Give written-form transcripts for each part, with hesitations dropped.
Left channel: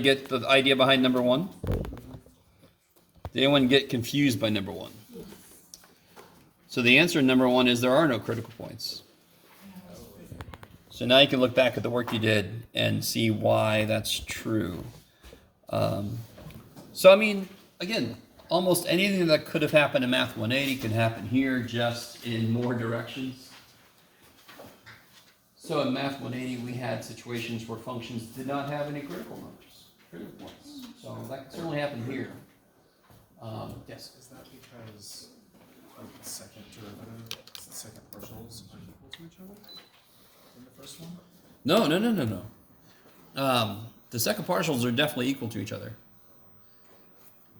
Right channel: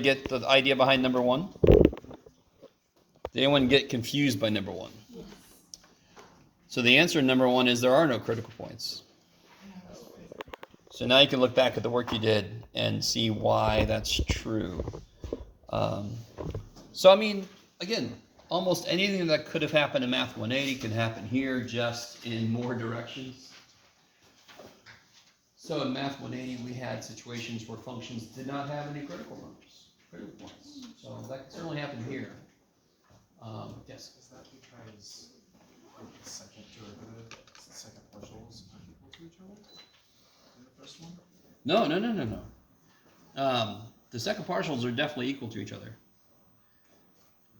Get the idea behind number one? Did anyone get confused by number one? So the answer in number one is there are no critical points. So now you can look back at the work you did and see why that's true. So I mean, again, almost anything that could have happened in Math 180 can happen here, just in more directions. So in Math 180, we had situations where functions did not have any critical points. So that could certainly happen here. Yes? Is that because the second derivative, the second partials are equal to each other in the first one? No. The second partials are definitely equal to each other.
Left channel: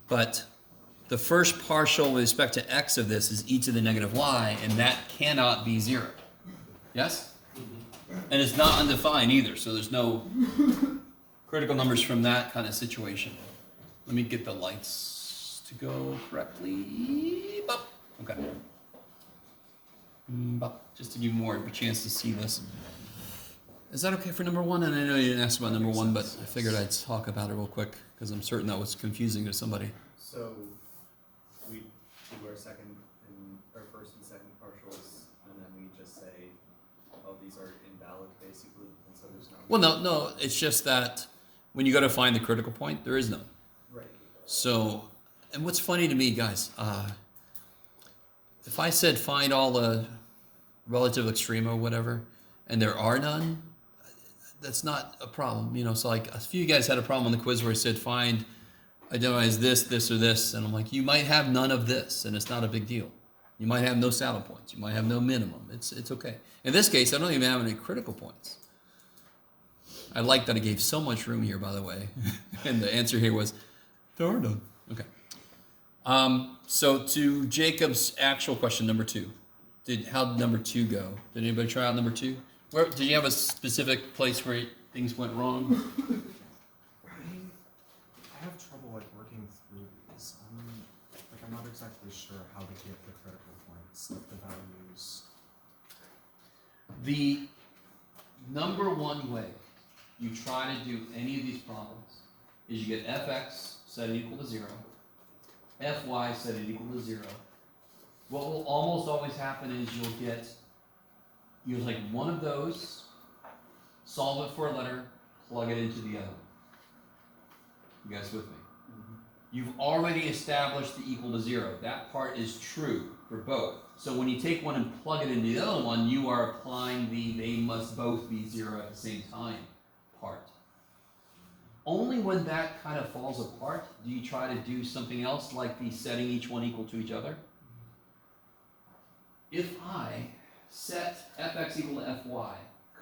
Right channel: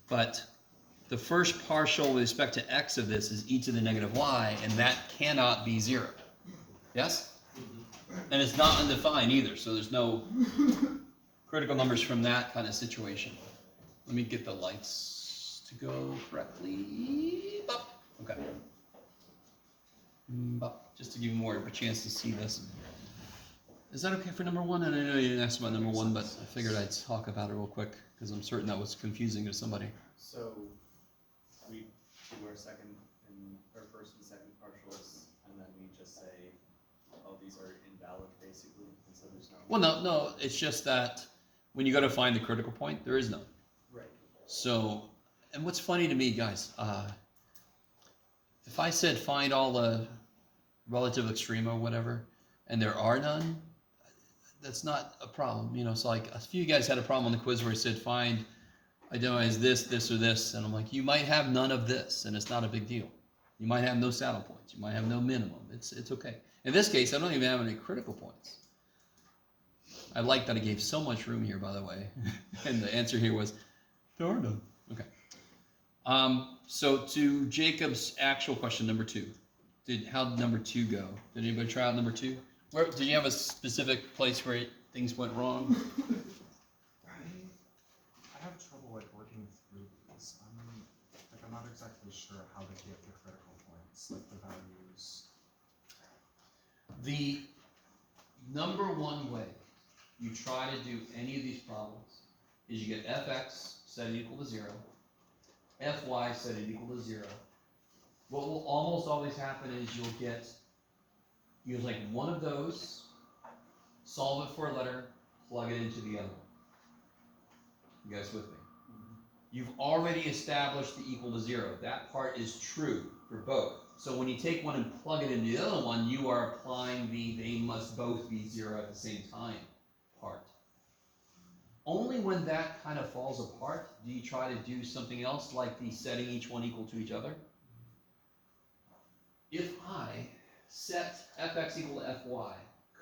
But the first partial with respect to x of this is e to the negative y, and that cannot be 0. Yes? And it's not undefined either, so there's no critical numbers from that kind of situation. Let me get the lights to go correctly. Bop. Okay. Bop. Just to give you more of a chance to see this. Is that okay for number one? And I know you didn't ask about number one, but I figured I'd talk about it real quick because I'm certain that was confusing to somebody. So we do our second and our first and second partials, and then we just say, oh, these are invalid, basically, and so there's no. Well, no, it's just that when you go to find the critical point, there is none. Right. So, and what's funny to me, guys, if I said find all the relative extrema, whatever, and there are none, that's not a problem. You know, so like a few of you guys had a problem on the quiz where it said find, identifies this, or this, and I'm like, you might have none of this, and it's not a big deal. You might have no saddle points. You might have no minimum. It's okay. In this case, I don't even have any critical points. I like that I gave so much room here, by the way. And the answer here was, there are none. Okay. So to Jacob's actual question, number two. How did number two go? Did anybody try out number two? Where did you have a specific place where things went wrong? I have trouble working through these. I'm not exactly sure how to get the critical points, like the values. The number one way you try to do any of these problems is you get fx set equal to 0, fy set equal to 0. What will almost always happen is you'll take one of those, solve it for a letter, plug it into the other one. You guys with me? Mm-hmm. You've already established the equal to 0. That part is true for both. So when you take one and plug it into the other one, you are applying the they must both be 0 at the same time part. Only when that kind of falls apart do you try to do something else like the setting each one equal to each other. If I set fx equal to fy,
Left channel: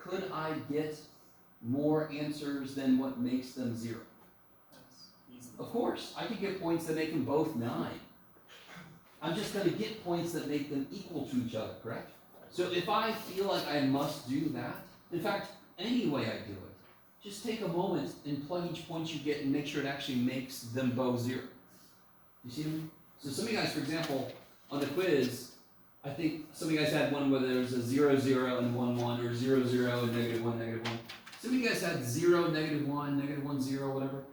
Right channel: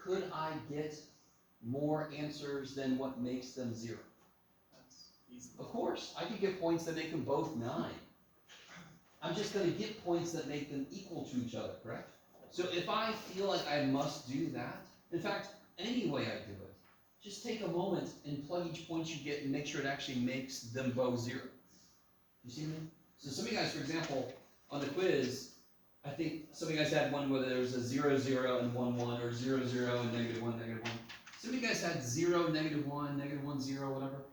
could I get more answers than what makes them 0? Of course, I could get points that make them both 9. I'm just going to get points that make them equal to each other, correct? So if I feel like I must do that, in fact, any way I do it, just take a moment and plug each point you get and make sure it actually makes them both 0. You see me? So some of you guys, for example, on the quiz, I think some of you guys had one where there was a 0, 0, and 1, 1, or 0, 0, and -1, -1. Some of you guys had 0, -1, -1, 0, whatever.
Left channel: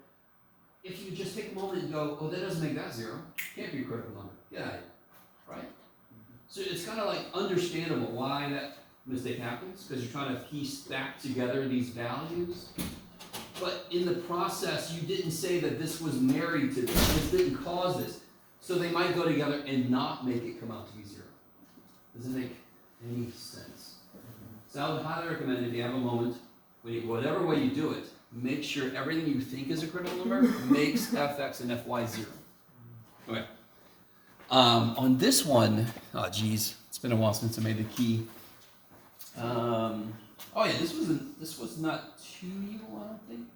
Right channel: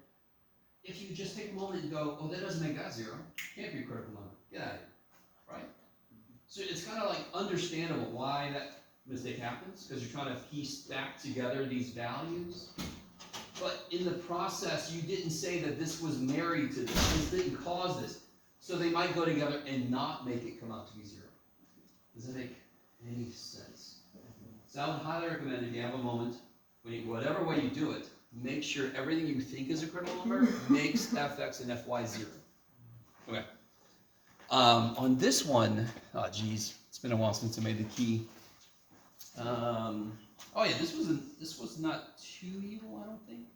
If you just take a moment and go, oh, that doesn't make that 0. Can't be a critical number. Get out of here. Right? So it's kind of like understandable why that mistake happens, because you're trying to piece back together these values. But in the process, you didn't say that this was married to this. This didn't cause this. So they might go together and not make it come out to be 0. Doesn't make any sense. So I would highly recommend if you have a moment, whatever way you do it, make sure everything you think is a critical number makes fx and fy 0. Okay. On this one, oh geez, it's been a while since I made the key. Oh yeah, this was not too evil, I don't think.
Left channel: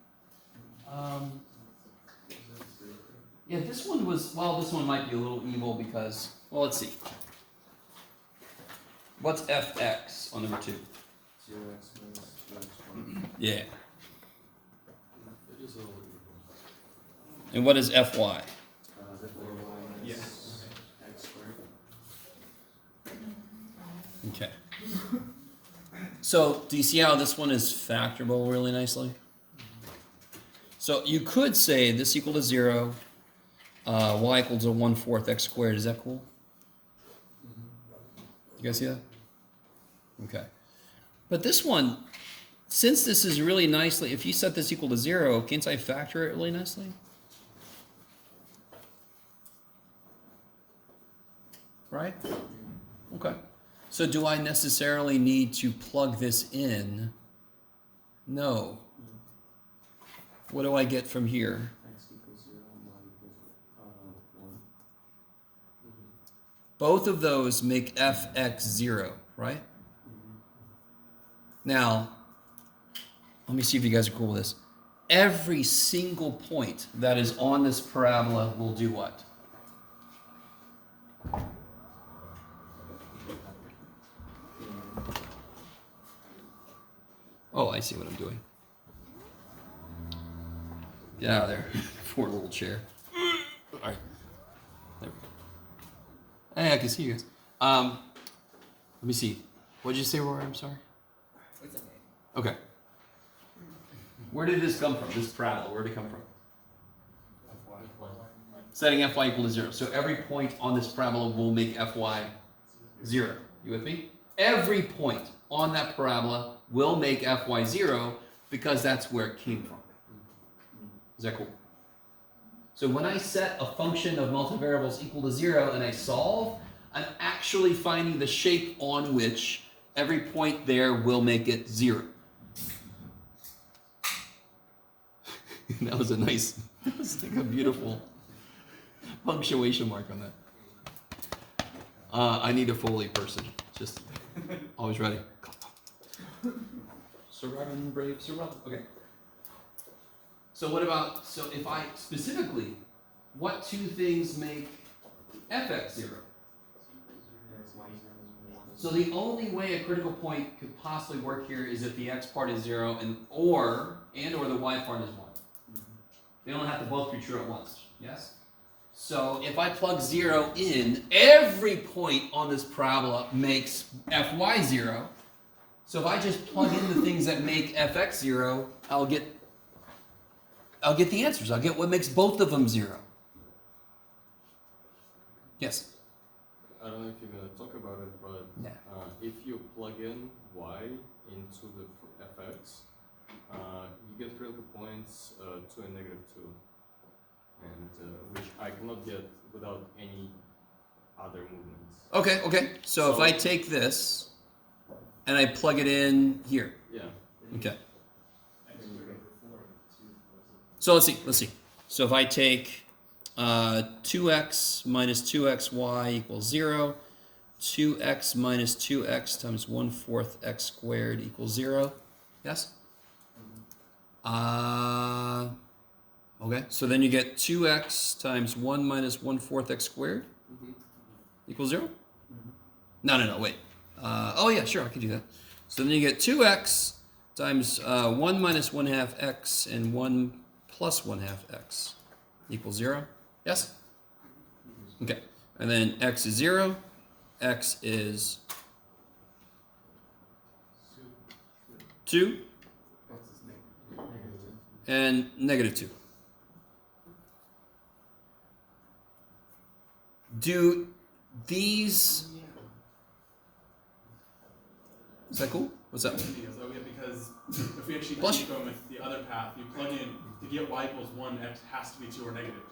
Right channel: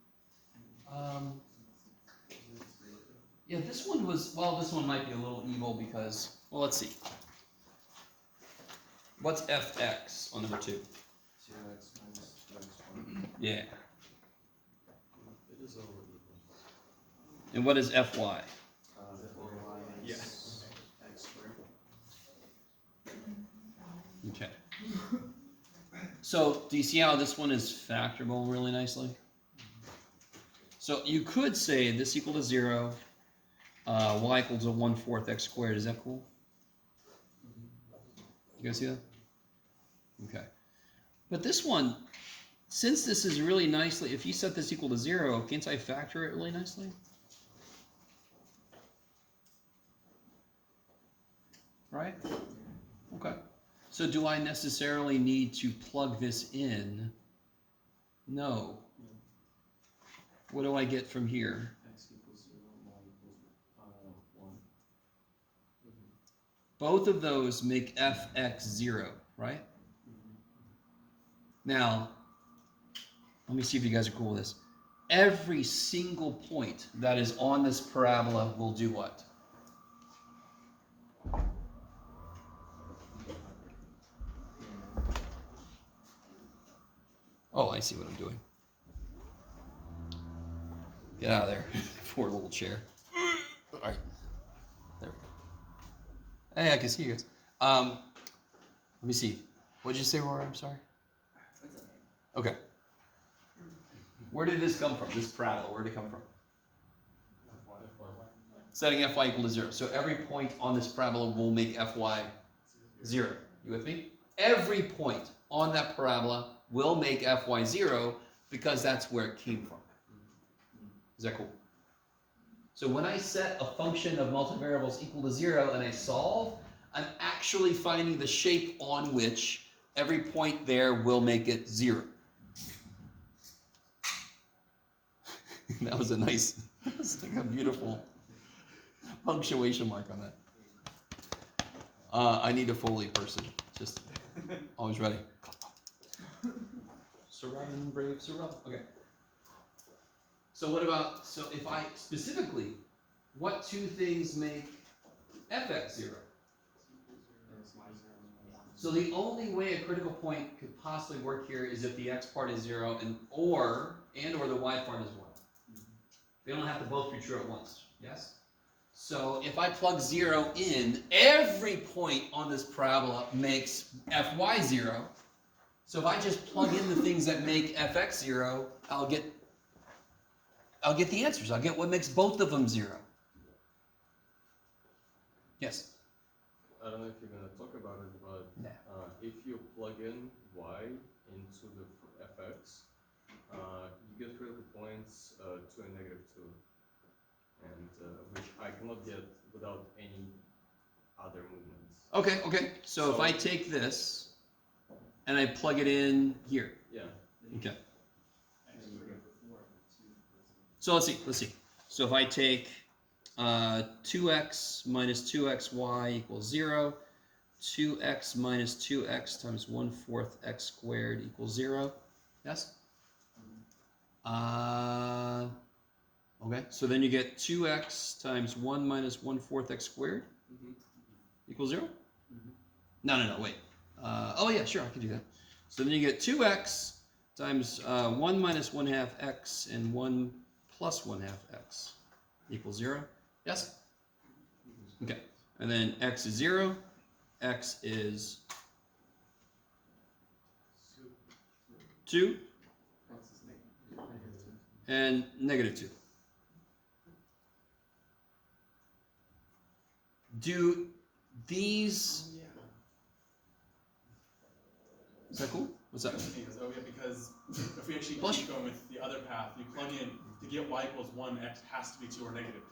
Yeah, this one was, well, this one might be a little evil because, well, let's see. What's fx on number 2? 0x minus 1. Yeah. It is a little equal. And what is fy? Yes. X squared. Okay. So, do you see how this one is factorable really nicely? So you could say this equal to 0, y equal to 1/4 x squared. Is that cool? You guys see that? Okay. But this one, since this is really nicely, if you set this equal to 0, can't I factor it really nicely? Right? Okay. So do I necessarily need to plug this in? No. What do I get from here? X equals 0, y equals 1. Both of those make fx 0, right? Now, let me see if you guys are cool with this. Every single point that is on this parabola will do what? Oh, I see what I'm doing. Get out of there. Poor little chair. All right. There we go. Hey, I can see you guys. Let me see. What did you say, Rory? I'm sorry. It's okay. Okay. Where did this come from? This parabola, where did it come from? Setting fy equal to 0. So every point on this parabola will make fy 0. You with me? Every point on that parabola will make fy 0 because that's where it came from. Is that cool? So when I set a function of multivariables equal to 0 and I solve, I'm actually finding the shape on which every point there will make it 0. That was a nice, that's like a beautiful punctuation mark on that. I need a Foley person. Just always ready. Sir Robin, brave Sir Robin. Okay. So what about, so if I specifically, what two things make fx 0? So the only way a critical point could possibly work here is if the x part is 0 and or the y part is 1. They don't have to both be true at once. Yes? So if I plug 0 in, every point on this parabola makes fy 0. So if I just plug in the things that make fx 0, I'll get the answers. I'll get what makes both of them 0. Yes? I don't know if you're going to talk about it, but No. if you plug in y into the fx, you get critical points 2 and -2, and which I cannot get without any other movements. Okay. So if I take this and I plug it in here. Yeah. Okay. So let's see. So if I take 2x minus 2xy equals 0, 2x minus 2x times 1/4 x squared equals 0. Yes? Okay, so then you get 2x times 1 minus 1/4 x squared equals 0? No, wait. Oh yeah, sure, I can do that. So then you get 2x times 1 minus 1/2 x and 1 plus 1/2 x equals 0. Yes? Okay, and then x is 0, x is 2, and -2. Do these... Is that cool? What's that? Because if we actually Plus- keep going with the other path, you plug in to get y equals 1, x has to be 2 or negative.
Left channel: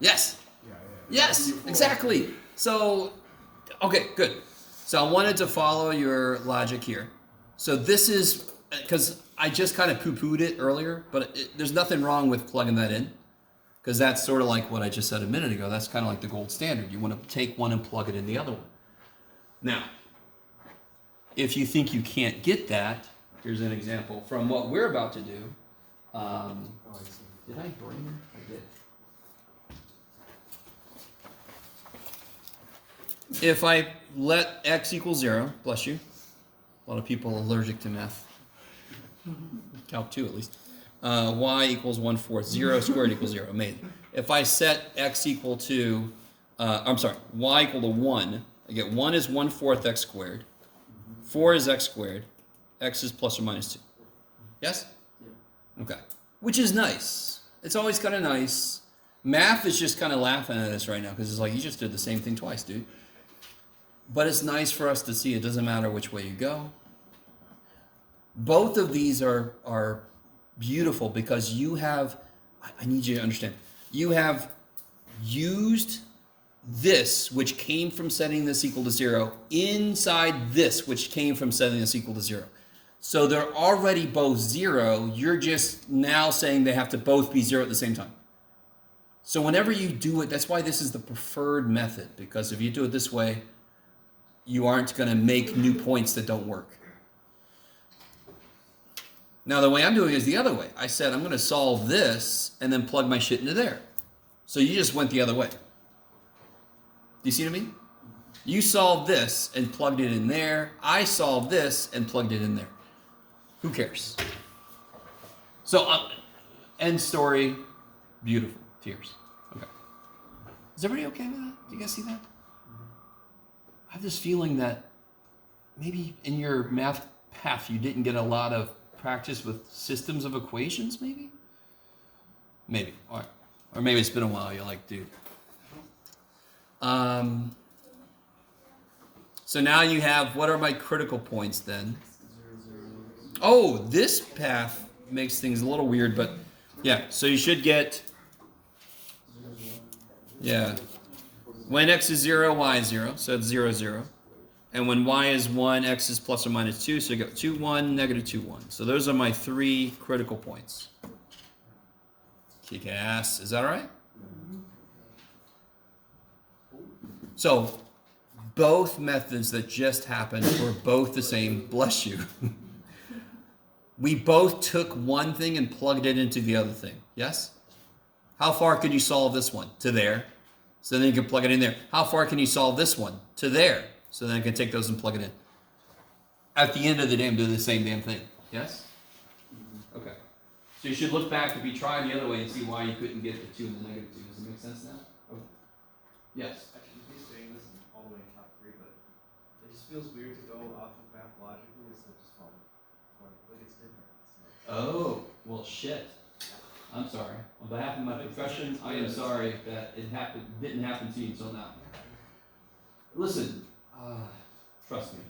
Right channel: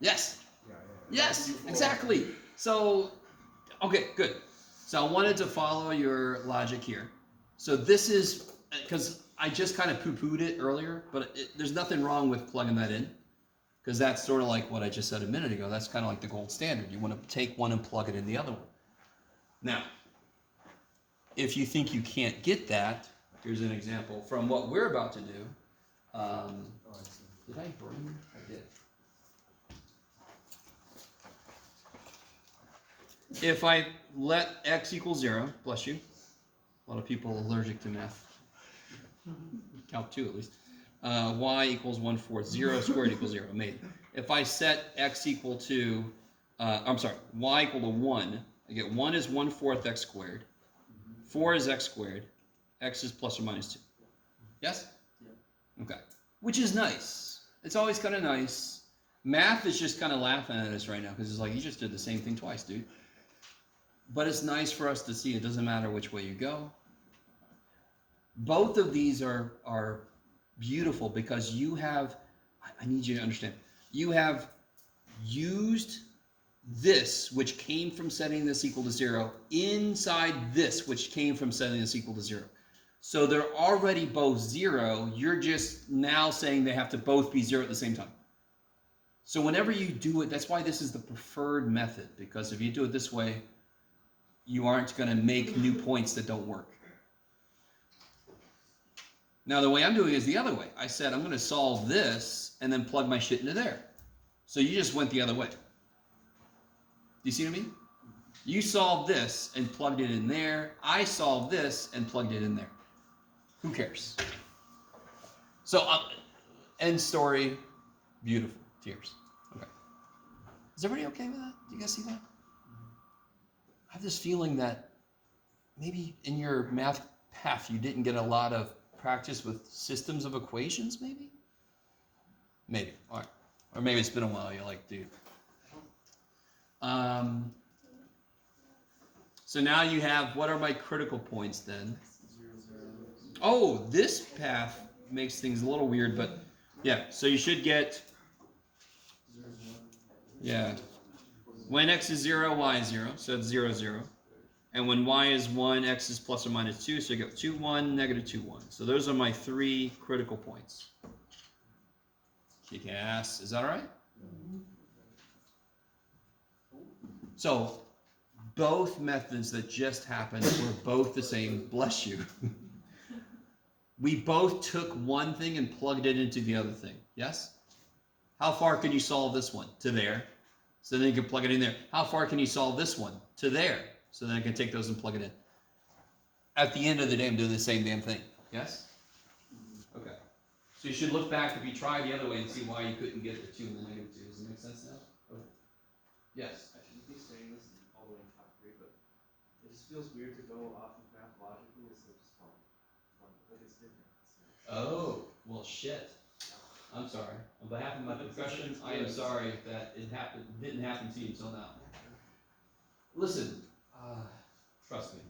Yes! Yeah. Yes, exactly. So, okay, good. So I wanted to follow your logic here. So this is, because I just kind of poo-pooed it earlier, but there's nothing wrong with plugging that in. Because that's sort of like what I just said a minute ago. That's kind of like the gold standard. You want to take one and plug it in the other one. Now, if you think you can't get that, here's an example from what we're about to do. Oh, I see. Did I bring? I did. If I let x equal 0, bless you. A lot of people are allergic to math. Calc 2 at least. Y equals 1/4. 0 squared equals 0. Made. If I set x equal to, y equal to 1, I get 1 is 1/4 x squared. 4 is x squared. X is plus or minus 2. Yes? Yeah. Okay. which is nice. It's always kind of nice. Math is just kind of laughing at us right now because it's like, you just did the same thing twice, dude. But it's nice for us to see. It doesn't matter which way you go. Both of these are beautiful because you have, I need you to understand, you have used this, which came from setting this equal to 0, inside this, which came from setting this equal to 0. So they're already both 0. You're just now saying they have to both be 0 at the same time. So whenever you do it, that's why this is the preferred method, because if you do it this way, you aren't going to make new points that don't work. Now the way I'm doing it is the other way. I said I'm going to solve this and then plug my shit into there. So you just went the other way. Do you see what I mean? You solved this and plugged it in there. I solved this and plugged it in there. Who cares? So, end story. Beautiful. Tears. Okay. Is everybody okay with that? Do you guys see that? I have this feeling that maybe in your math path you didn't get a lot of practice with systems of equations, maybe? Maybe. All right. Or maybe it's been a while. You're like, dude. So now you have, what are my critical points then? Oh, this path makes things a little weird, but yeah, so you should get, yeah, when x is 0, y is 0, so it's 0, 0. And when y is 1, x is plus or minus 2, so you got 2, 1, negative 2, 1. So those are my 3 critical points. Kick ass. Is that all right? So both methods that just happened were both the same. Bless you. We both took one thing and plugged it into the other thing. Yes? How far could you solve this one? To there. So then you can plug it in there. How far can you solve this one? To there. So then you can take those and plug it in. At the end of the day, I'm doing the same damn thing. Yes? Okay. So you should look back if you try the other way and see why you couldn't get the 2 and the negative 2. Does it make sense now? Okay. Yes? Actually, he's saying this all the way in top 3, but it just feels weird to go off of math logically instead of just following. Like it's different. Oh, well, shit. I'm sorry. On behalf of my profession, I am sorry that it didn't happen to you until now. Listen, trust me.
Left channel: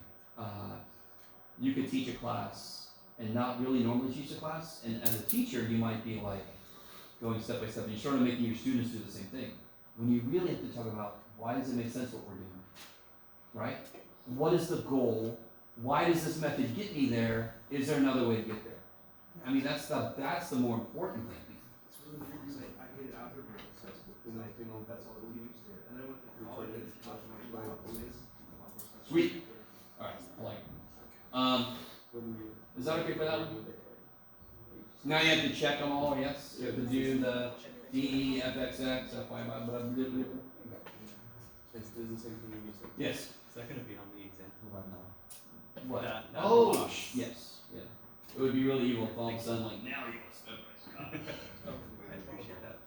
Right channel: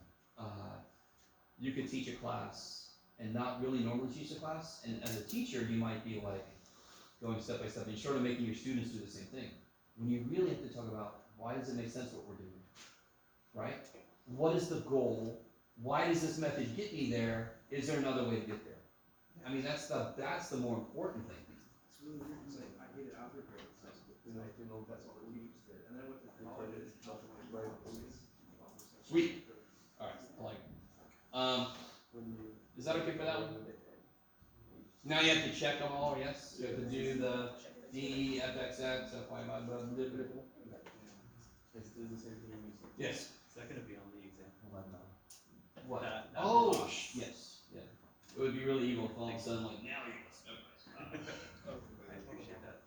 You could teach a class and not really normally teach a class, and as a teacher, you might be like going step by step. You're sort of making your students do the same thing. When you really have to talk about why does it make sense what we're doing, right? What is the goal? Why does this method get me there? Is there another way to get there? I mean, that's the more important thing. It's really weird because I hated algebra assessment because I didn't know if that's all we used there. And then I went to college and it's much more Sweet. All right, like, is that okay for that one? Now you have to check them all, yes? You have to do the D, FXX, FY, blah, blah, blah, blah, blah. It's the same thing you said. Yes. Is that gonna be on the example right now? What? That Oh, block. yes, yeah. It would be really evil if all of a sudden, like, now you want step by step. I appreciate that.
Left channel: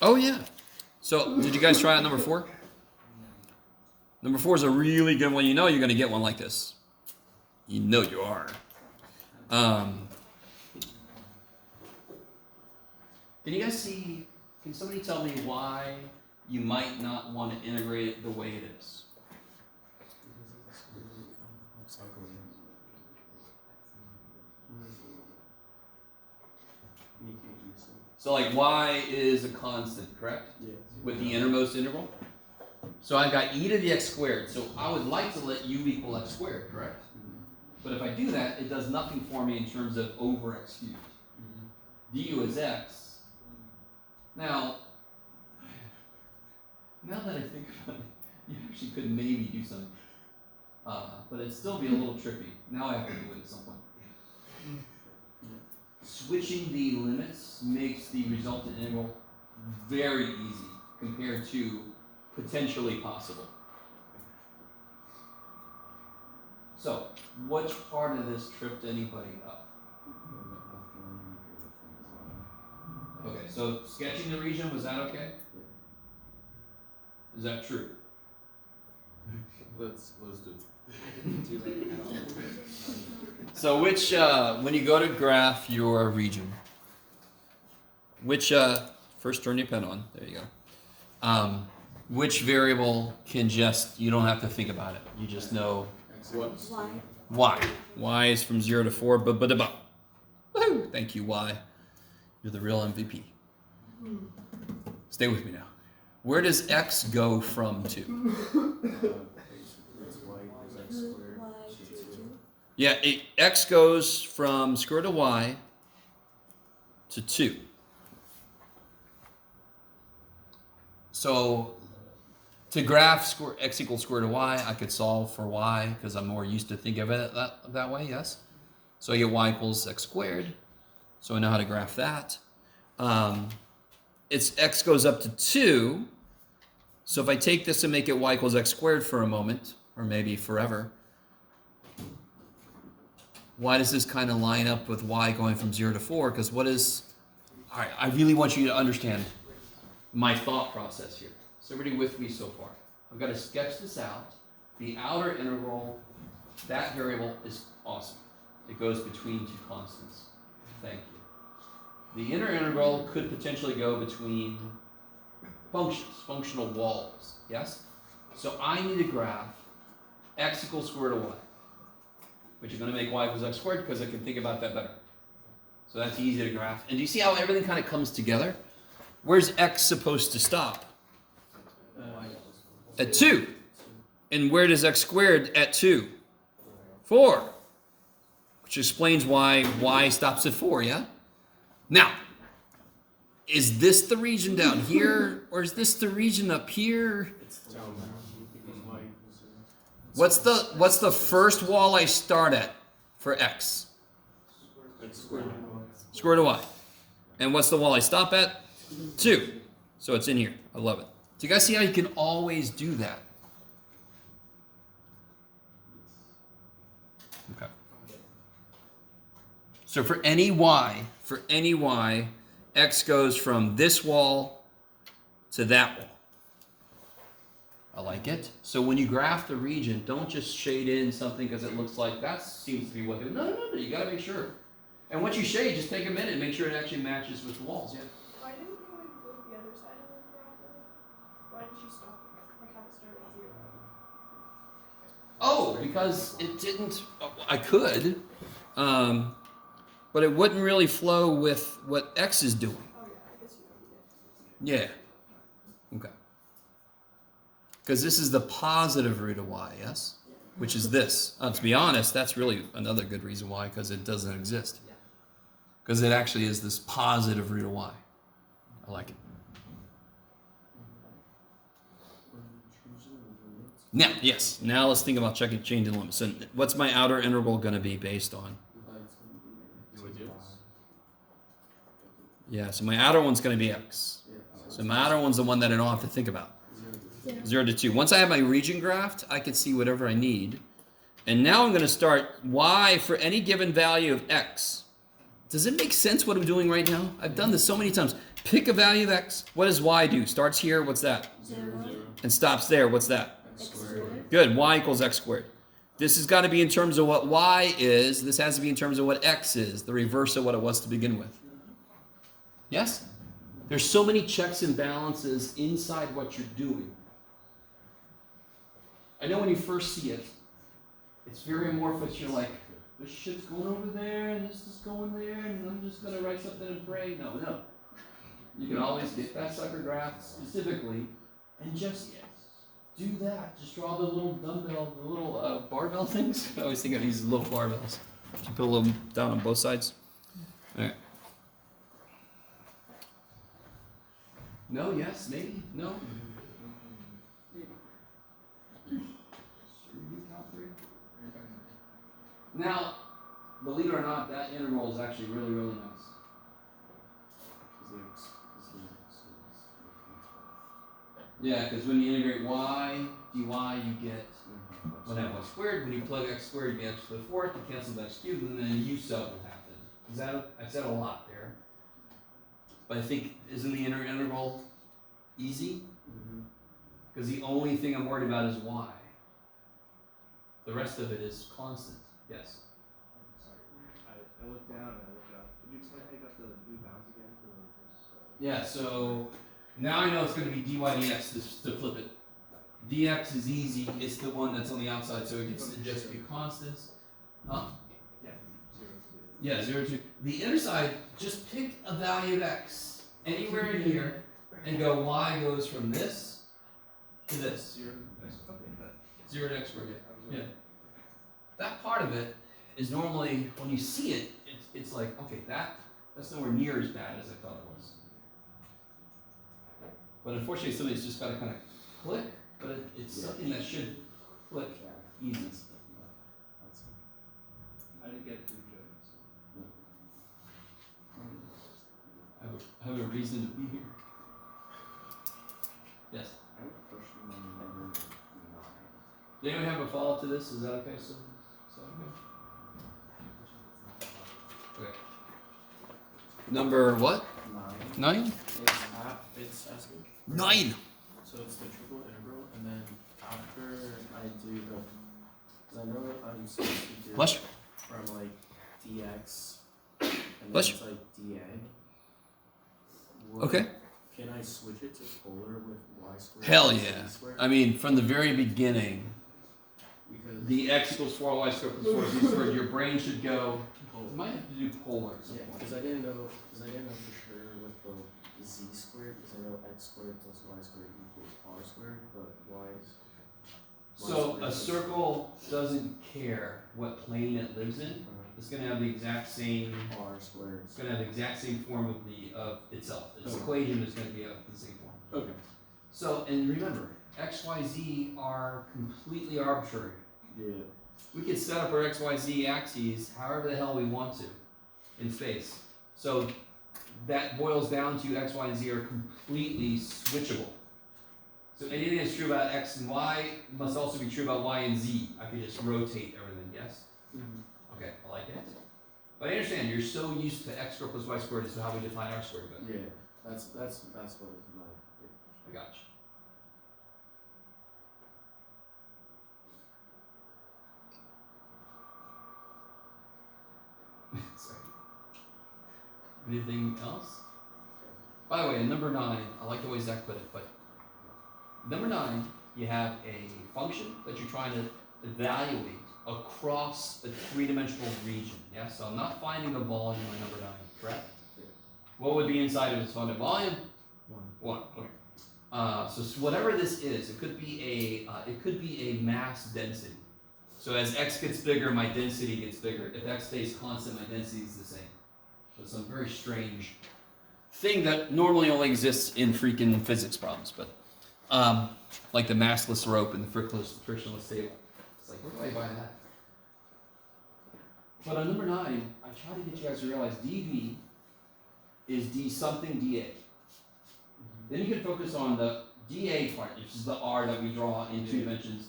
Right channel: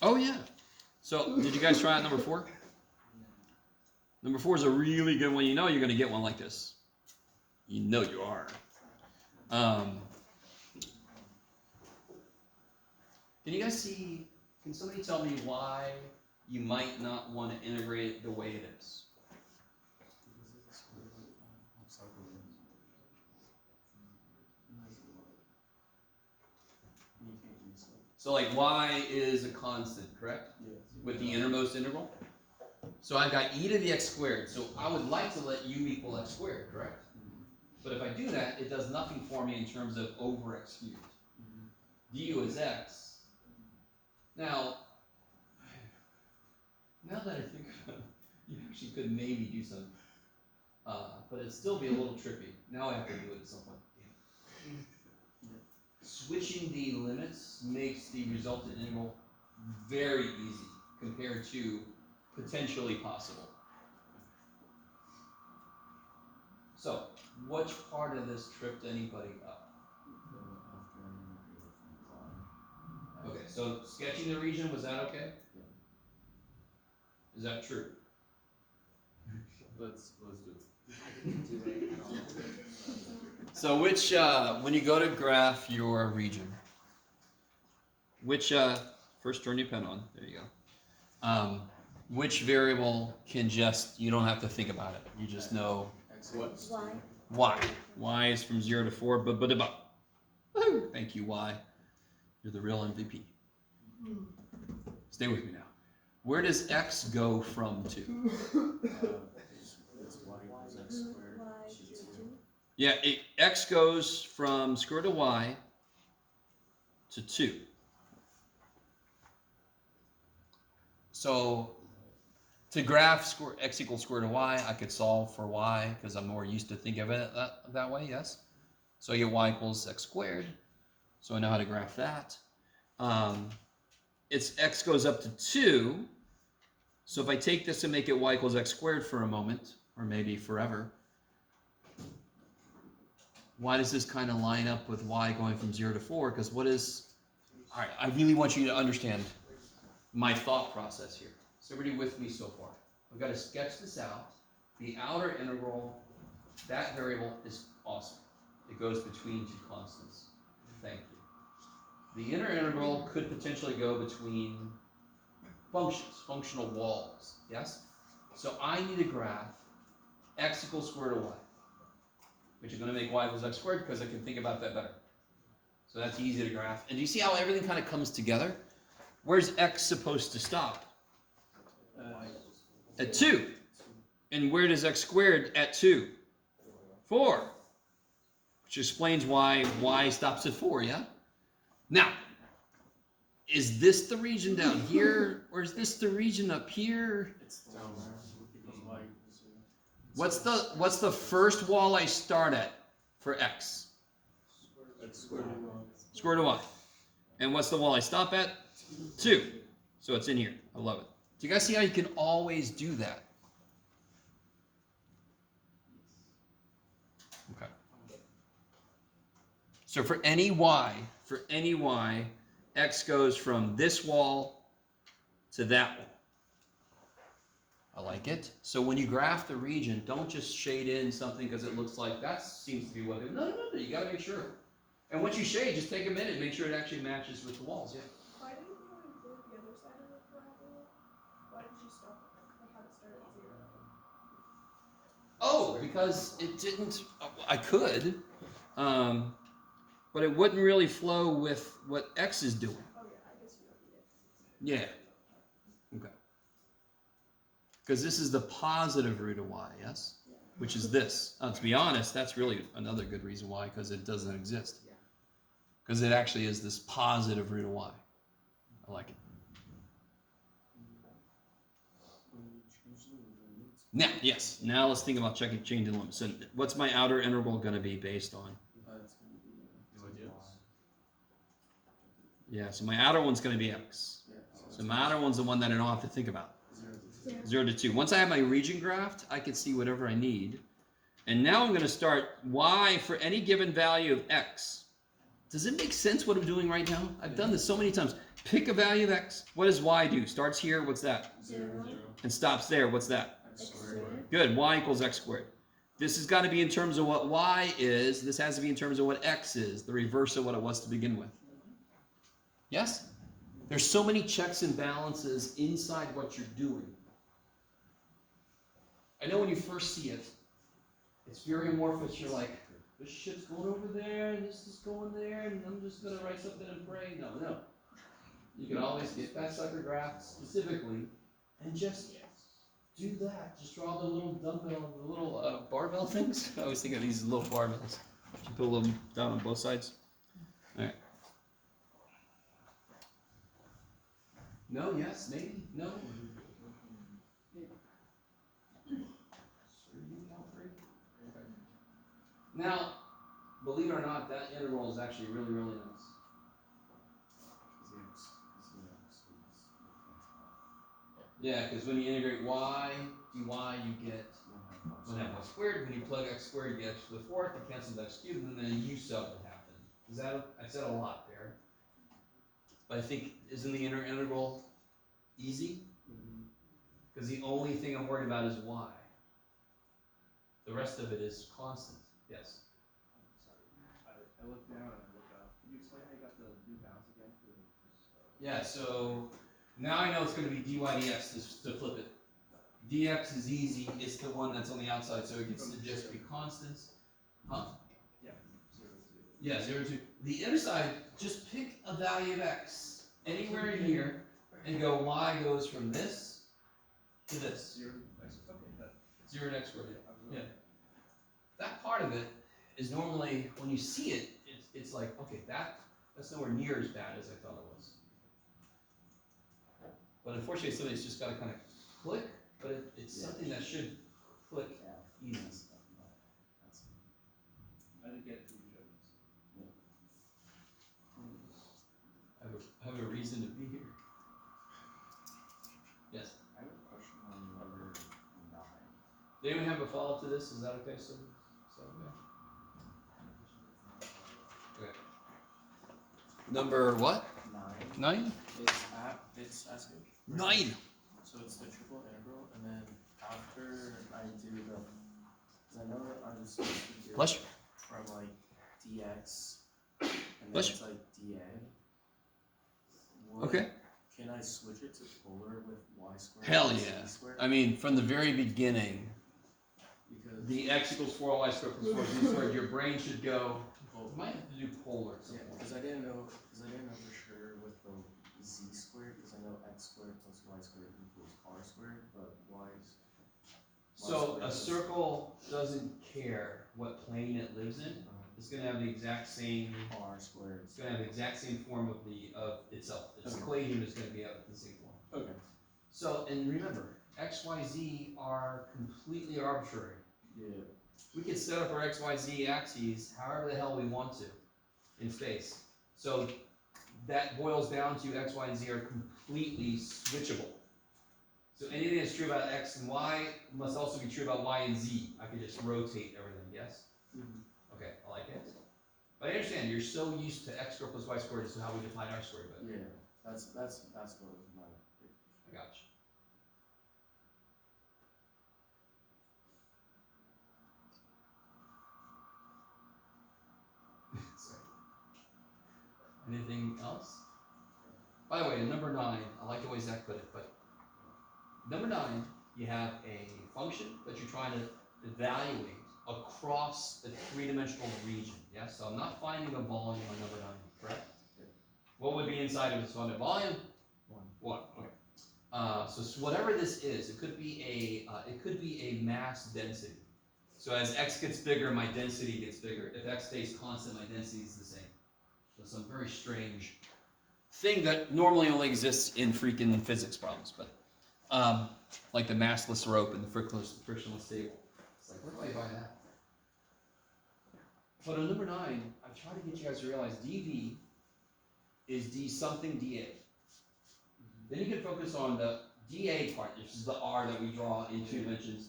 Oh, yeah. So, did you guys try out number 4? Number 4 is a really good one. You know you're going to get one like this. You know you are. Can you guys see, can somebody tell me why you might not want to integrate it the way it is? So like y is a constant, correct? Yes. With the innermost integral? So I've got e to the x squared, so I would like to let u equal x squared, correct? But if I do that, it does nothing for me in terms of over x cubed. Du is x. Now that I think about it, you actually could maybe do something. But it'd still be a little tricky. Now I have to do it at some point. Switching the limits makes the resultant integral very easy compared to potentially possible. So, which part of this tripped anybody up? Okay, so sketching the region, was that okay? Is that true? Let's do it. I didn't do it at all. So which, when you go to graph your region, which, first turn your pen on, there you go. Which variable can just, you don't have to think about it, you just know What? y. Y is from 0 to 4, but. Woohoo! Thank you, Y. You're the real MVP. Stay with me now. Where does x go from to? It's y equals x squared, g2. Yeah, x goes from square root of y to 2. So to graph x equals square root of y, I could solve for y because I'm more used to thinking of it that way, yes? So I get y equals x squared. So I know how to graph that. It's x goes up to 2. So if I take this and make it y equals x squared for a moment, or maybe forever, why does this kind of line up with y going from 0 to 4? Because all right, I really want you to understand my thought process here. So everybody with me so far? I've got to sketch this out. The outer integral, that variable is awesome. It goes between two constants. Thank you. The inner integral could potentially go between functions, functional walls, yes? So I need to graph x equals square root of y, which is going to make y equals x squared because I can think about that better. So that's easy to graph. And do you see how everything kind of comes together? Where's x supposed to stop? At 2. And where does x squared at 2? 4. Which explains why y stops at 4, yeah? Now, is this the region down here, or is this the region up here? It's down there, because y equals 0. What's the first wall I start at for x? X squared. Square root of y. And what's the wall I stop at? 2. So it's in here. I love it. Do you guys see how you can always do that? Okay. So for any y, x goes from this wall to that wall. I like it. So when you graph the region, don't just shade in something because it looks like that seems to be what it is. No, you gotta make sure. And once you shade, just take a minute and make sure it actually matches with the walls, yeah. Why didn't you include the other side of the parabola? Why did you stop it? Like have it start at 0? Oh, because it didn't, I could, but it wouldn't really flow with what x is doing. Oh yeah, I guess you don't need it. Yeah. Okay. Because this is the positive root of y, yes? Which is this. To be honest, that's really another good reason why, because it doesn't exist. Because it actually is this positive root of y. I like it. Now, yes. Now let's think about changing limits. So what's my outer integral going to be based on? Yeah, so my outer one's going to be x. So my outer one's the one that I don't have to think about. 0 to 2. Once I have my region graphed, I can see whatever I need. And now I'm going to start y for any given value of x. Does it make sense what I'm doing right now? I've done this so many times. Pick a value of x. What does y do? Starts here, what's that? 0. And stops there, what's that? X squared. Good, y equals x squared. This has got to be in terms of what y is. This has to be in terms of what x is, the reverse of what it was to begin with. Yes? There's so many checks and balances inside what you're doing. I know when you first see it, it's very amorphous. You're like, this shit's going over there, and this is going there, and I'm just going to write something and pray. No. You can always get that sucker graph specifically and just do that. Just draw the little dumbbell, the little barbell things. I always think of these little barbells. You put a little down on both sides. All right. No, yes, maybe, no. Now, believe it or not, that integral is actually really, really nice. Yeah, because when you integrate y, dy, you get 1 half y squared. When you plug x squared, you get x to the 4th, it cancels x cubed, and then u sub will happen. I said a lot there. But I think, isn't the inner integral easy? Because the only thing I'm worried about is y. The rest of it is constant, yes. Sorry, I looked down and I looked up. Could you explain how you got the new bounds again for this? Yeah, so now I know it's gonna be dy dx to flip it. Dx is easy, it's the one that's on the outside, so it gets to just be constants. Huh? Yeah, 0 to. Yeah, 0 to, the inner side, just pick a value of x anywhere in here and go y goes from this to this. 0 next. Okay, that. 0 to x squared, Yeah. yeah. That part of it is normally, when you see it, it's like, okay, that's nowhere near as bad as I thought it was. But unfortunately, somebody's just gotta kind of click, but it's something that should click easy. I didn't get through jokes. I have a reason to be here. Yes. I have a question on number 9. Does anyone have a follow-up to this? Is that okay? So okay. Number what? 9? It's asking. 9. So it's the triple integral, and then after I do the, cause I know I'm supposed to do Bless you. from like dx, and then Bless it's like dA. Okay. Can I switch it to polar with y squared? Hell and z yeah. squared? I mean, from the very beginning, Because the x equals 4y squared plus 4z squared, your brain should go, you might have to do polar at some yeah, point. because I didn't know for sure with the z squared, because I know x squared plus y squared equals r squared, but y is. So a circle doesn't care what plane it lives in. It's gonna have the exact same. R squared. It's gonna have the exact same form of itself. Its Okay. equation is gonna be of the same form. Okay. So, and remember, x, y, z are completely arbitrary. Yeah. We can set up our x, y, z axes however the hell we want to in space. So that boils down to x, y, and z are completely switchable. So anything that's true about x and y must also be true about y and z. I can just rotate everything, yes? Okay, I like it. But I understand, you're so used to x squared plus y squared is how we define r squared, but Yeah, that's what was my big I got you. Sorry. Anything else? By the way, number 9, I like the way Zach put it, but number 9, you have a function that you're trying to evaluate across a 3-dimensional region. Yeah, so I'm not finding a volume on number 9, correct? What would be inside of this funded volume? 1. Okay. So whatever this is, it could be a mass density. So as x gets bigger, my density gets bigger. If x stays constant, my density is the same. So some very strange thing that normally only exists in freaking physics problems, but like the massless rope and the frictionless table. It's like, where do I buy that? But on number 9, I try to get you guys to realize dv is d something dA. Then you can focus on the dA part, which is the r that we draw in 2 dimensions.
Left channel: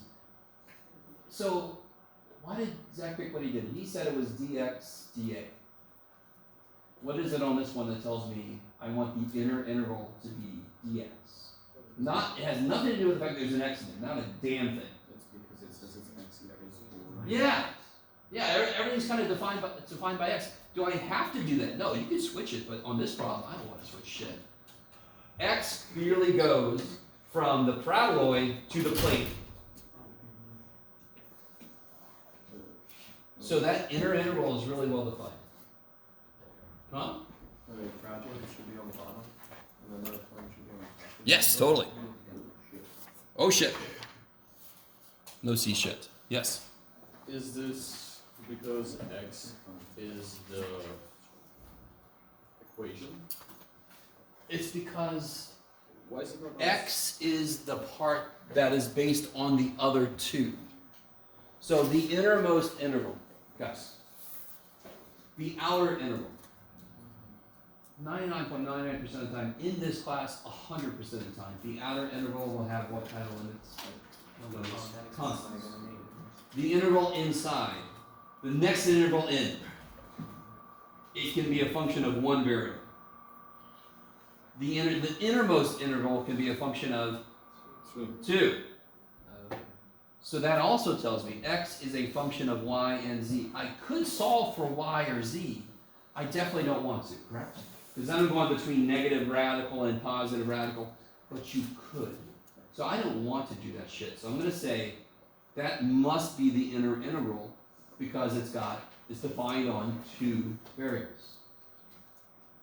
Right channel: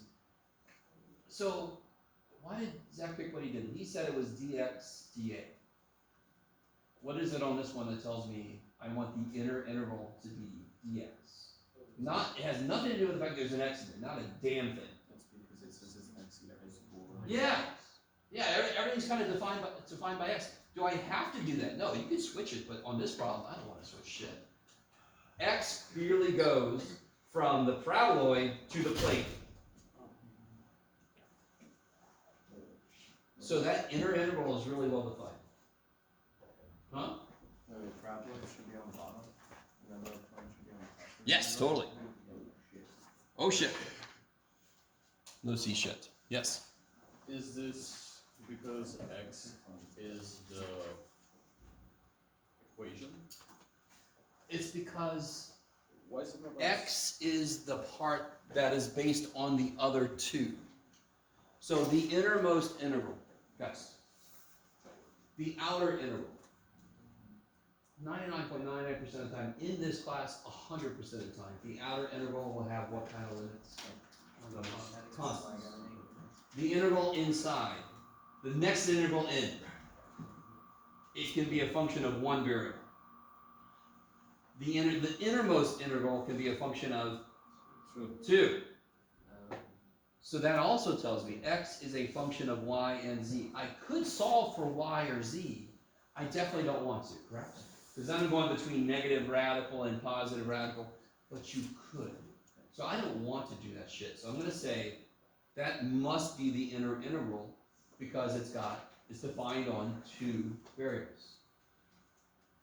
So why did Zach pick what he did? He said it was dx dA. What is it on this one that tells me I want the inner interval to be dx? It has nothing to do with the fact that there's an x in there, not a damn thing. That's because it says it's x equals 4. Yeah, yeah, everything's kind of defined by x. Do I have to do that? No, you can switch it, but on this problem, I don't want to switch shit. X clearly goes from the paraboloid to the plane. So that inner interval is really well defined. Huh? The parabola should be on the bottom, and then the point should be on the top. Yes, totally. Oh shit. No C shit. Yes. Is this because x is the equation? It's because Why is it not x is the part that is based on the other 2. So the innermost interval, guys, the outer interval, 99.99% of the time, in this class, 100% of the time, the outer interval will have what kind of limits? Constants. The interval inside, the next interval in, it can be a function of 1 variable. The innermost interval can be a function of 2. So that also tells me x is a function of y and z. I could solve for y or z. I definitely don't want to, correct? Because then I'm going between negative radical and positive radical, but you could. So I don't want to do that shit. So I'm going to say that must be the inner integral because it's defined on two variables.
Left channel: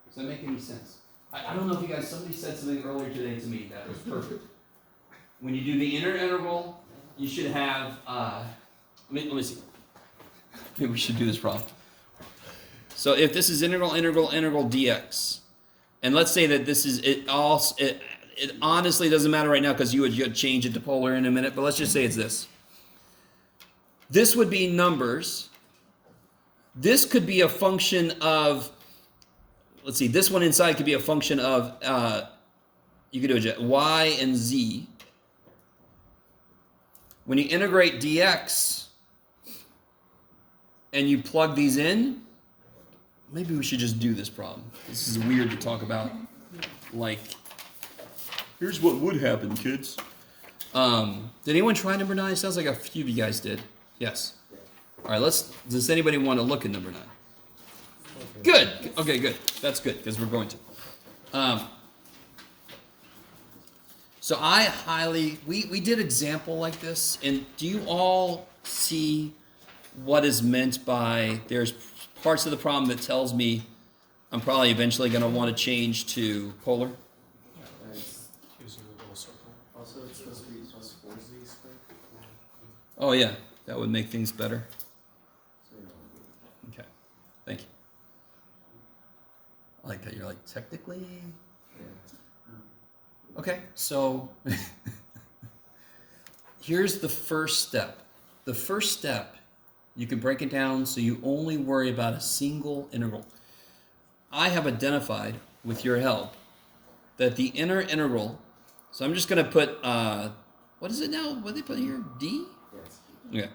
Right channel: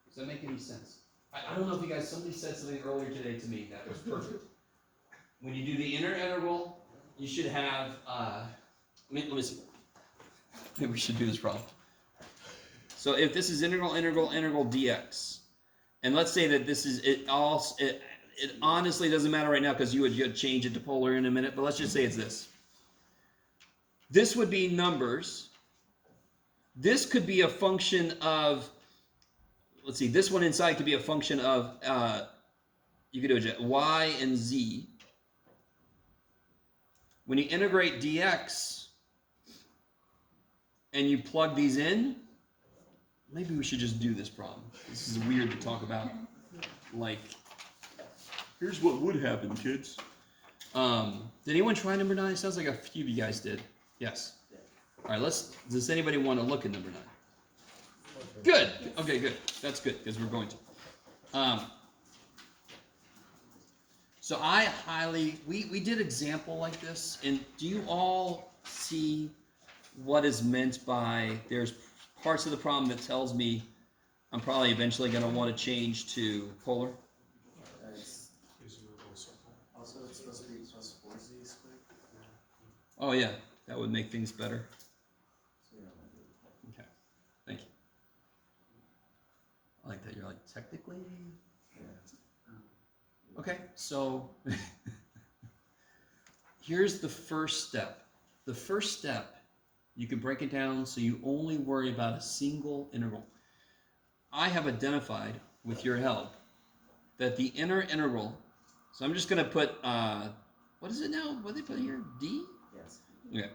Does that make any sense? I don't know if you guys, somebody said something earlier today to me that was perfect. When you do the inner integral, you should have, let me see. Maybe we should do this problem. So if this is integral dx, and let's say that this is, it honestly doesn't matter right now because you would change it to polar in a minute, but let's just say it's this. This would be numbers. This could be a function of, let's see, this one inside could be a function of, you could do it, y and z. When you integrate dx and you plug these in, maybe we should just do this problem. This is weird to talk about, like, here's what would happen, kids. Did anyone try number 9? It sounds like a few of you guys did. Yes. All right, does anybody want to look at number 9? Good. Okay, good. That's good, because we're going to. So we did example like this, and do you all see what is meant by, there's parts of the problem that tells me I'm probably eventually going to want to change to polar? Nice. Here's your little circle. Also, it's supposed to be plus 4z squared. Oh yeah, that would make things better. So you don't want to do that. Okay, thank you. I like that you're like, technically? Okay, so here's the first step. The first step, you can break it down so you only worry about a single integral. I have identified, with your help, that the inner integral, so I'm just going to put, what is it now? What did they put here? D? Yes. Okay.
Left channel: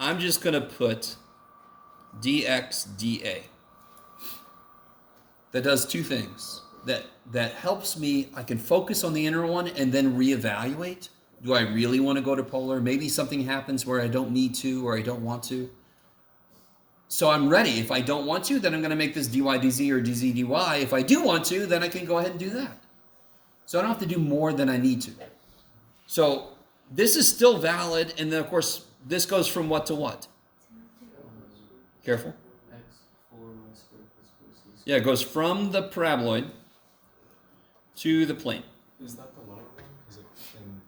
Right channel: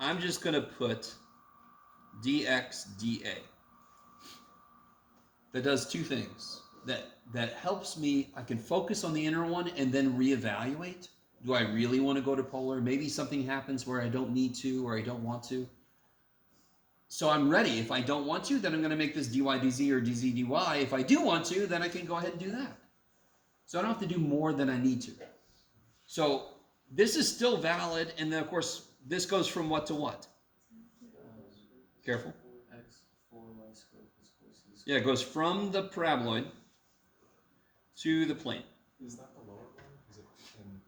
I'm just going to put dx dA. That does two things. That helps me, I can focus on the inner one and then reevaluate. Do I really want to go to polar? Maybe something happens where I don't need to or I don't want to. So I'm ready. If I don't want to, then I'm going to make this dy dz or dz dy. If I do want to, then I can go ahead and do that. So I don't have to do more than I need to. So this is still valid, and then of course this goes from what to what? Careful. X 4y squared plus 4z squared. Yeah, it goes from the paraboloid to the plane. Is that the lower one? Because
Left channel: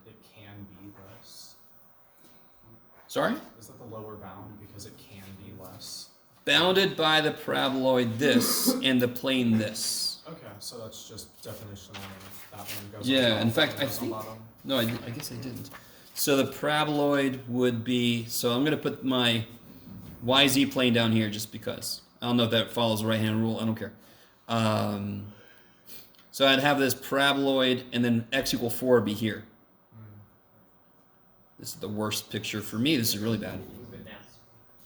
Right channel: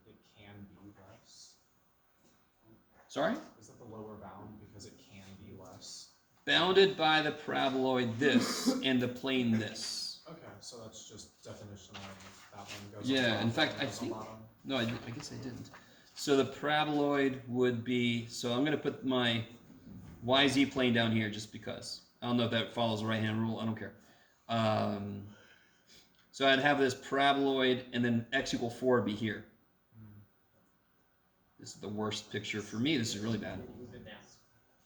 it can be less. Sorry? Is that the lower bound because it can be less? Bounded by the paraboloid this and the plane this. Okay, so that's just definitional. That one goes. Yeah, on in top, fact, one I goes on think- bottom. No, I guess I didn't. So the paraboloid would be, so I'm going to put my YZ plane down here just because. I don't know if that follows the right-hand rule. I don't care. So I'd have this paraboloid and then x equal 4 be here. This is the worst picture for me. This is really bad.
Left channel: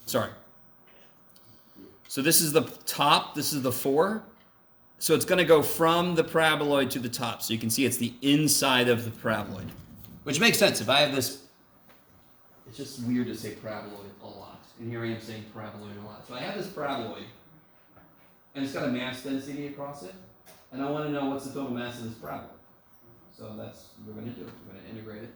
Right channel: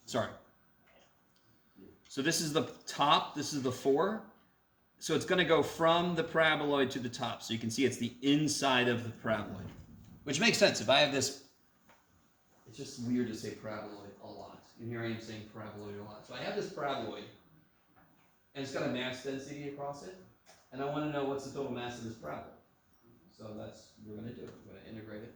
Sorry. So this is the top. This is the 4. So it's going to go from the paraboloid to the top. So you can see it's the inside of the paraboloid. Which makes sense. If I have this, it's just weird to say paraboloid a lot. And here I am saying paraboloid a lot. So I have this paraboloid, and it's got a mass density across it. And I want to know what's the total mass of this paraboloid. So that's what we're going to do. We're going to integrate it.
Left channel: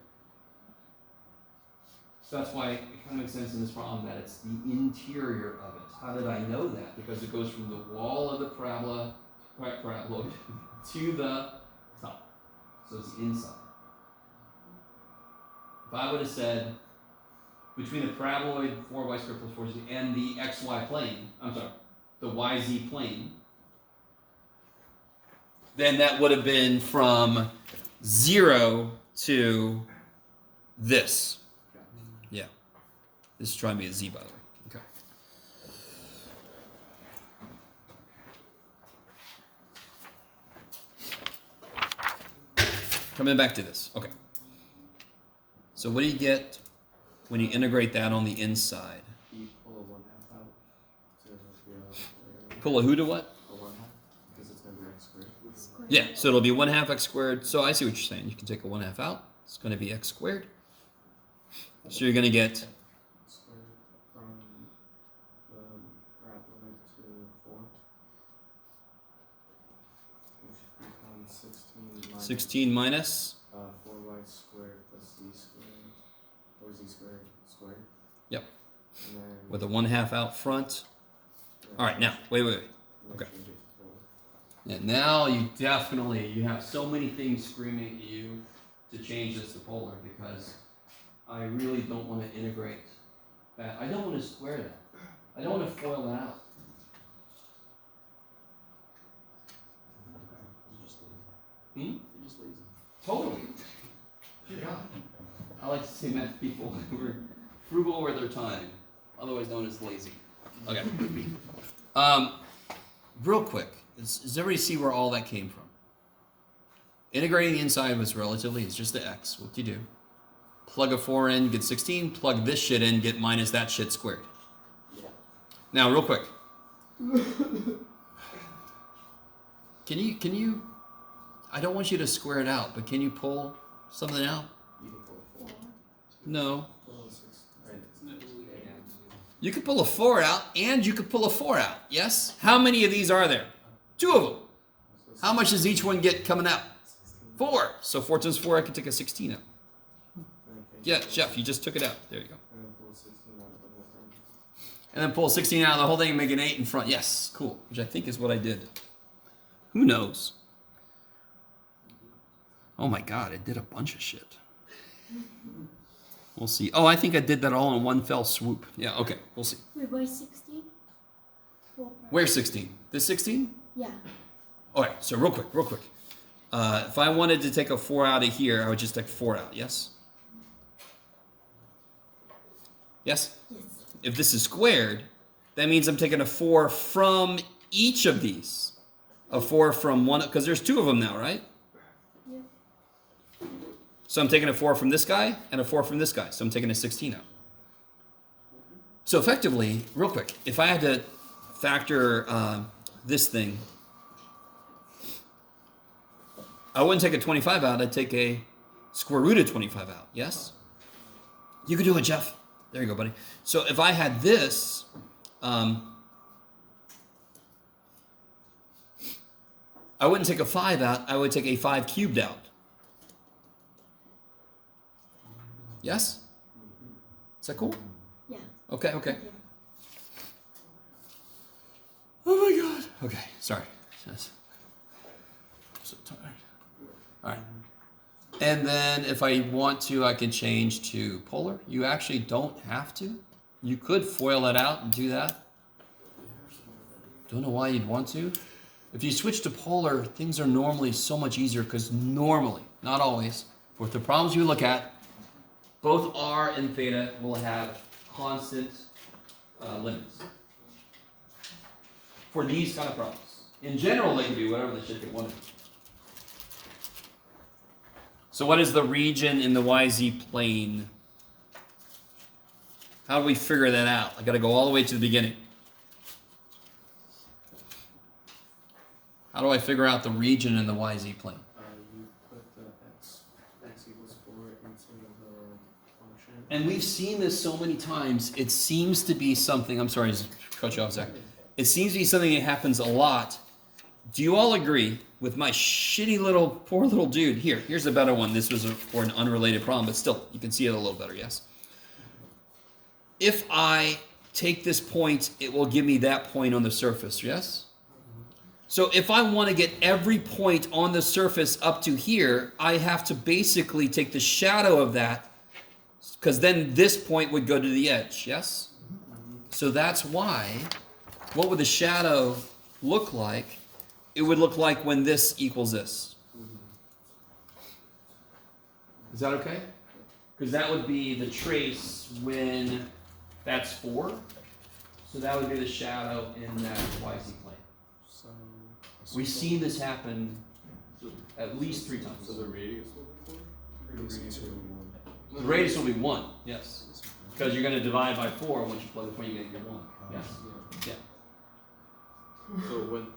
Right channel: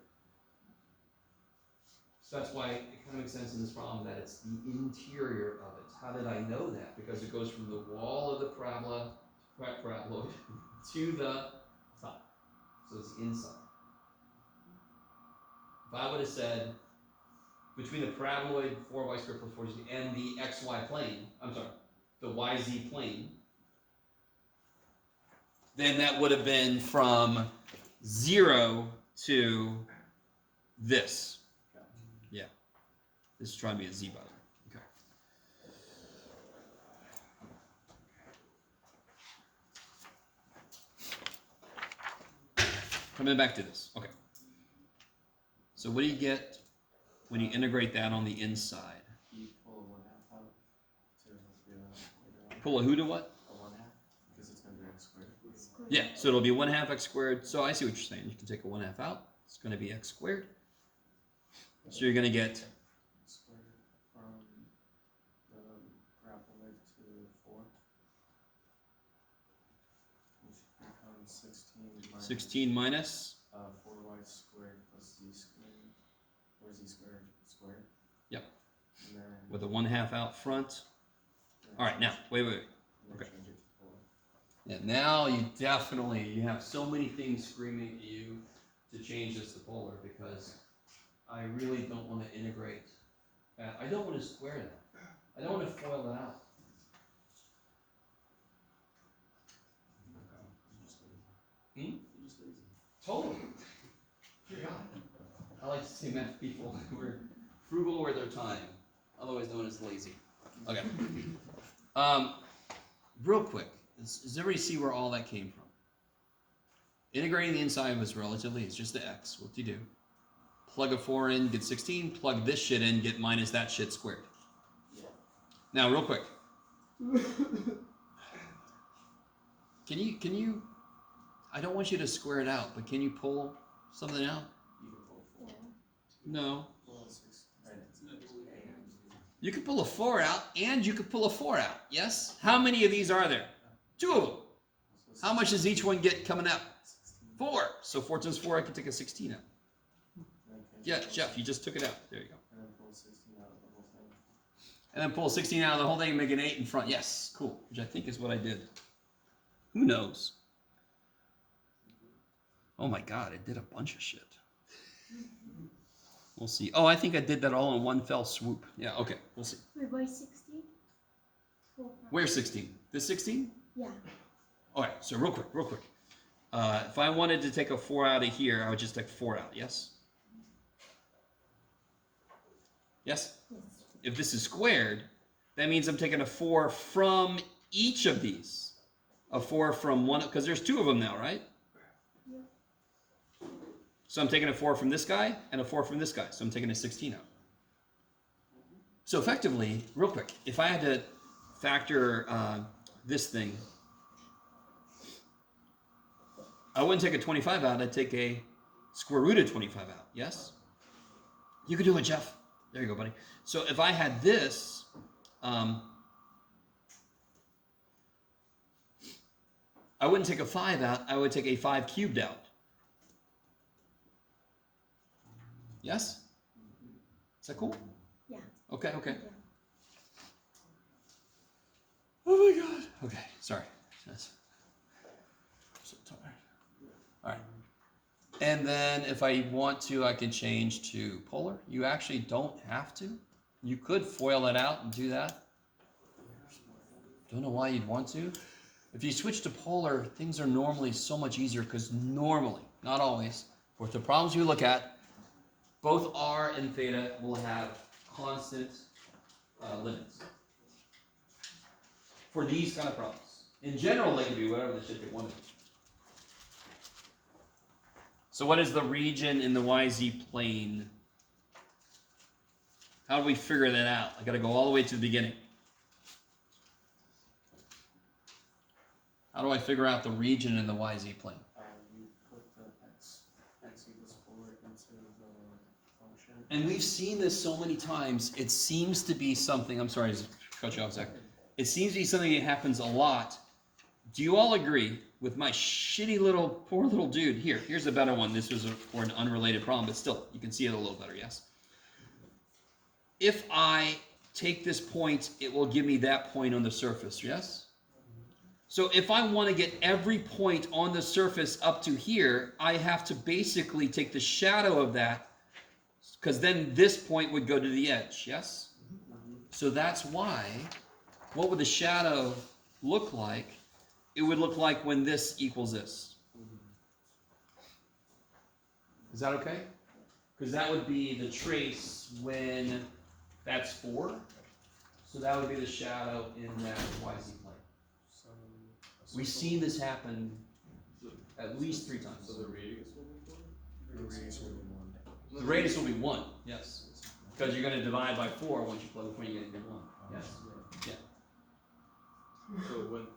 So that's why it kind of makes sense in this problem that it's the interior of it. How did I know that? Because it goes from the wall of the paraboloid to the top. So it's inside. If I would have said between the paraboloid 4y squared plus 4z and the xy plane, I'm sorry, the yz plane, then that would have been from 0 to this. Yeah. This is trying to be a z, by the way. Okay. Coming back to this. Okay. So what do you get when you integrate that on the inside? You pull a 1/2 out to the Pull a who to what? a 1/2 because it's going to be x squared. Yeah, so it'll be 1/2 x squared. So I see what you're saying. You can take a 1/2 out. It's going to be x squared. So you're gonna get Square from the graph limit to 4. Which becomes 16 minus 16 minus. 4y squared plus z squared, or z squared. Yep. And then. With a 1/2 out front. yeah, All right, now wait. and then okay. change it to 4. And now you have so many things screaming at you to change this to polar because I really don't want to integrate that. I don't want to square that. I don't want to FOIL that out. Hmm? You're just lazy. Totally. Yeah. I like to say math people who are frugal with their time, otherwise known as lazy. Okay. Real quick, does everybody see where all that came from? Integrating the inside was relatively, it's just the x. What do you do? Plug a 4 in, get 16. Plug this shit in, get minus that shit squared. Yeah. Now, real quick. Can you, I don't want you to square it out, but can you pull something out? You can pull 4. No. Pull a 6. You could pull a 4 out, and you could pull a 4 out. Yes? How many of these are there? 2 of them. How much does each one get coming out? 4. So 4 times 4, I could take a 16 out. Yeah, Jeff, you just took it out. There you go. And then pull 16 out of the whole thing. And then pull 16 out of the whole thing and make an 8 in front. Yes, cool. Which I think is what I did. Who knows? Oh my god, I did a bunch of shit. We'll see. Oh, I think I did that all in one fell swoop. Yeah, okay, we'll see. Wait, why 16? Where's 16? This 16? Yeah. Alright, so real quick. If I wanted to take a 4 out of here, I would just take 4 out, yes? Yes? Yes. If this is squared, that means I'm taking a 4 from each of these. A 4 from one, because there's 2 of them now, right? Yeah. So I'm taking a 4 from this guy and a 4 from this guy. So I'm taking a 16 out. So effectively, real quick, if I had to factor this thing, I wouldn't take a 25 out. I'd take a square root of 25 out. Yes? You could do it, Jeff. There you go, buddy. So if I had this, I wouldn't take a 5 out. I would take a 5 cubed out. Yes? Is that cool? Yeah. Okay. Okay. Oh my god. Okay, sorry. I'm so tired. Alright. And then if I want to, I can change to polar. You actually don't have to. You could FOIL that out and do that. Don't know why you'd want to. If you switch to polar, things are normally so much easier because normally, not always, for the problems you look at, both r and theta will have constant limits. For these kind of problems. In general, they can do whatever the shit they want to do. So what is the region in the YZ plane? How do we figure that out? I gotta go all the way to the beginning. How do I figure out the region in the YZ plane? You put the x equals 4 into the function. And we've seen this so many times. It seems to be something, I'm sorry to cut you off, Zach. It seems to be something that happens a lot. Do you all agree with my shitty little, poor little dude? Here's a better one. This was for an unrelated problem, but still, you can see it a little better, yes? If I take this point, it will give me that point on the surface, yes? So if I want to get every point on the surface up to here, I have to basically take the shadow of that, because then this point would go to the edge, yes? So that's why, what would the shadow look like? It would look like when this equals this. Is that okay? Because that would be the trace when that's 4. So that would be the shadow in that YZ plane. So We've seen this happen at least 3 times. So the radius will be 4? radius will be 1. The radius will be 1, yes. Because you're going to divide by 4 once you plug the point, you get your 1. Yes. Yeah. So when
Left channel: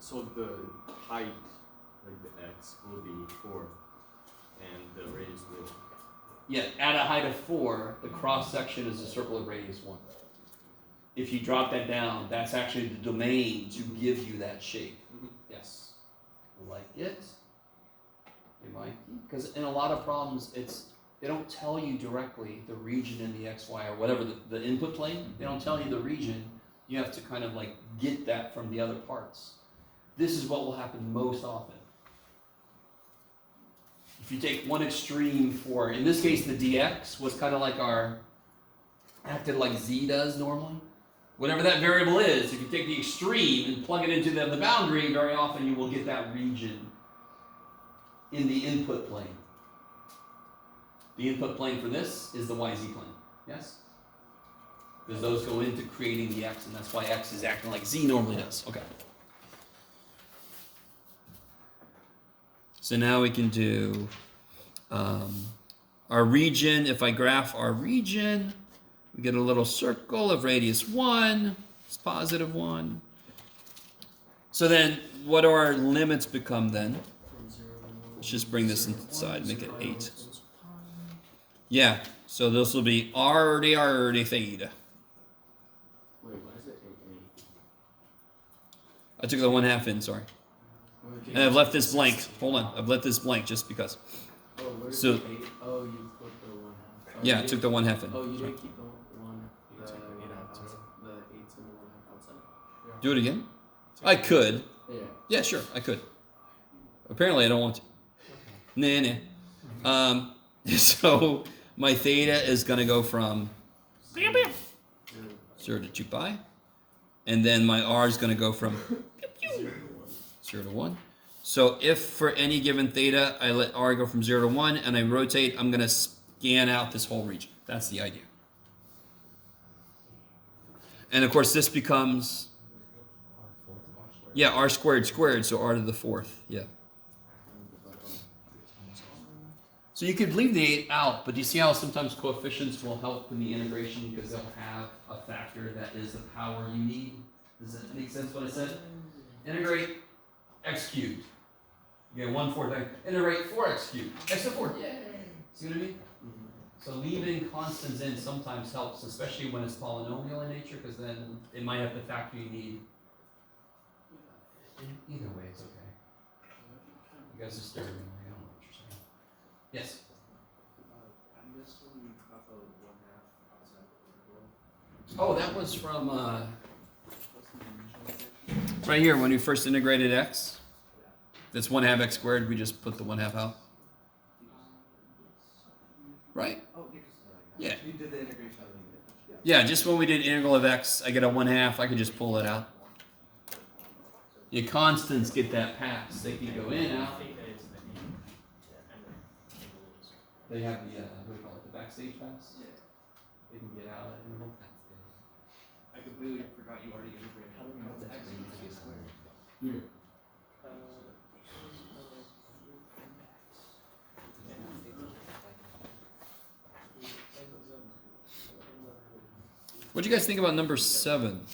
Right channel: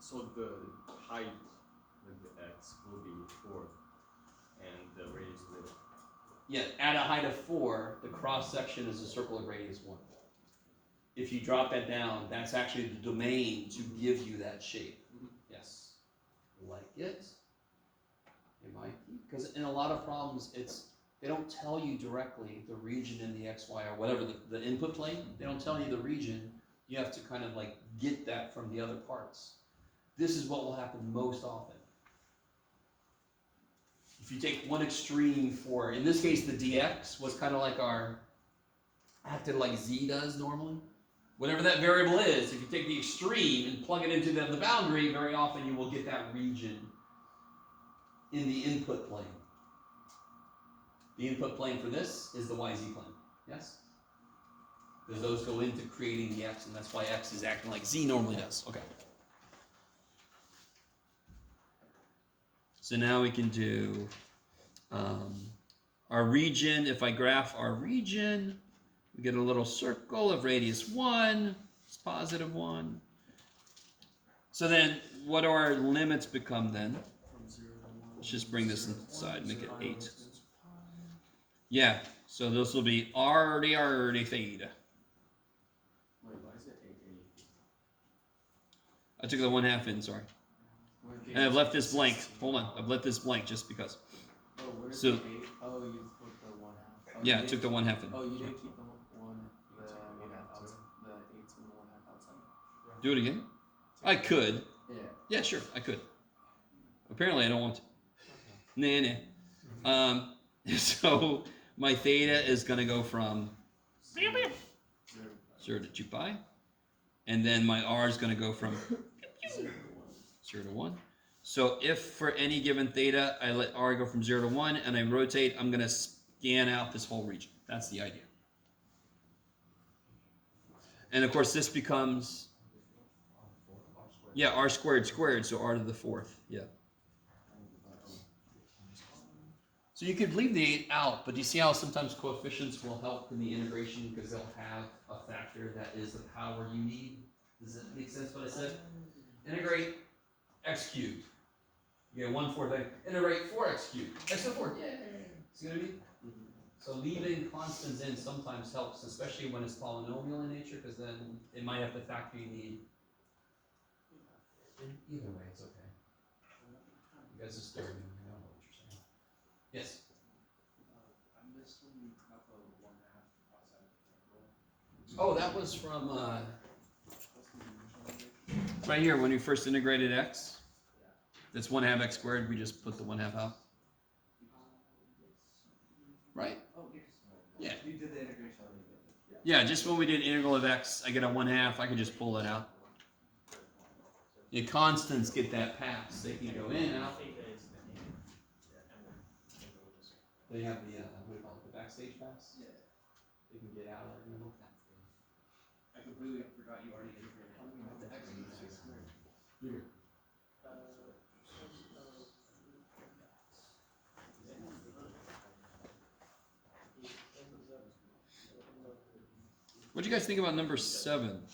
so the height, like the x, will be 4, and the radius will Yet at a height of 4, the cross section is a circle of radius 1. If you drop that down, that's actually the domain to give you that shape. Yes. Like it. Because in a lot of problems, they don't tell you directly the region in the x, y, or whatever, the input plane. They don't tell you the region. You have to kind of like get that from the other parts. This is what will happen most often. If you take one extreme for, in this case, the dx was kind of like acted like z does normally. Whatever that variable is, if you take the extreme and plug it into the boundary, very often you will get that region in the input plane. The input plane for this is the YZ plane, yes? Because those go into creating the x, and that's why x is acting like z normally does. Okay. So now we can do our region. If I graph our region, we get a little circle of radius 1. It's positive 1. So then, what do our limits become then? From 0 to 1. Let's just bring this inside, make it 8. Equals pi. Yeah, so this will be r d theta. Wait, why is it 8? I took the 1/2 in, sorry. And I've left this blank. Hold on, I've left this blank just because. Oh, where's So- the 8? Oh, you put the 1/2. Oh, Yeah, I you took the 1/2 in. Oh, you So- didn't keep the 1. You took the 8 out, too. The 8's and the 1/2 outside. Do it again? I could. Yeah. Yeah, sure, I could. Apparently, I don't want to. Nah. So my theta is going to go from 0 to 2 pi. And then my r is going to go from 0 to 1. So if for any given theta, I let r go from 0 to 1 and I rotate, I'm going to scan out this whole region. That's the idea. And of course, this becomes, yeah, r squared, so r to the 4th, yeah. So you could leave the 8 out, but do you see how sometimes coefficients will help in the integration because they'll have a factor that is the power you need? Does that make sense what I said? Integrate x cubed. You get 1/4 x. Integrate 4x cubed. X to 4. Yay! See what I mean? So leaving constants in sometimes helps, especially when it's polynomial in nature, because then it might have the factor you need. Either way, it's okay. You guys are staring at me. I don't know what you're saying. Yes. I missed when you got the 1/2 outside the interval. Oh, that was from What's the initialization? right here when you first integrated x. That's 1/2 x squared. We just put the 1/2 out. Right? Oh, Yeah. You did the integration. Yeah, just when we did integral of x, I get a 1/2. I can just pull it out. Your constants get that pass. They can go in, out. They have the what do you call it? The backstage pass. Yeah. They can get out of that interval. I completely forgot you already integrated. How do we know the x equals a squared? Here. What do you guys think about number 7?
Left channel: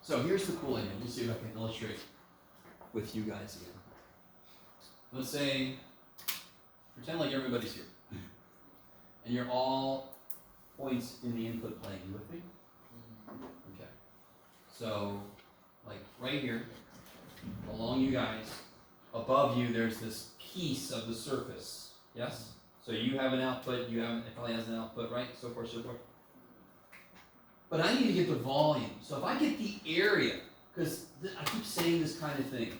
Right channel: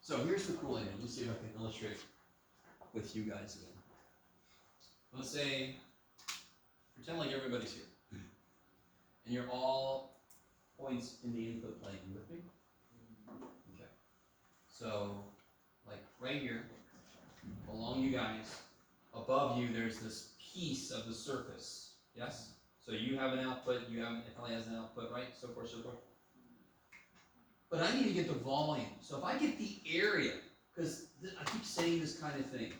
So here's the cool idea. Let's see if I can illustrate with you guys again. Let's say, pretend like everybody's here. And you're all points in the input plane. You with me? Okay. So, like right here, along you guys, above you there's this piece of the surface. Yes? So you have an output, it probably has an output, right? So forth, so forth. But I need to get the volume. So if I get the area, because I keep saying this kind of thing.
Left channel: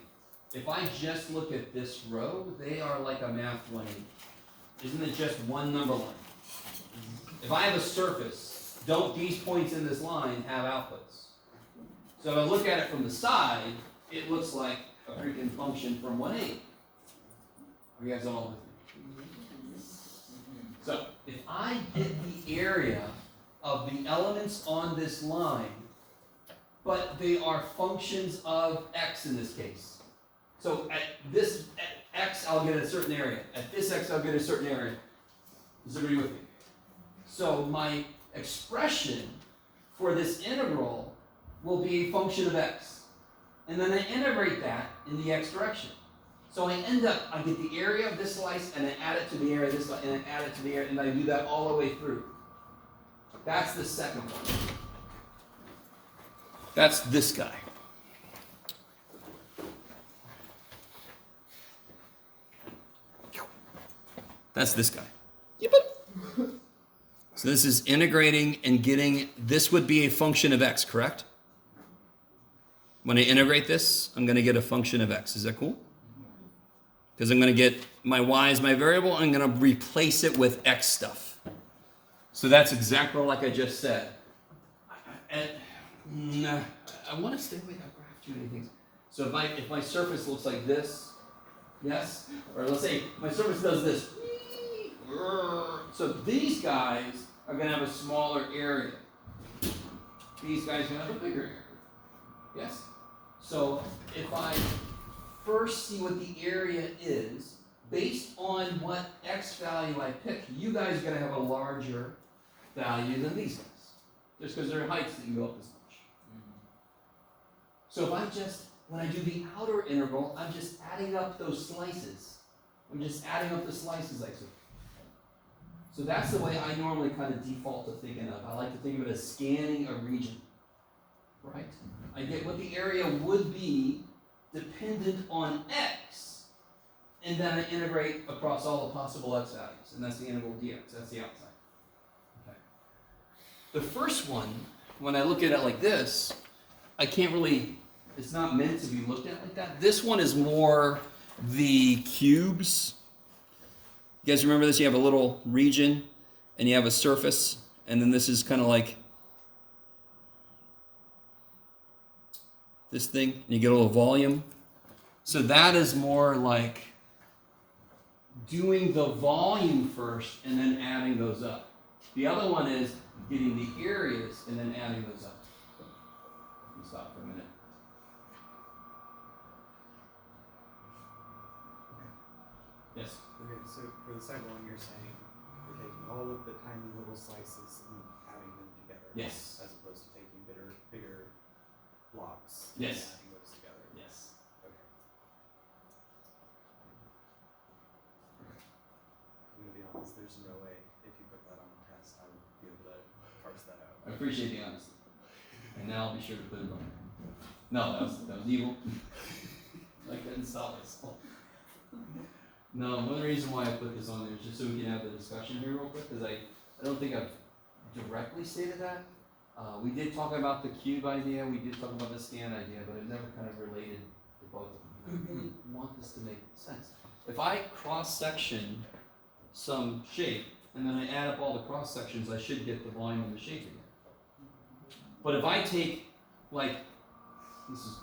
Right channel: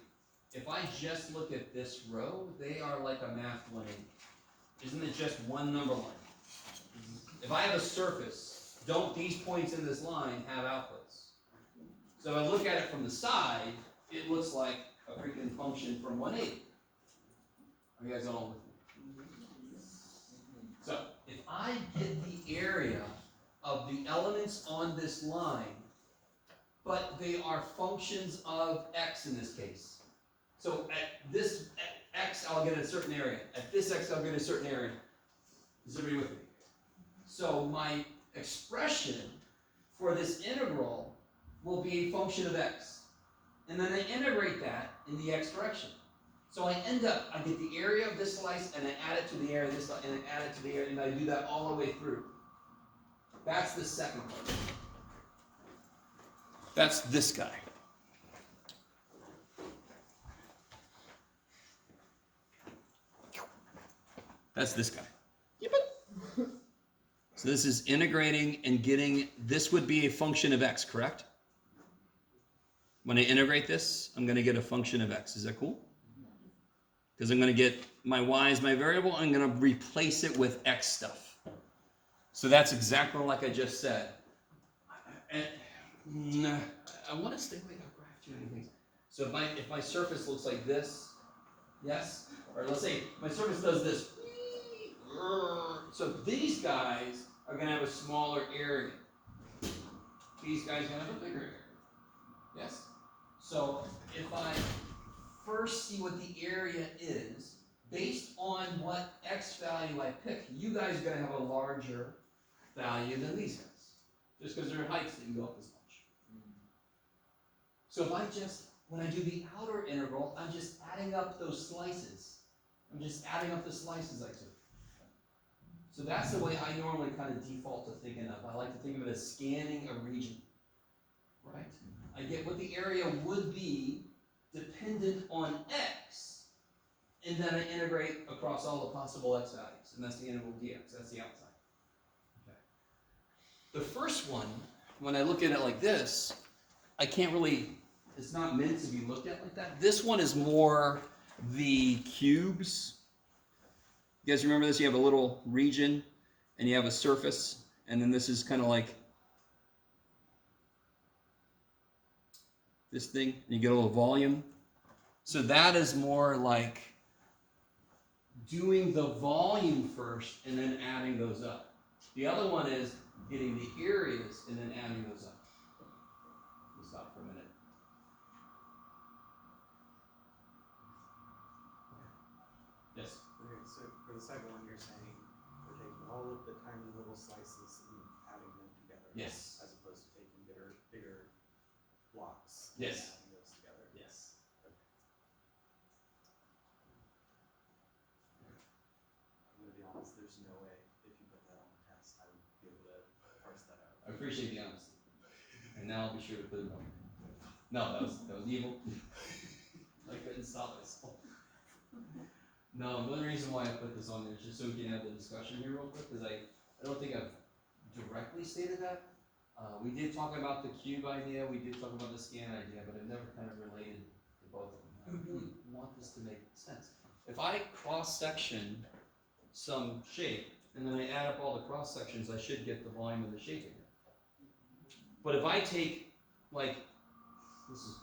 If I just look at this row, they are like a math 180. Isn't it just one number line? If I have a surface, don't these points in this line have outputs? So if I look at it from the side, it looks like a freaking function from 180. Are you guys all with me? So if I get the area of the elements on this line, but they are functions of x in this case. So at x, I'll get a certain area. At this x, I'll get a certain area. Is everybody with me? So my expression for this integral will be a function of x. and then I integrate that in the x direction. So I get the area of this slice, and then add it to the area of this slice, and then add it to the area, and I do that all the way through. That's the second one. That's this guy. That's this guy. So this is integrating and getting, this would be a function of x, correct? When I integrate this, I'm going to get a function of x. Is that cool? Because I'm going to get my y as my variable, I'm going to replace it with x stuff. So that's exactly like I just said. I want to stay away, I've graphed too many things. So if my surface looks like this, yes? Or let's say my surface does this. So these guys are going to have a smaller area. These guys are going to have a bigger area. Yes? So if I first see what the area is, based on what x value I pick, you guys are going to have a larger value than these guys. Just because their heights didn't go up as much. So if when I do the outer integral, I'm just adding up those slices. I'm just adding up the slices I took. So that's the way I normally kind of default to thinking of. I like to think of it as scanning a region, right? I get what the area would be dependent on x, and then I integrate across all the possible x values, and that's the integral dx, that's the outside. Okay. The first one, when I look at it like this, I can't really, it's not meant to be looked at like that. This one is more the cubes. You guys remember this? You have a little region, and you have a surface, and then this is kind of like this thing, and you get a little volume. So that is more like doing the volume first, and then adding those up. The other one is getting the areas, and then adding those up. Let me stop for a minute. Yes? Okay, so for the second one, you're saying we're taking all of the tiny little slices and adding them together. Yes. As opposed to taking bigger blocks. Yes. And adding those together. Yes. Okay. I'm gonna be honest, there's no way if you put that on the test, I would be able to parse that out. I appreciate the honesty. And now I'll be sure to put it on. No, that was evil. I couldn't stop myself. No, one reason why I put this on there is just so we can have the discussion here real quick, because I don't think I've directly stated that. We did talk about the cube idea, we did talk about the scan idea, but it never kind of related to both of them. I really want this to make sense. If I cross-section some shape, and then I add up all the cross-sections, I should get the volume and the shape again. But if I take, like, this is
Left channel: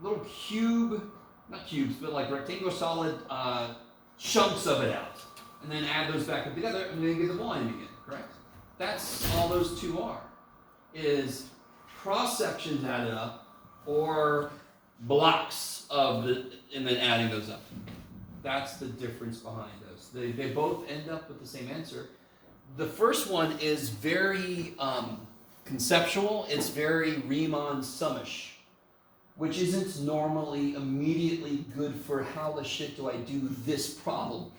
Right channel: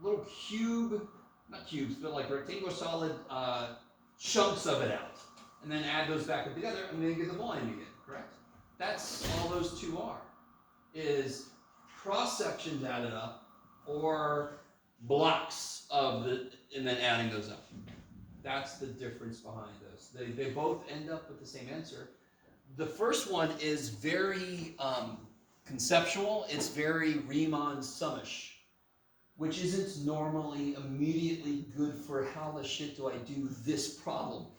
little cube, not cubes, but like rectangular solid chunks of it out, and then add those back up together, and then get the volume again, correct? That's all those two are, is cross-sections added up, or blocks of and then adding those up. That's the difference behind those. They both end up with the same answer. The first one is very conceptual, it's very Riemann-summish, which isn't normally immediately good for how the shit do I do this problem.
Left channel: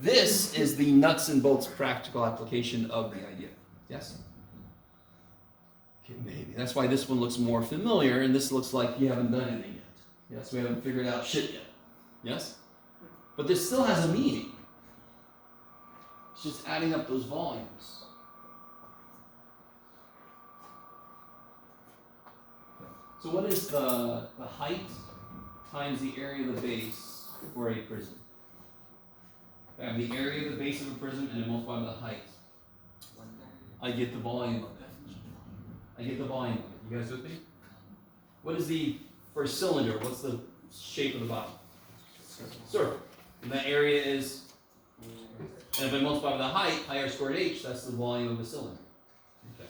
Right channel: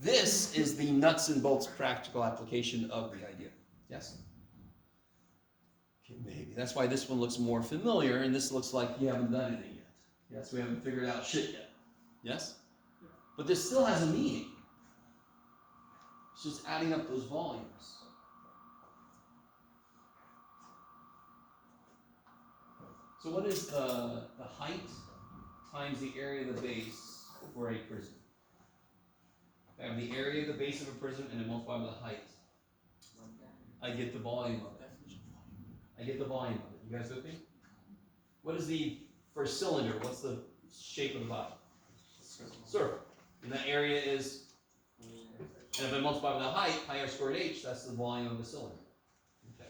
This is the nuts and bolts practical application of the idea. Yes? Okay, maybe. That's why this one looks more familiar, and this looks like you haven't done anything yet. Yes, we haven't figured out shit yet. Yes? But this still has a meaning. It's just adding up those volumes. So what is the height times the area of the base for a prism? I have the area of the base of a prism and I multiply by the height. I get the volume of it. I get the volume of it. You guys with me? What is for a cylinder, what's the shape of the bottom? Circle. And that area is, and if I multiply by the height, pi r squared h, that's the volume of the cylinder. Okay.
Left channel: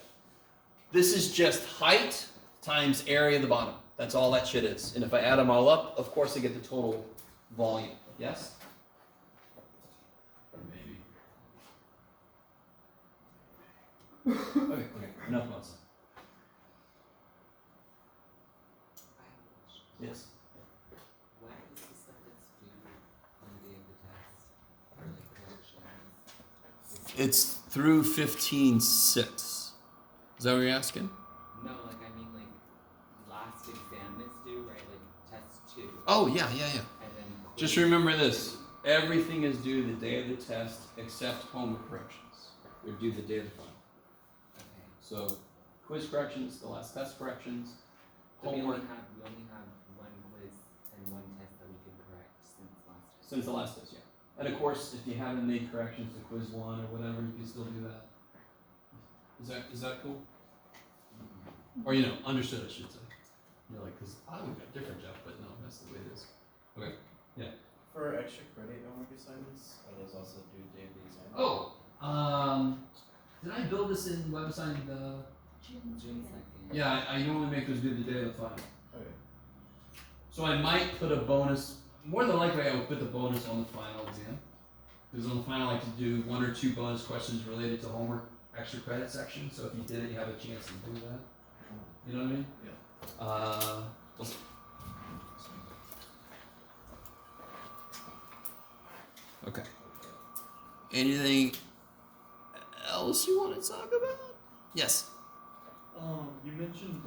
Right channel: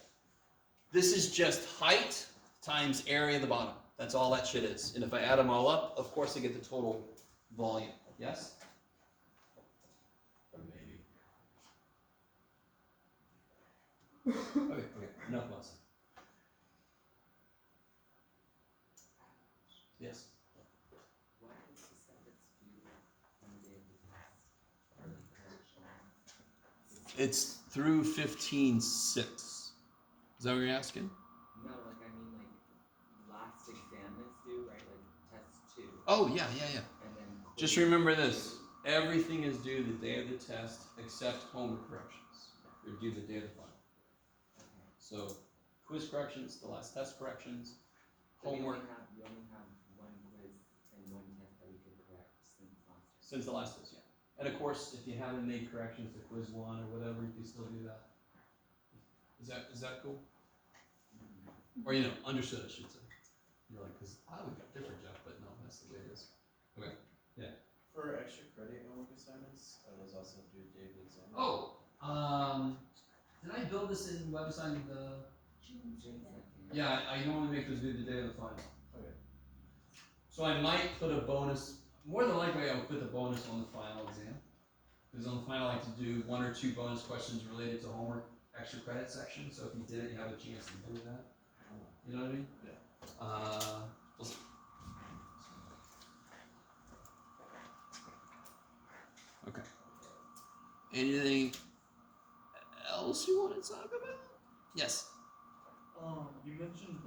This is just height times area of the bottom. That's all that shit is. And if I add them all up, of course I get the total volume. Yes? Maybe. Okay, enough about that. I It's through 15.6. Is that what you're asking? No, like I mean like last exam is due, right? Like test 2. Oh, yeah. And then Just quiz remember this. 2. Everything is due the day of the test except homework corrections. They're due the day of the final. Okay. So, quiz corrections, the last test corrections, So we homework only have one quiz and one test that we can correct since last time. since the last test, yeah. And of course, if you haven't made corrections to quiz 1 or whatever, you can still do that. Is that cool? Or understood, I should say. You're like, because I would got different, Jeff, but no, that's the way it is. Okay. For extra credit homework assignments, are those also due day of the exam? Oh, did I build this in WebAssign the? June 2nd. Yeah, I normally make those due the day of the final. Okay. So I might put a bonus. More than likely, I would put the bonus on the final exam. Because on the final, I like to do 1 or 2 bonus questions related to homework extra credit section. So if you did it, you have a chance to do that. You know what I mean? Yeah. We'll see. Okay. Anything else you want to talk about? Yes. You mentioned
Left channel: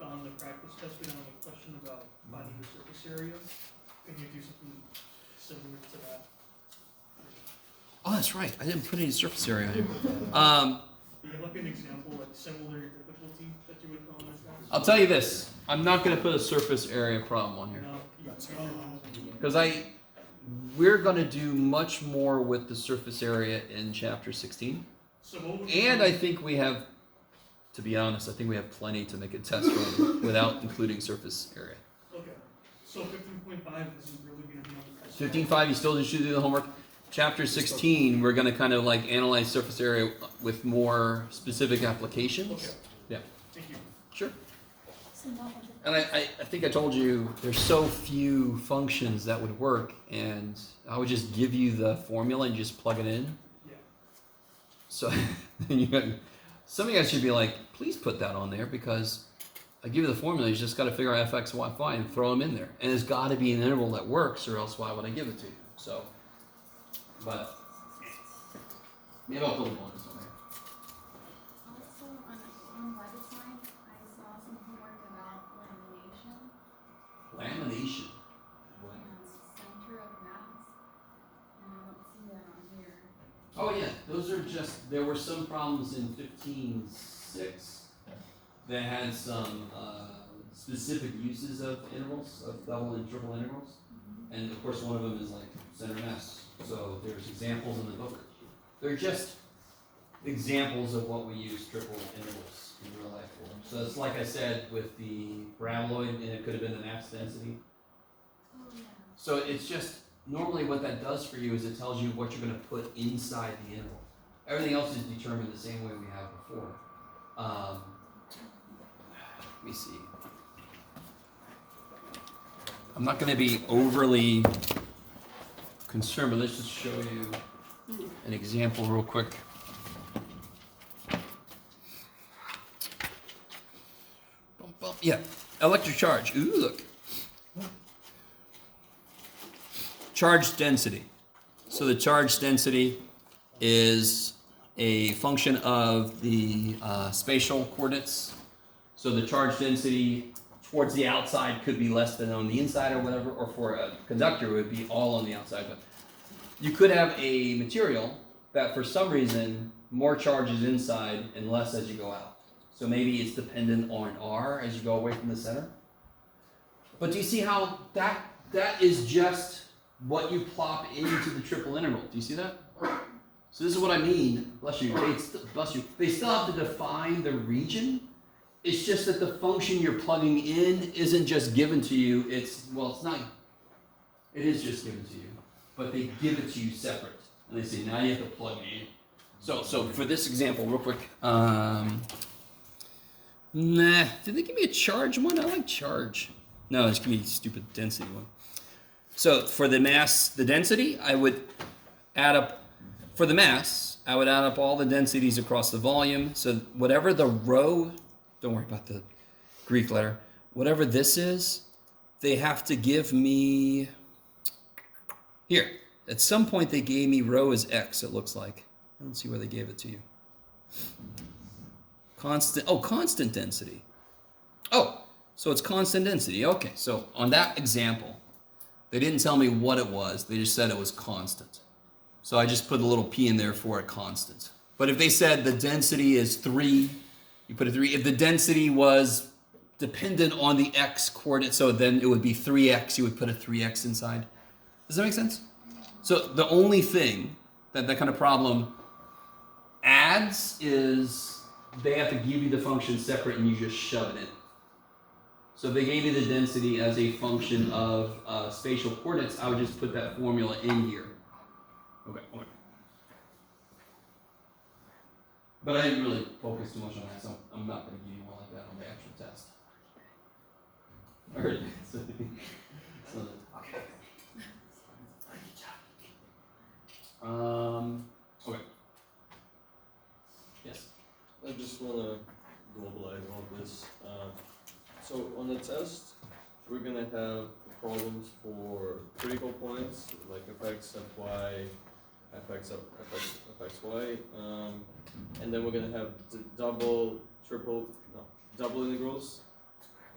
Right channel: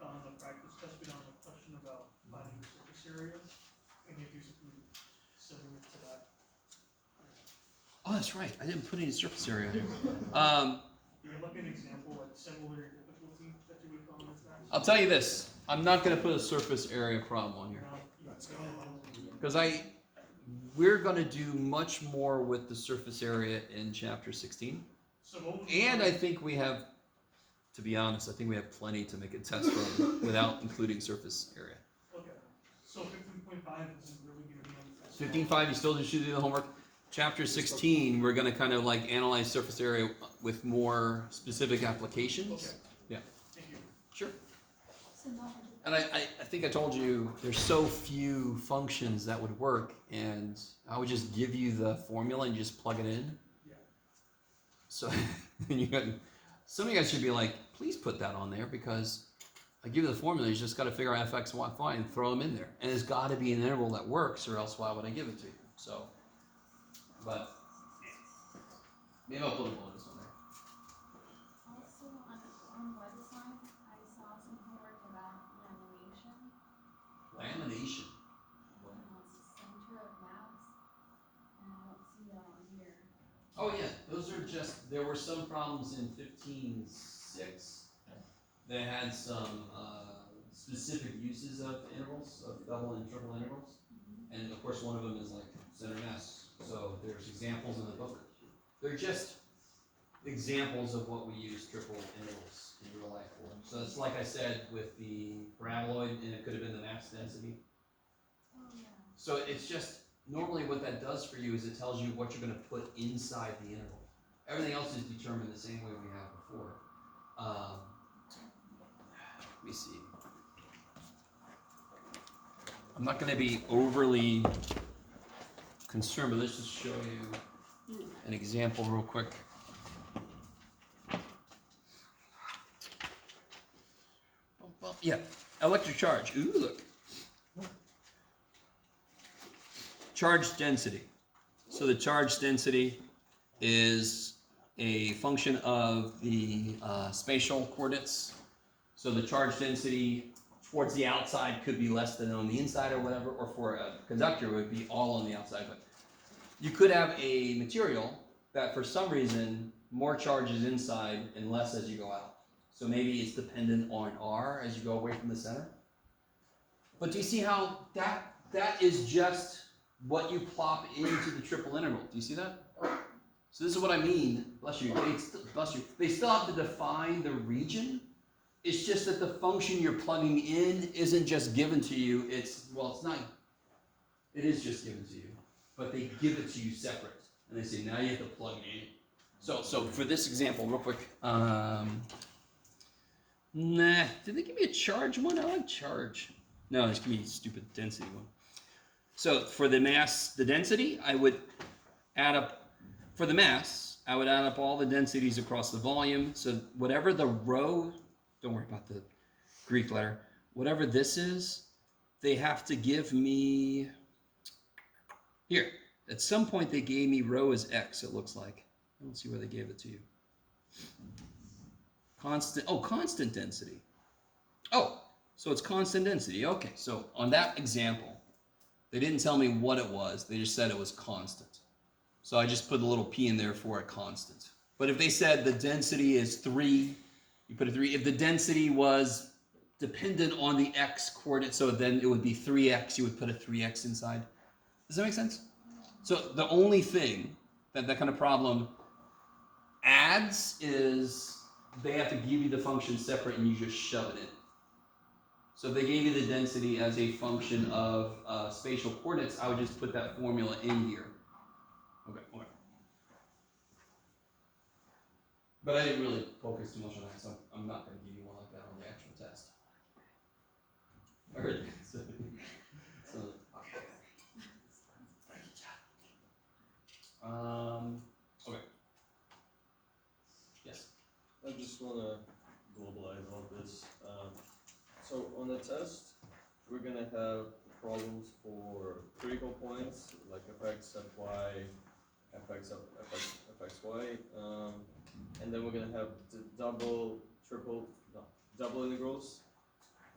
on the practice test, we don't have a question about finding the surface area. Can you do something similar to that? Oh, that's right. I didn't put any surface area. Do you have like an example, like similar difficulty that you would call this? I'll tell you this. I'm not going to put a surface area problem on here. Because we're going to do much more with the surface area in chapter 16. So what would And I think we have, to be honest, I think we have plenty to make a test run without including surface area. Okay, so 15.5 isn't really gonna be on the test. 15.5, you still should do the homework. Chapter 16, we're going to kind of like analyze surface area with more specific applications. Okay. Yeah. Thank you. Sure. So no. And I think I told you there's so few functions that would work, and I would just give you the formula and just plug it in. Yeah. So then some of you guys should be like, please put that on there, because I give you the formula. You just got to figure out fx, y and throw them in there, and it's got to be an interval that works, or else why would I give it to you? So, but maybe I'll put a bonus on there. Also, on WebAssign, I saw some homework about lamination. Lamination. Center of mass, and I don't see that on here. Oh yeah, those are just, there were some problems in 15.6 that had some specific uses of intervals, of double and triple intervals. And of course one of them is like center mass. So there's examples in the book. They're just examples of what we use triple intervals in real life for. So it's like I said with the paraboloid, and it could have been the mass density. Oh, yeah. So it's just, normally what that does for you is it tells you what you're going to put inside the interval. Everything else is determined the same way we have before. Let me see. I'm not going to be overly concerned, but let's just show you an example real quick. Yeah, electric charge. Ooh, look. Charge density. So the charge density is a function of the spatial coordinates. So the charge density towards the outside could be less than on the inside or whatever, or for a conductor it would be all on the outside. But you could have a material that for some reason more charge is inside and less as you go out. So maybe it's dependent on R as you go away from the center. But do you see how that is just what you plop into the triple interval? Do you see that? So this is what I mean. Bless you. They still have to define the region. It's just that the function you're plugging in isn't just given to you. It's not. It is just given to you, but they give it to you separate, and they say now you have to plug it in. So for this example, real quick. Nah, did they give me a charge one? I like charge. No, it's gonna be a stupid density one. So for the mass, the density, I would add up, for the mass, I would add up all the densities across the volume. So whatever the rho, don't worry about the Greek letter, whatever this is, they have to give me, here, at some point they gave me rho as x, it looks like. I don't see where they gave it to you. Constant density. Oh, so it's constant density. Okay, so on that example, they didn't tell me what it was. They just said it was constant. So I just put a little p in there for a constant. But if they said the density is 3, you put a 3. If the density was dependent on the x coordinate, so then it would be 3x, you would put a 3x inside. Does that make sense? So the only thing that kind of problem adds is they have to give you the function separate and you just shove it in. So if they gave you the density as a function of spatial coordinates, I would just put that formula in here. Okay. But I didn't really focus too much on that, so I'm not going to give you one like that on the actual test. I heard it. Okay. Yes. I just wanna globalize all this. So on the test, we're gonna have problems for critical points like fx, fy, fx, fxy, and then we're gonna have the double integrals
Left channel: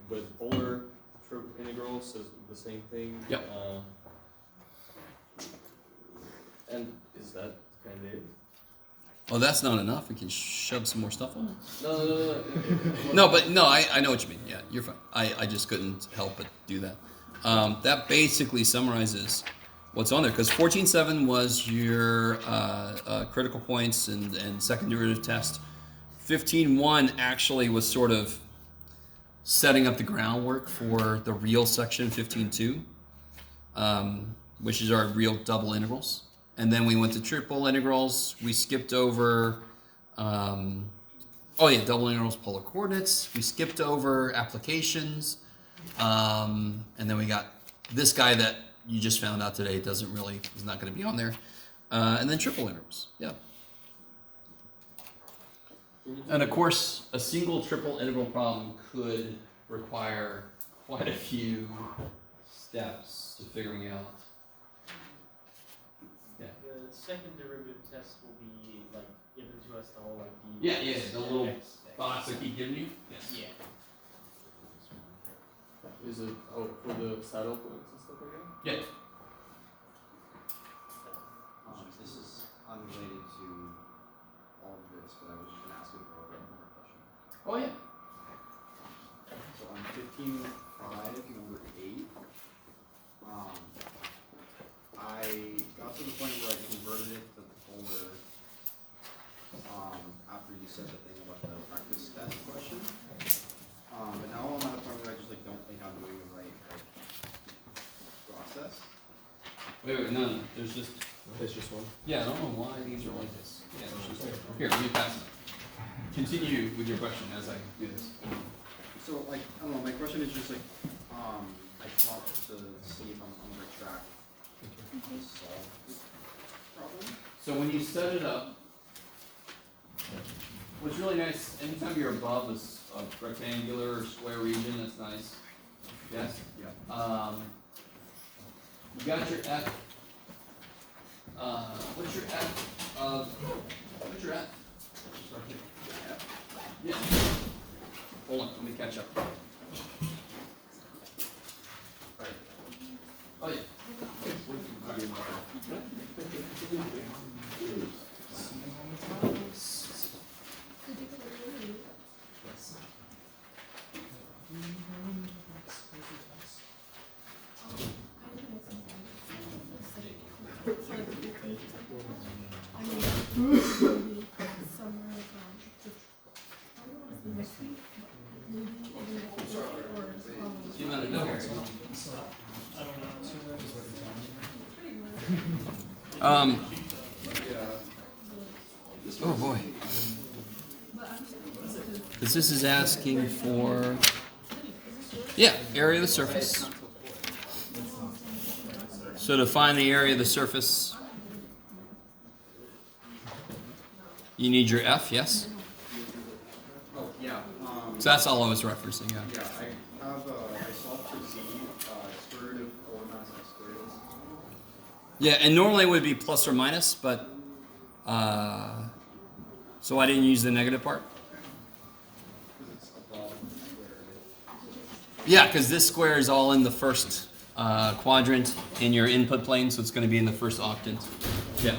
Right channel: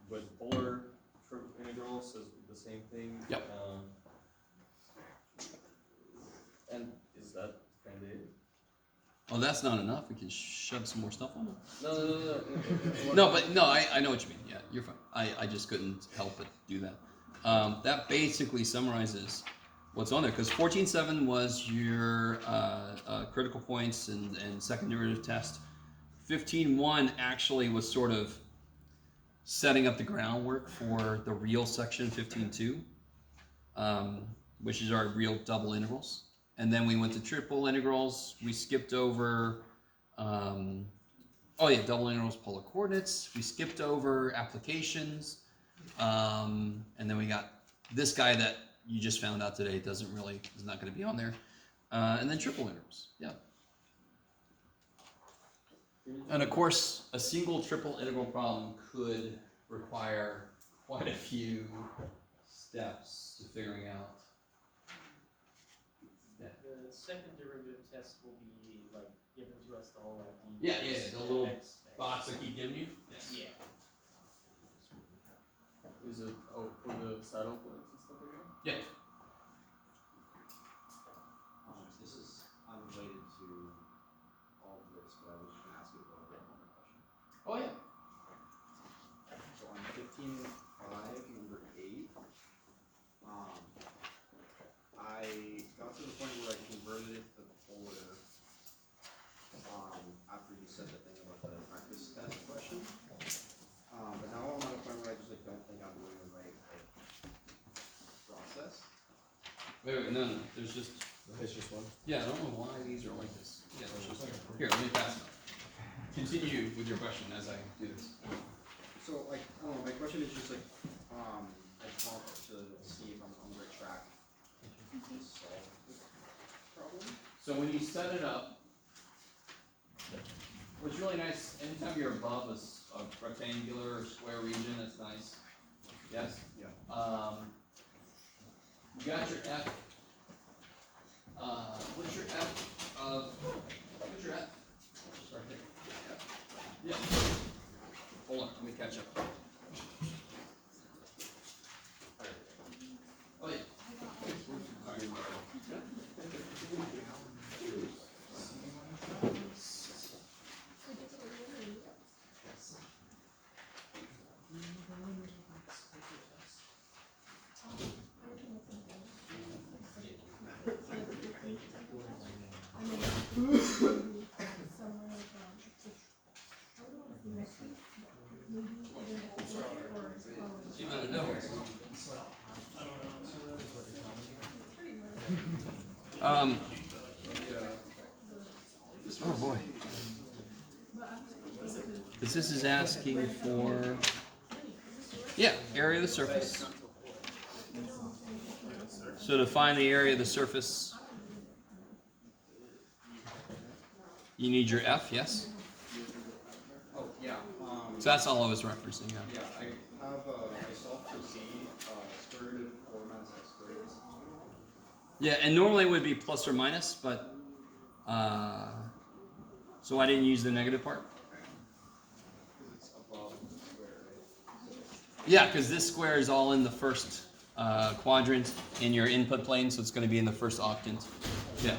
with polar integrals as the same thing. Yep. And is that kind of it? Oh, that's not enough. We can shove some more stuff on it. No. No, I know what you mean. Yeah, you're fine. I just couldn't help but do that. That basically summarizes what's on there, because 14.7 was your critical points and second derivative test. 15.1 actually was sort of setting up the groundwork for the real section 15.2, which is our real double integrals. And then we went to triple integrals. We skipped over, double integrals, polar coordinates. We skipped over applications. And then we got this guy that you just found out today is not going to be on there. And then triple integrals, yeah. And of course, a single triple integral problem could require quite a few steps to figuring out. The second derivative test will be like given to us the whole like The little box I keep giving you. Yes. Yeah. Is it for the saddle points and stuff like that? Yeah. This is unrelated to all of this, but I was just gonna ask you a program question. Oh yeah. So on 15.5, number 8, I got to the point where I converted it to polar after you said the thing about the practice test question. But now I'm at a point where I just don't think I'm doing the right process. Wait, no, there's just one. Yeah, I don't know why these are like this. Yeah, there's just here, let me pass it. Continue with your question as I do this. So I don't know, my question is just I just want to see if I'm on the right track to solve this problem. So when you set it up, what's really nice, anytime you're above a rectangular or square region, that's nice. Yes? Yeah. You got your F. What's your F of, what's your F? It's right there. F. Yeah. Hold on, let me catch up. Oh yeah. Oh boy. Because this is asking for, area of the surface. So to find the area of the surface, you need your F, yes? Oh, yeah. So that's all I was referencing, yeah. Yeah, I solved for z, square root of 4 minus x squared. Yeah, and normally it would be plus or minus, but So I didn't use the negative part? Because it's above the square, right? Yeah, because this square is all in the first quadrant in your input plane, so it's going to be in the first octant. Yeah.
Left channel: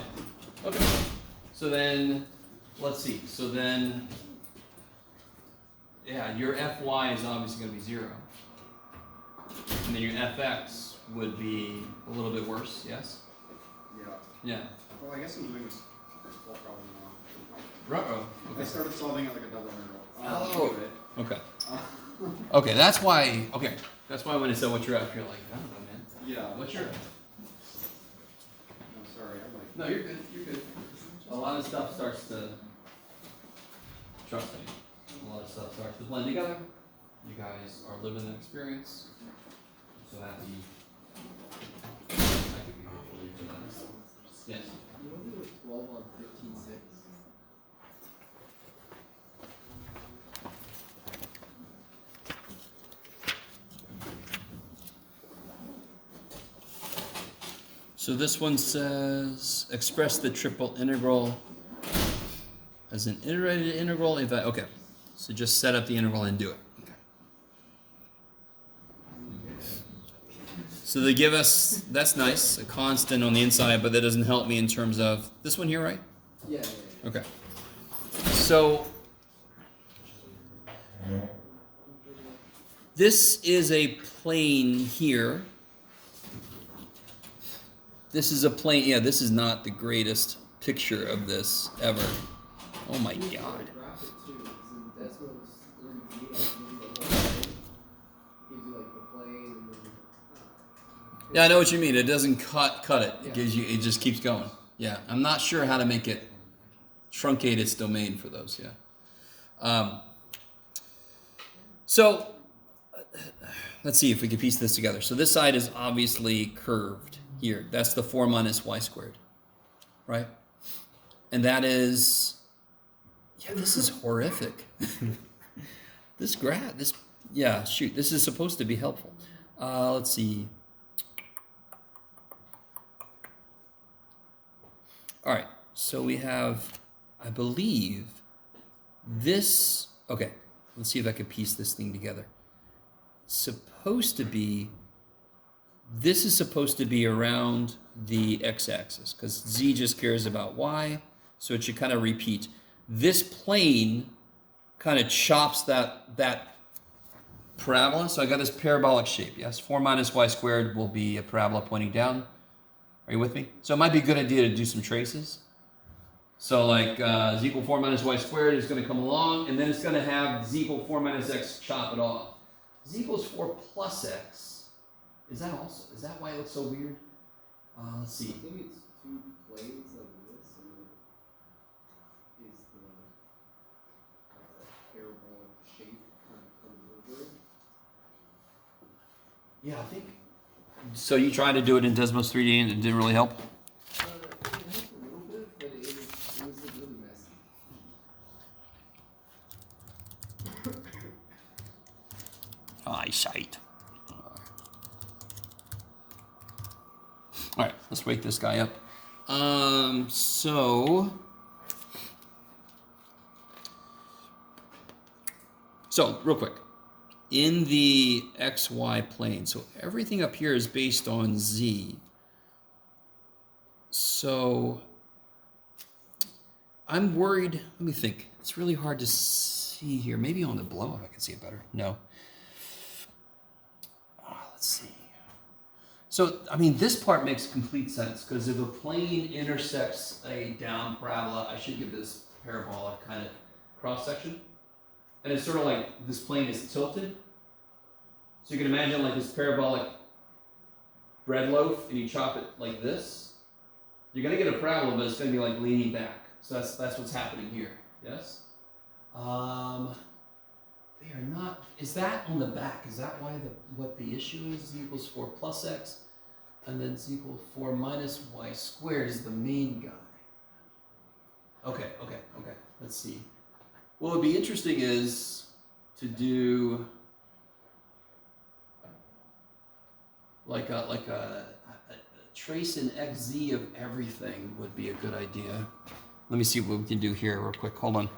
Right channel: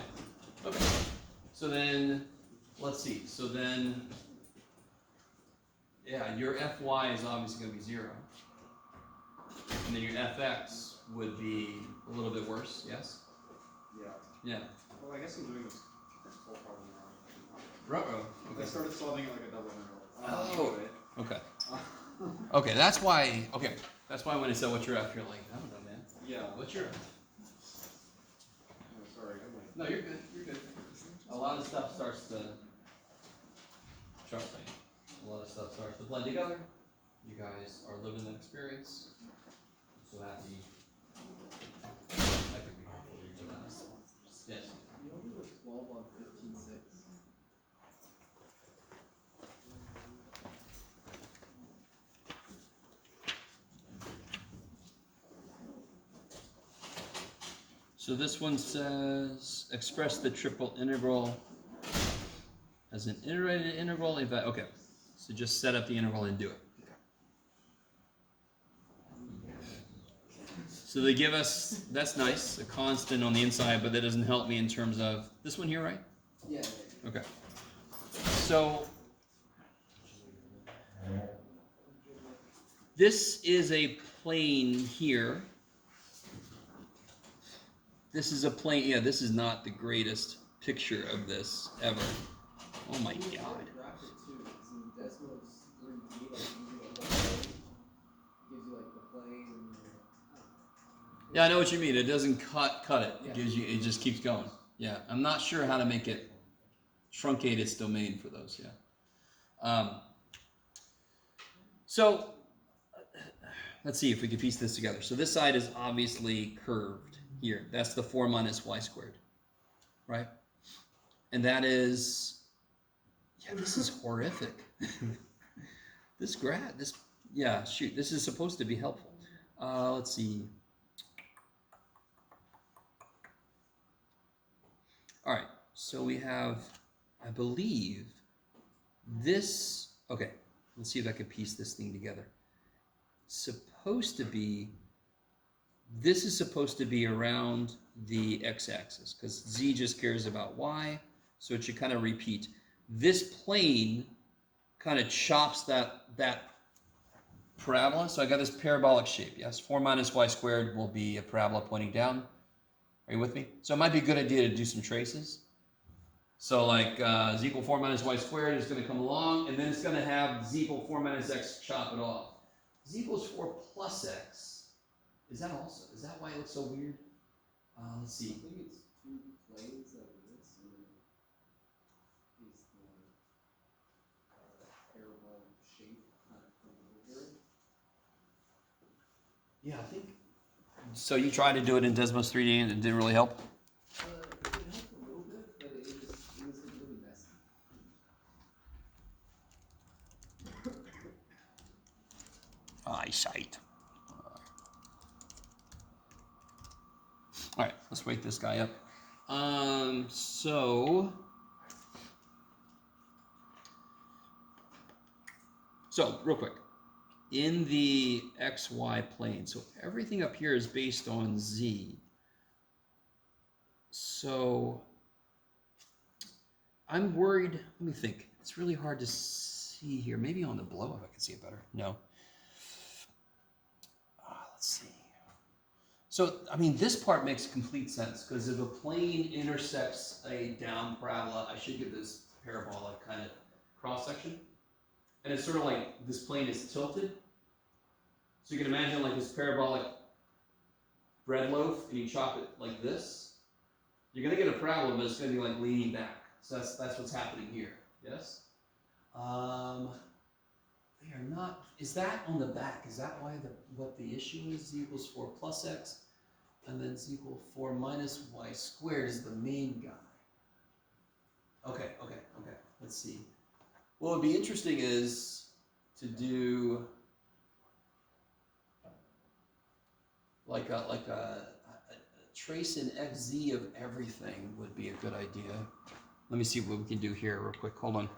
Okay. So then, let's see. So then, yeah, your Fy is obviously going to be 0. And then your Fx would be a little bit worse, yes? Yeah. Yeah. Well, I guess I'm doing this whole problem now. Ruh-oh. I started solving it like a double integral. Oh. Anyway. Okay. Uh, Okay, that's why when I said what's your F, you're like, I don't know, man. yeah. What's your F? No, sorry, I'm like. No, you're good, you're good. A lot of stuff starts to, trust me, a lot of stuff starts to blend together. You guys are living the experience. I'm so happy. I could be hopefully for that. Yes. You want to do a 12 on 15.6? So this one says, express the triple integral as an iterated integral. Okay, so just set up the integral and do it. Okay. So they give us, that's nice, a constant on the inside, but that doesn't help me in terms of this one here, right? Yeah. Okay. So this is a plane here. This is a plane, yeah, this is not the greatest picture of this ever. Oh my God. Yeah, I know what you mean. It doesn't cut it. It gives you, it just keeps going. Yeah, I'm not sure how to make it truncate its domain for those, yeah. So, let's see if we can piece this together. So this side is obviously curved here. That's the 4 minus y squared, right? And that is, yeah, this is horrific. This graph, yeah, shoot, this is supposed to be helpful. Let's see. All right, so we have, I believe, this, okay, let's see if I can piece this thing together. Supposed to be, this is supposed to be around the x-axis, because z just cares about y, so it should kind of repeat. This plane kind of chops that parabola, so I got this parabolic shape, yes? 4 minus y squared will be a parabola pointing down. Are you with me? So it might be a good idea to do some traces. So like z equal 4 minus y squared is going to come along, and then it's going to have z equal 4 minus x chop it off. Z equals 4 plus x. Is that why it looks so weird? Let's see. I think it's two planes like this, and is the parabolic shape kind of comes over it. Yeah, I think. So you tried to do it in Desmos 3D and it didn't really help? It helped a little bit, but it was really messy. Eyesight. All right, let's wake this guy up. So real quick, in the xy plane, so everything up here is based on z. So I'm worried, let me think. It's really hard to see here. Maybe on the blow up I can see it better. No. Let's see. So, I mean, this part makes complete sense, because if a plane intersects a down parabola, I should give this parabolic kind of cross-section. And it's sort of like this plane is tilted. So you can imagine like this parabolic bread loaf, and you chop it like this. You're going to get a parabola, but it's going to be like leaning back. So that's what's happening here. Yes? They are not, is that on the back? Is that why what the issue is? Z equals 4 plus x, and then z equals 4 minus y squared is the main guy. Okay. Let's see. What would be interesting is to do like a trace in xz of everything would be a good idea. Let me see what we can do here real quick. Hold on.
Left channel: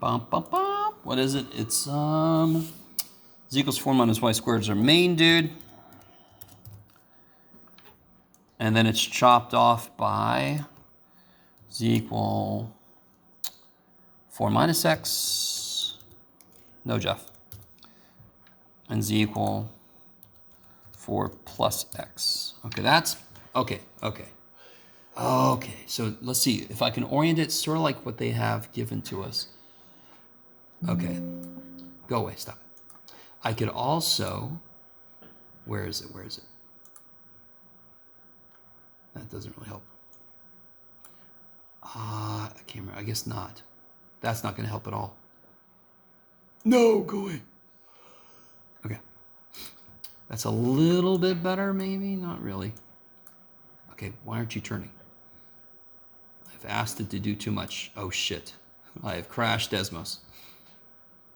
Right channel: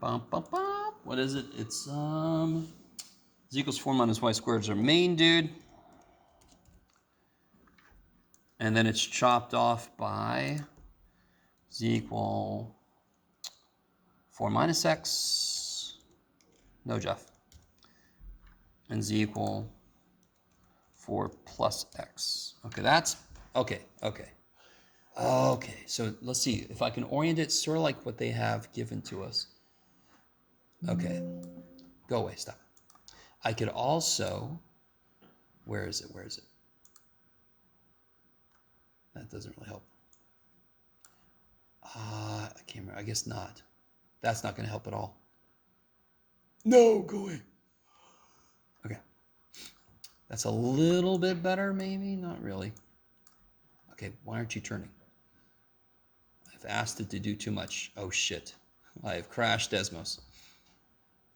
Bum, bum, bum. What is it? It's z equals 4 minus y squared is our main dude. And then it's chopped off by z equal 4 minus x. No, Jeff. And z equal 4 plus x. Okay, that's, okay. Okay, so let's see. If I can orient it sort of like what they have given to us. Okay, go away, stop it. I could also, where is it? That doesn't really help. I can't remember, I guess not. That's not gonna help at all. No, go away. Okay, that's a little bit better, maybe, not really. Okay, why aren't you turning? I've asked it to do too much. Oh shit, I have crashed Desmos.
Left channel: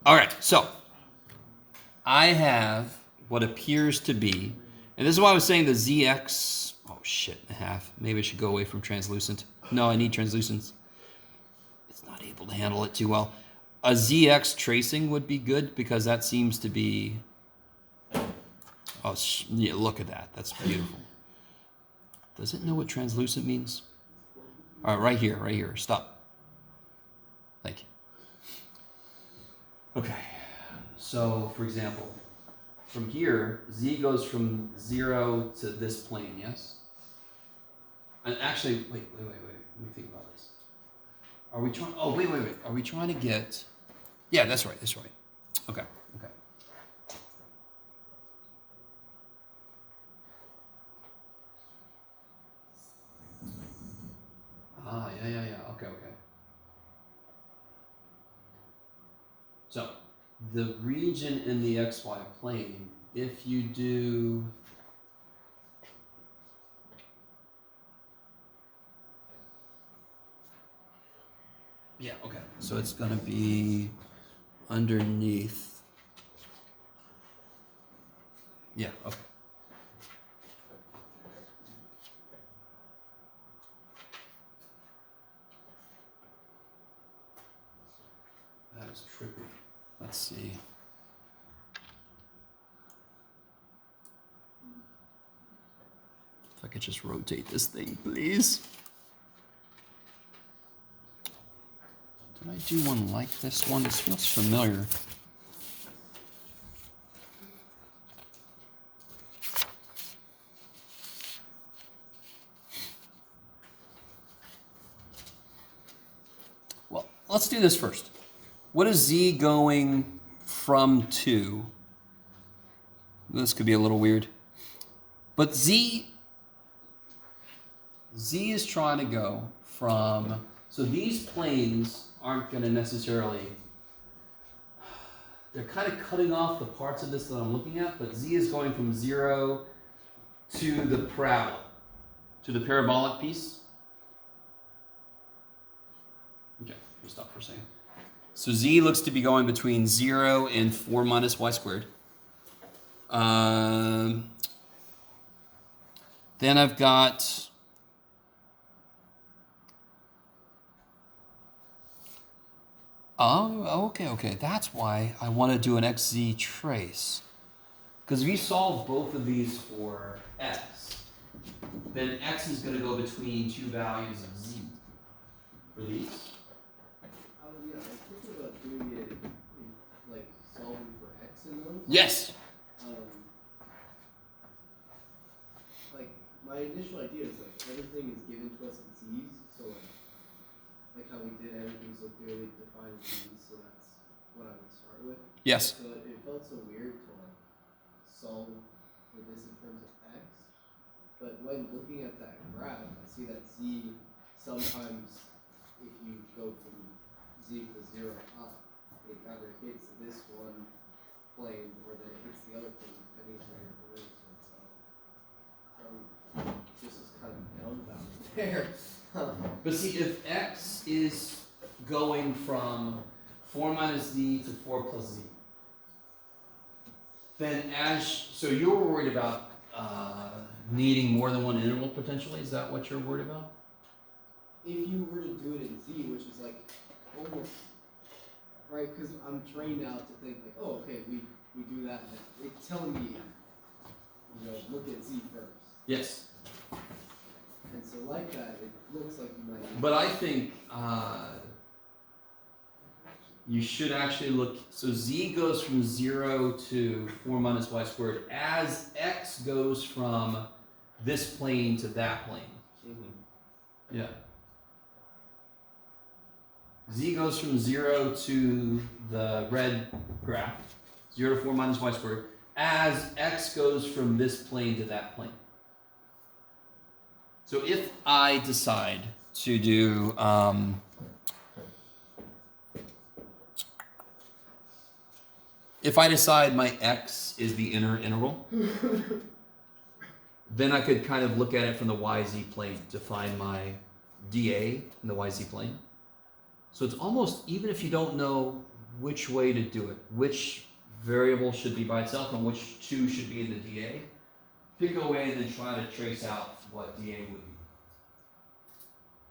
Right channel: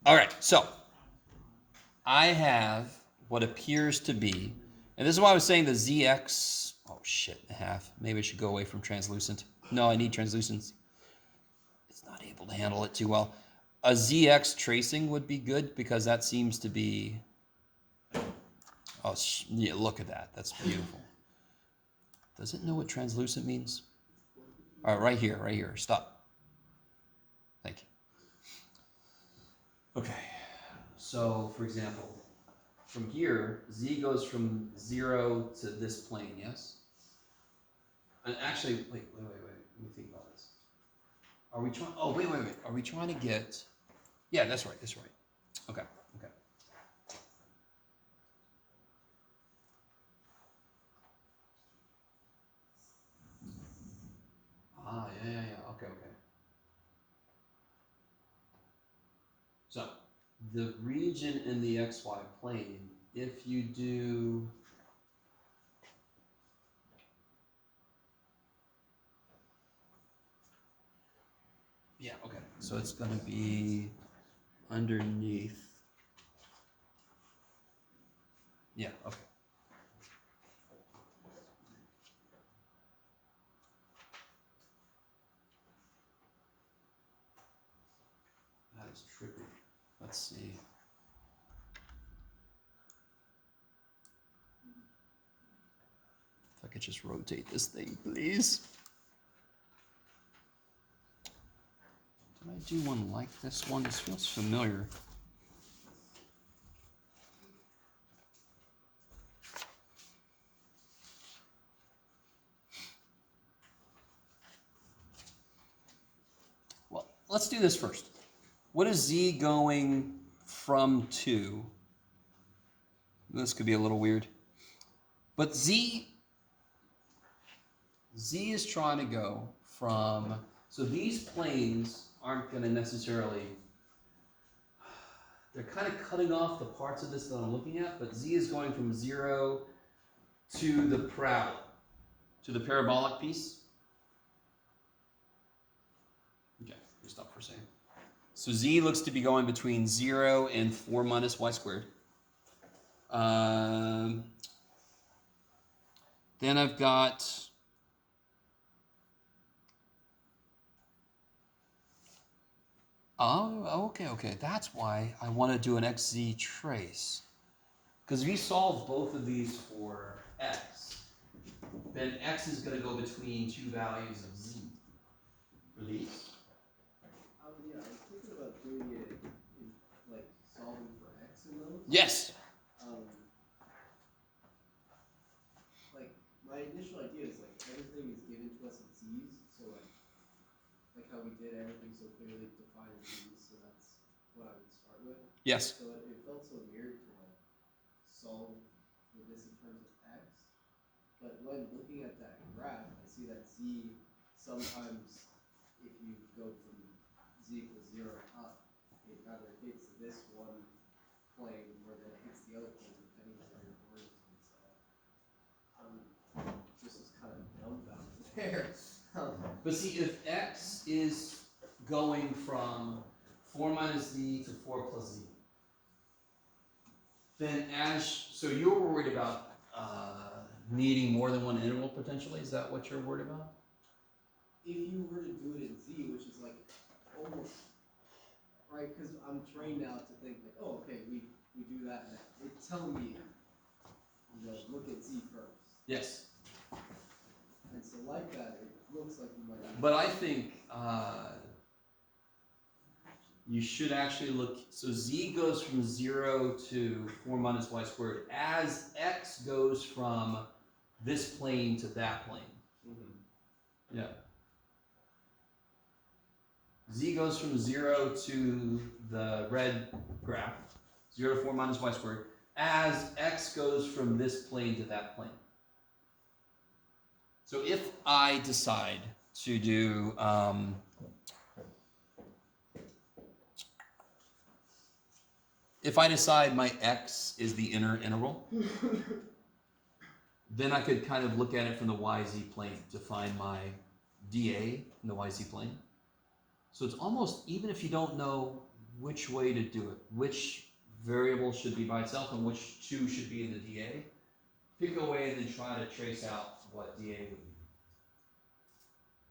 All right, so I have what appears to be, and this is why I was saying the ZX, oh shit and a half. Maybe I should go away from translucent. No, I need translucent. It's not able to handle it too well. A ZX tracing would be good because that seems to be, oh, yeah, look at that. That's beautiful. Does it know what translucent means? All right, right here, stop. Thank you. Okay, so for example, from here, Z goes from 0 to this plane, yes? And actually, wait, let me think about this. Are we trying, oh, wait. Are we trying to get, yeah, that's right. Okay. Ah, yeah, okay. So, the region in the XY plane, if you do, yeah, okay. So it's gonna be underneath, yeah, okay. That is trippy. Let's see. If I could just rotate this thing, please. Did I do one like this one? This feels familiar. Well, let's do this first. What is Z going from to? This could be a little weird. But Z is trying to go from, so these planes aren't going to necessarily, they're kind of cutting off the parts of this that I'm looking at, but Z is going from 0 to the parabola, to the parabolic piece. Okay, just stop for a second. So Z looks to be going between 0 and 4 minus y squared. Then I've got, oh, okay. That's why I want to do an XZ trace. Because if you solve both of these for X, then X is going to go between two values of Z for these. Yeah, I was thinking about doing it like solving for X in those. Yes. Like my initial idea is like everything is given to us in Z's, so like how we did everything so clearly defined Z's, so that's what I would start with. Yes. So it felt so weird to like solve for this in terms of X, but when looking at that graph, I see that Z sometimes, if you go from Z equals 0 up, it either hits this one plane or then it hits the other plane, depending on where your coordinates are. This is kind of dumbfounded there. But see, if X is going from 4 minus Z to 4 plus Z, then so you're worried about needing more than one interval potentially? Is that what you're worried about? If you were to do it in Z, which is like almost, right, because I'm trained now to think like, oh, okay, we do that, and it's telling me, you know, look at Z first. Yes. And so like that, it looks like you might. But I think you should actually look, so Z goes from 0 to 4 minus y squared as x goes from this plane to that plane. Mm-hmm. Yeah. Z goes from 0 to the red graph, 0 to 4 minus y squared, as x goes from this plane to that plane. So if I decide to do, if I decide my x is the inner interval, then I could kind of look at it from the yz plane to find my dA in the yz plane. So it's almost, even if you don't know which way to do it, which variable should be by itself and which two should be in the dA, pick a way and then try to trace out what dA would be.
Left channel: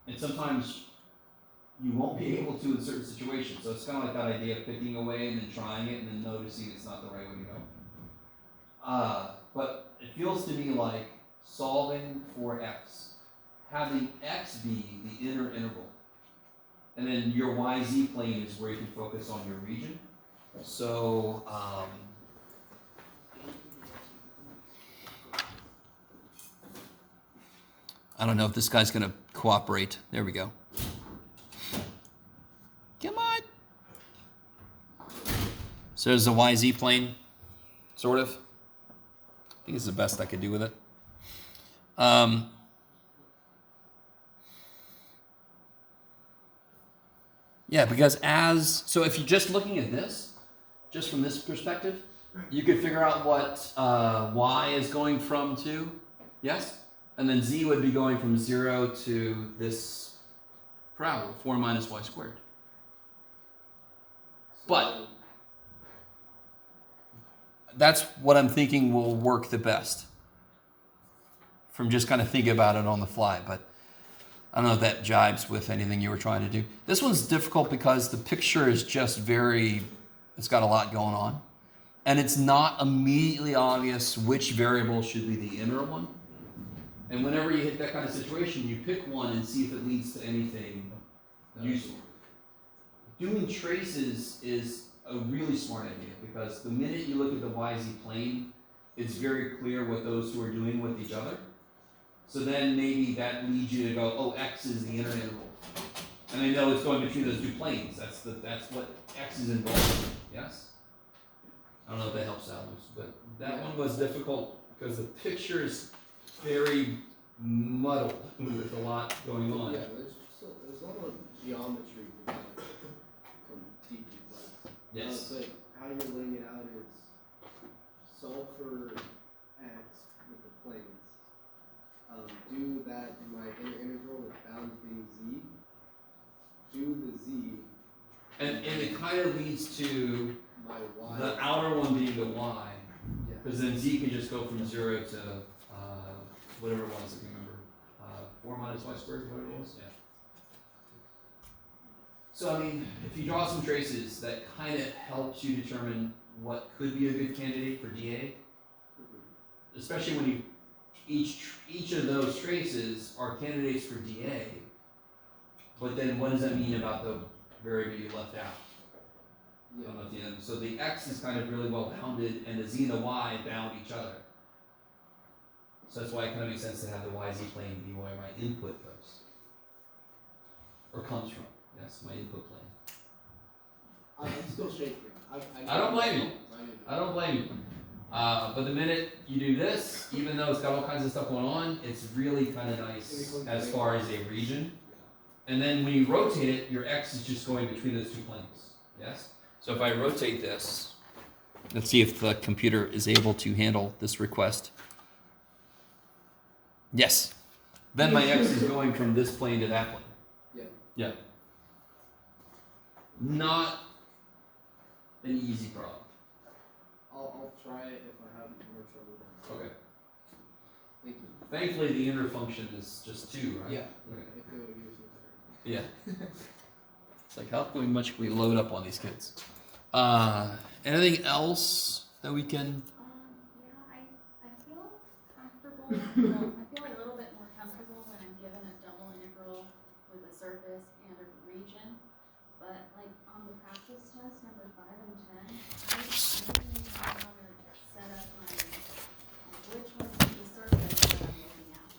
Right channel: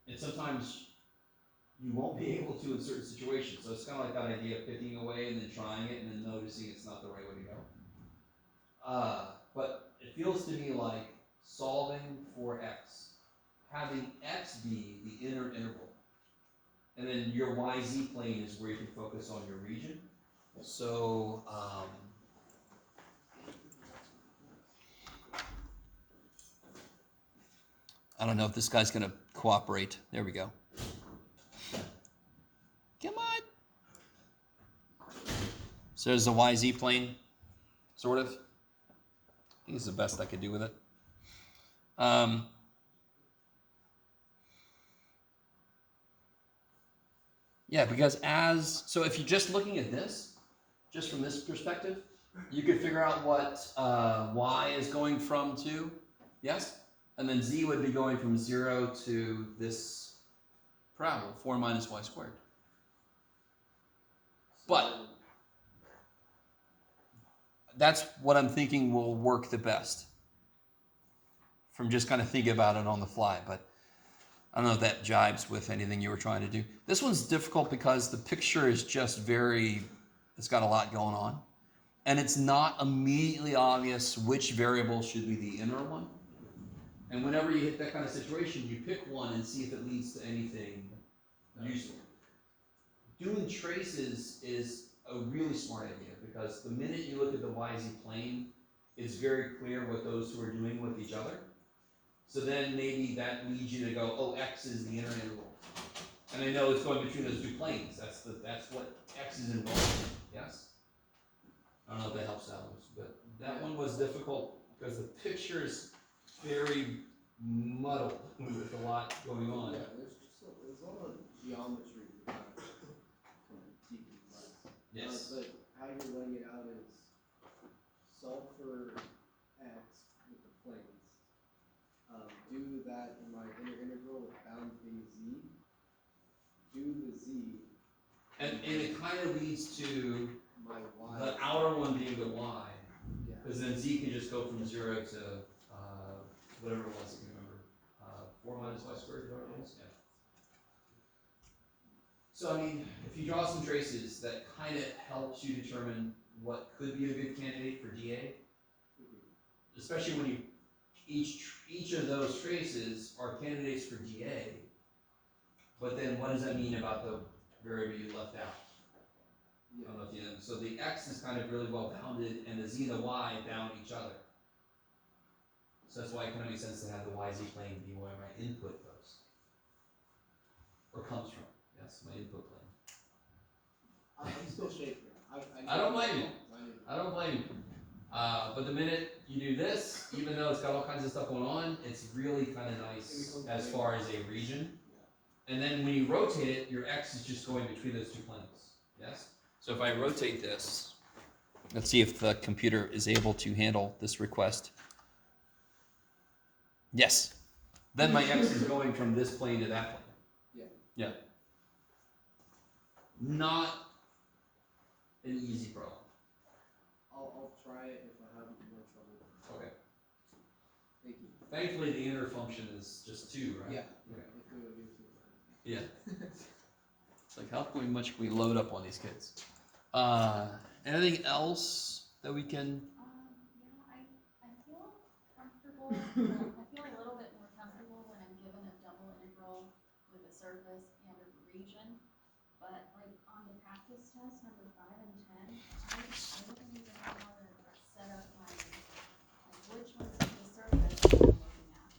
And sometimes you won't be able to in certain situations. So it's kind of like that idea of picking away and then trying it and then noticing it's not the right way to go. But it feels to me like solving for x, having x be the inner interval, and then your yz plane is where you can focus on your region. So I don't know if this guy's going to cooperate. There we go. Come on. So there's the YZ plane, sort of. I think it's the best I could do with it. Yeah, because so if you're just looking at this, just from this perspective, you could figure out what y is going from to, yes? And then z would be going from 0 to this parabola, 4 minus y squared. But that's what I'm thinking will work the best from just kind of thinking about it on the fly. But I don't know if that jibes with anything you were trying to do. This one's difficult because the picture is just it's got a lot going on. And it's not immediately obvious which variable should be the inner one. And whenever you hit that kind of situation, you pick one and see if it leads to anything useful. Doing traces is a really smart idea because the minute you look at the YZ plane, it's very clear what those two are doing with each other. So then maybe that leads you to go, oh, x is the inner interval. And I know it's going between those two planes. That's what x is involved in, yes? I don't know if that helps out, but that one was difficult because the picture is very muddled with a lot going on. Yeah, there's a lot of geometry to kind of come deeply complex. Yes. But how you're laying it out is solve for x with the planes. Do that in my inner integral with bounds being z. Do the z. And it kind of leads to My y. the outer one being the y. Yeah. Because then z can just go from 0 to whatever it was, I can remember. 4 minus y squared, whatever it was? Yeah. So, I mean, if you draw some traces, that kind of helps you determine what could be a good candidate for dA. Especially when each of those traces are candidates for dA. But then what does that mean about the variable you left out? I don't know at the end. So the x is kind of really well bounded, and the z and the y bound each other. So that's why it kind of makes sense to have the YZ plane be where my input goes. Or comes from. Yes, my input plane. I'm still shaking. I don't blame you. I don't blame you. But the minute you do this, even though it's got all kinds of stuff going on, it's really kind of nice as far as a region. And then when you rotate it, your x is just going between those two planes. Yes? So if I rotate this, let's see if the computer is able to handle this request. Yes. Then my x is going from this plane to that plane. Yeah. Yeah. Not an easy problem. I'll try it if I have more trouble. Okay. Thank you. Thankfully, the inner function is just 2, right? Yeah. Okay. If it would give us a better. Yeah. It's like how much can we load up on these kids? Anything else that we can? Yeah, I feel comfortable, well, I feel a little bit more comfortable when I'm given a double integral with a surface and a region. But like on the practice test, number 5 and 10, I don't even know how to set up my, like which one's the surface I'm looking at.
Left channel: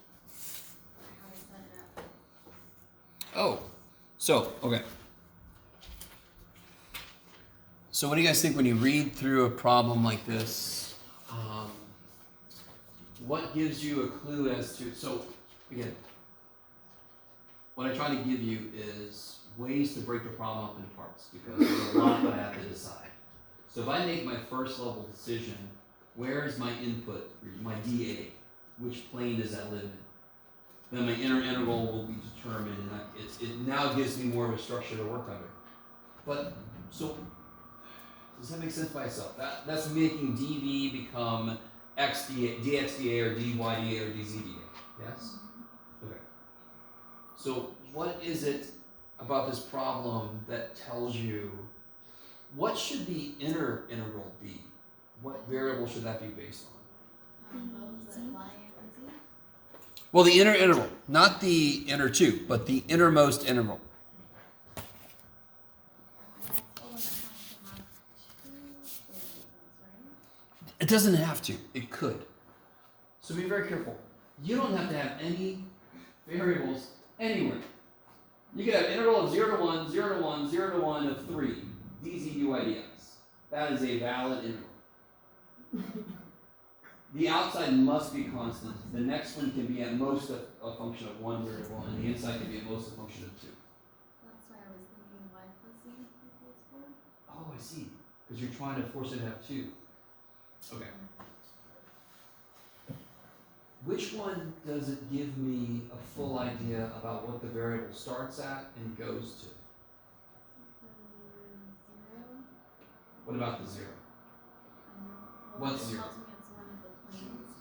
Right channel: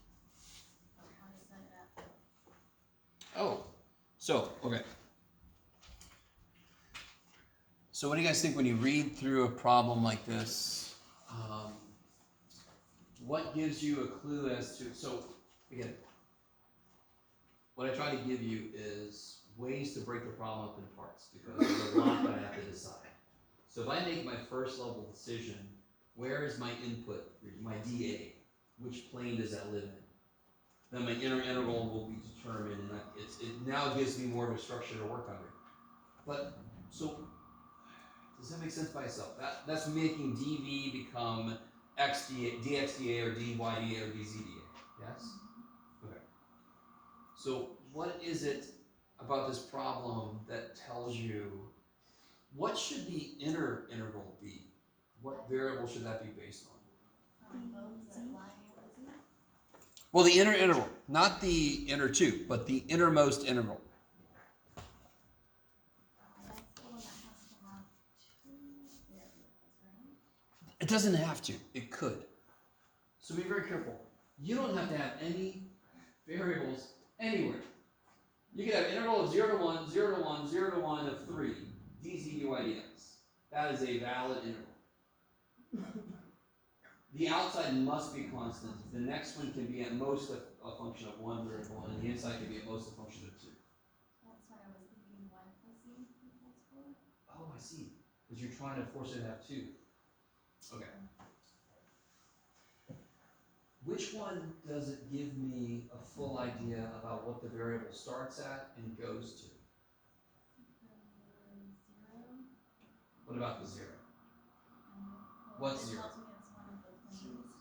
Or how to set it up. Oh, so okay. So what do you guys think when you read through a problem like this? What gives you a clue as to, so again, what I try to give you is ways to break the problem up into parts because there's a lot that I have to decide. So if I make my first level decision, where is my input, my dA? Which plane does that live in? Then my inner integral will be determined and it now gives me more of a structure to work under. But, so, does that make sense by itself? That's making dv become dxdA or dydA or dzdA, yes? Okay. So what is it about this problem that tells you, what should the inner integral be? What variable should that be based on? Those that lie in the Z. Well, the inner integral, not the inner 2, but the innermost integral. It doesn't have to. It could. So be very careful. You don't have to have any variables anywhere. You could have integral of 0 to 1, 0 to 1, 0 to 1 of 3, dz dy dx. That is a valid integral. The outside must be constant. The next one can be at most a function of 1 variable, and the inside can be at most a function of 2. That's why I was thinking y plus z equals 4. Oh, I see. Because you're trying to force it to have 2. Okay. Which one does it give me a full idea about what the variable starts at and goes to? 0. What about the 0? Well, What's it 0? tells me it's one of the planes.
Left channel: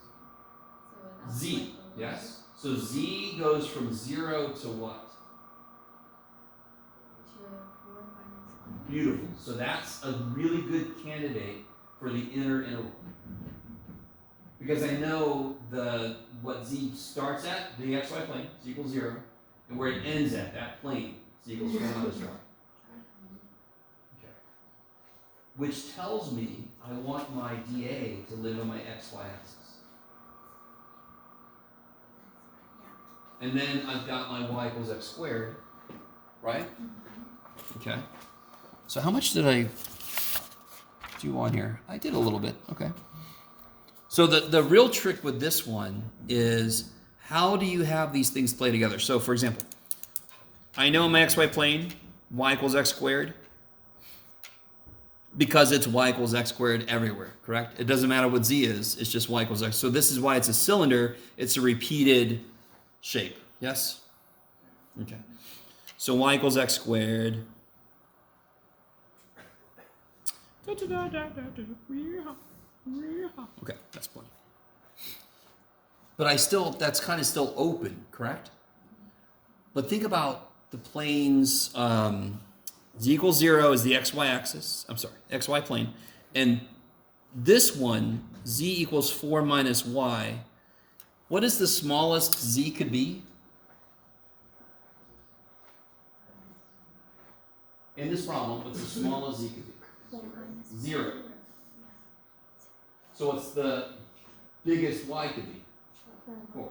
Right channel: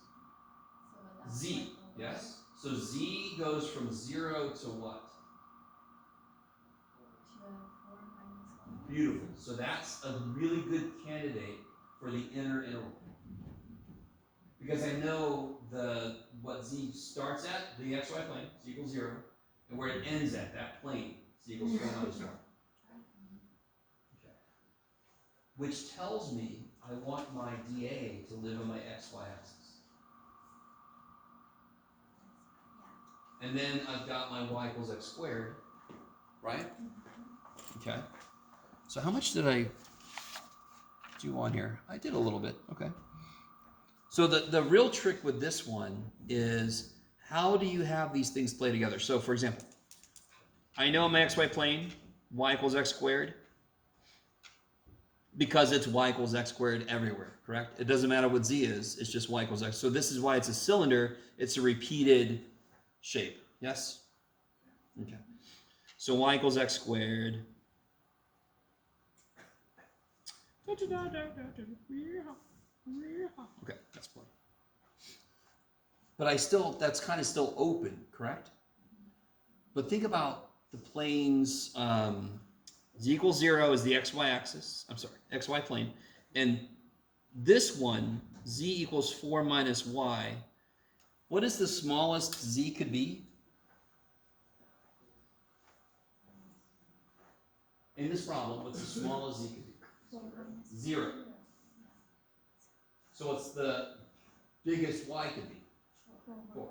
So without Z, like the yes? So z goes from 0 to what? To 4 minus 1. Beautiful. So that's a really good candidate for the inner interval. Because I know what z starts at, the xy plane, z equals 0, and where it ends at, that plane, z equals 4 minus 1. Okay. Which tells me I want my dA to live on my xy axis. And then I've got my y equals x squared, right? Okay. So how much did I do on here? I did a little bit, okay. So the real trick with this one is how do you have these things play together? So for example, I know my xy plane, y equals x squared, because it's y equals x squared everywhere, correct? It doesn't matter what z is, it's just y equals x. So this is why it's a cylinder, it's a repeated shape, yes? Okay. So y equals x squared. Okay, that's plenty. But that's kind of still open, correct? But think about the planes, z equals 0 is the xy axis, xy plane. And this one, z equals 4 minus y, what is the smallest z could be? In this problem, what's the smallest z could be? 0. So what's the biggest y could be? 4.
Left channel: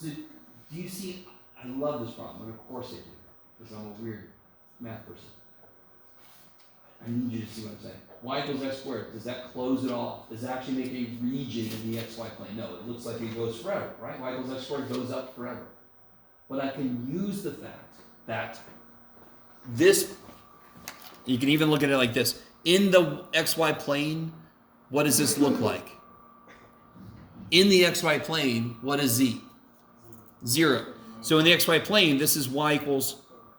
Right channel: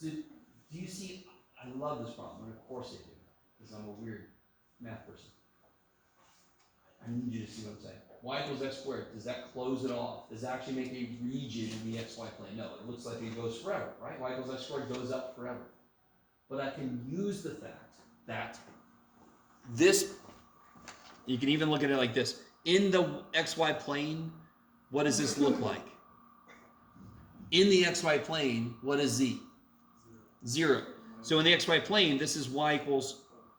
So do you see, I love this problem, and of course I do, because I'm a weird math person. I need you to see what I'm saying. Y equals x squared, does that close it off? Does it actually make a region in the xy plane? No, it looks like it goes forever, right? Y equals x squared goes up forever. But I can use the fact that this, you can even look at it like this. In the xy plane, what does this look like? In the xy plane, what is z? 0. So in the xy plane, this is y equals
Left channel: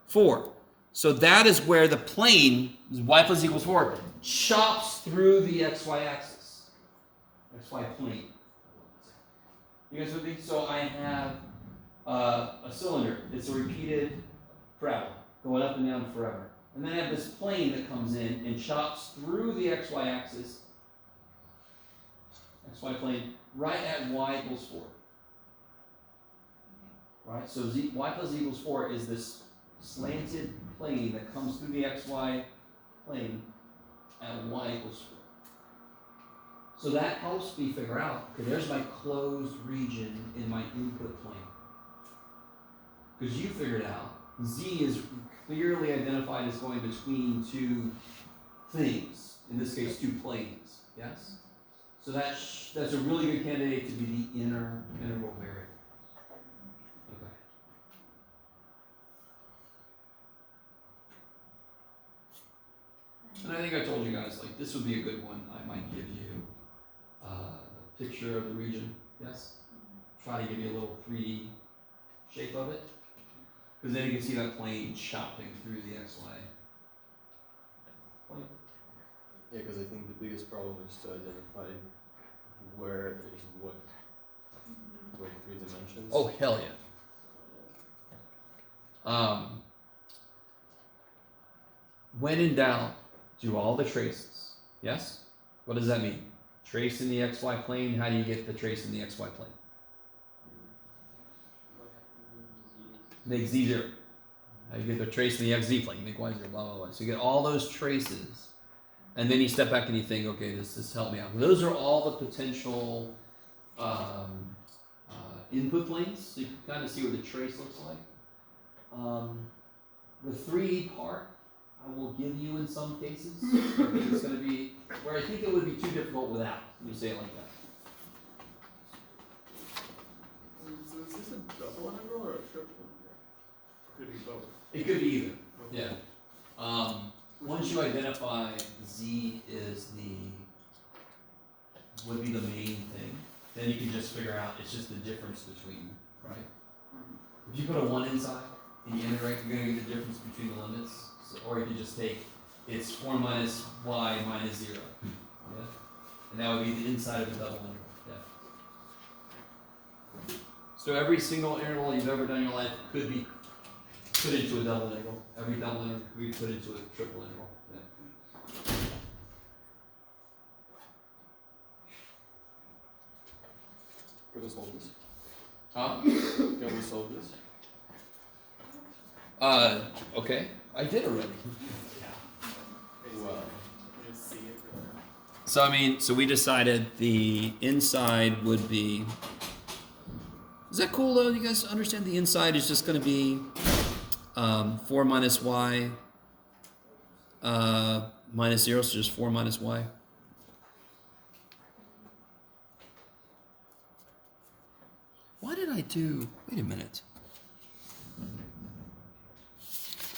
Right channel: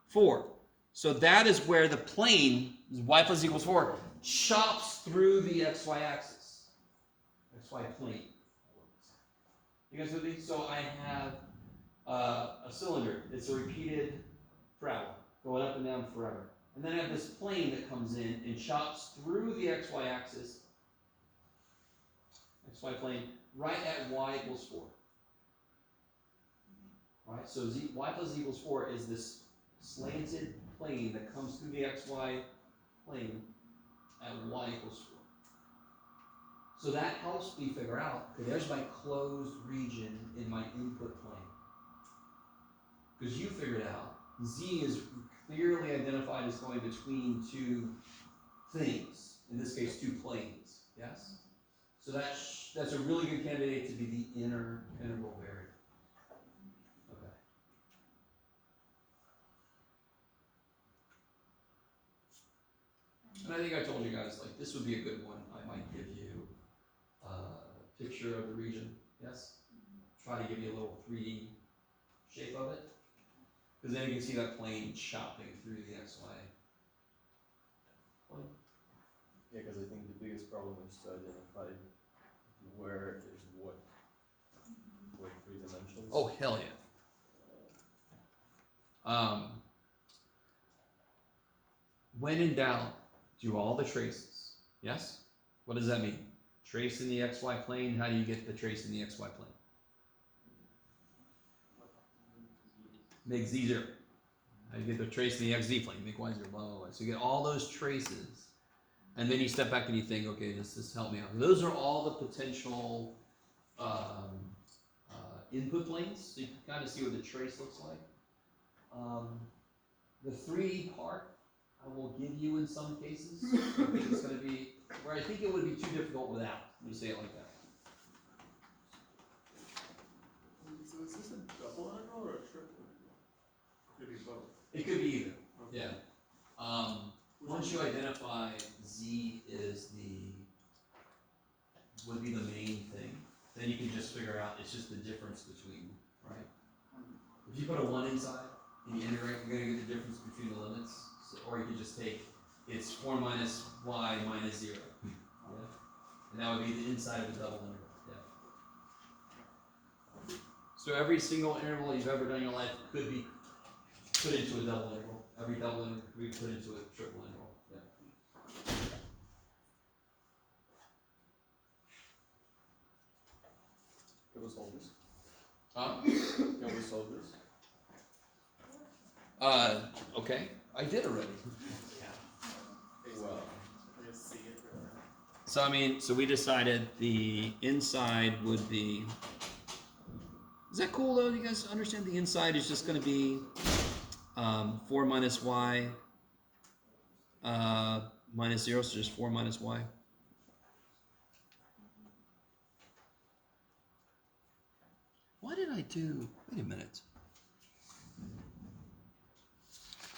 4. So that is where the plane, y plus equals 4, chops through the xy axis. XY plane. You guys with me? So I have a cylinder. It's a repeated travel, going up and down forever. And then I have this plane that comes in and chops through the xy axis, xy plane, right at y equals 4. Right? So y plus equals 4 is this slanted plane that comes through the xy plane at y equals 4. So that helps me figure out, okay, there's my closed region in my input plane. Because you figured out, z is clearly identified as going between two things, in this case, two planes, yes? So that's a really good candidate to be the integral variable. Okay. And I think I told you guys, like, this would be a good one. I might give you a picture of the region, yes? Try to give you a little 3D shape of it. Because then you can see that plane chopping through the XY plane. Yeah, because I think the biggest problem is to identify where is what 3 dimensions. Oh, hell yeah. When in doubt, do all the traces. Yes? What does that mean? Trace in the XY plane. How do you get the trace in the XY plane? Make z 0. How do you get the trace in the xz plane? Make y 0, blah, blah, blah. So you get all those traces. And then you step back and you think, okay, this helped me out. Those are all the potential input planes. So you can kind of see what the trace looks like. The 3D part, I will give you in some cases. I think it's going to be where I think it would be too difficult without. Let me say it like that. So is this a double integral or a triple integral? Could be both. It could be either. Yeah. Once you identify z is would be the main thing, then you can just figure out it's just the difference between, right? If you put a 1 inside and you integrate, you're going to get the difference between the limits. So, or you could just take it's 4 minus y minus 0. Yeah? And that would be the inside of the double integral. Yeah. So every single integral you've ever done in your life could be put into a double integral. Every double integral could be put into a triple integral. Yeah. Can we solve this? Huh? Can we solve this? Okay. I did already. Wow. So we decided the inside would be. Is that cool though? You guys understand the inside is just going to be 4 minus y minus 0, so just 4 minus y. Why did I do? Wait a minute.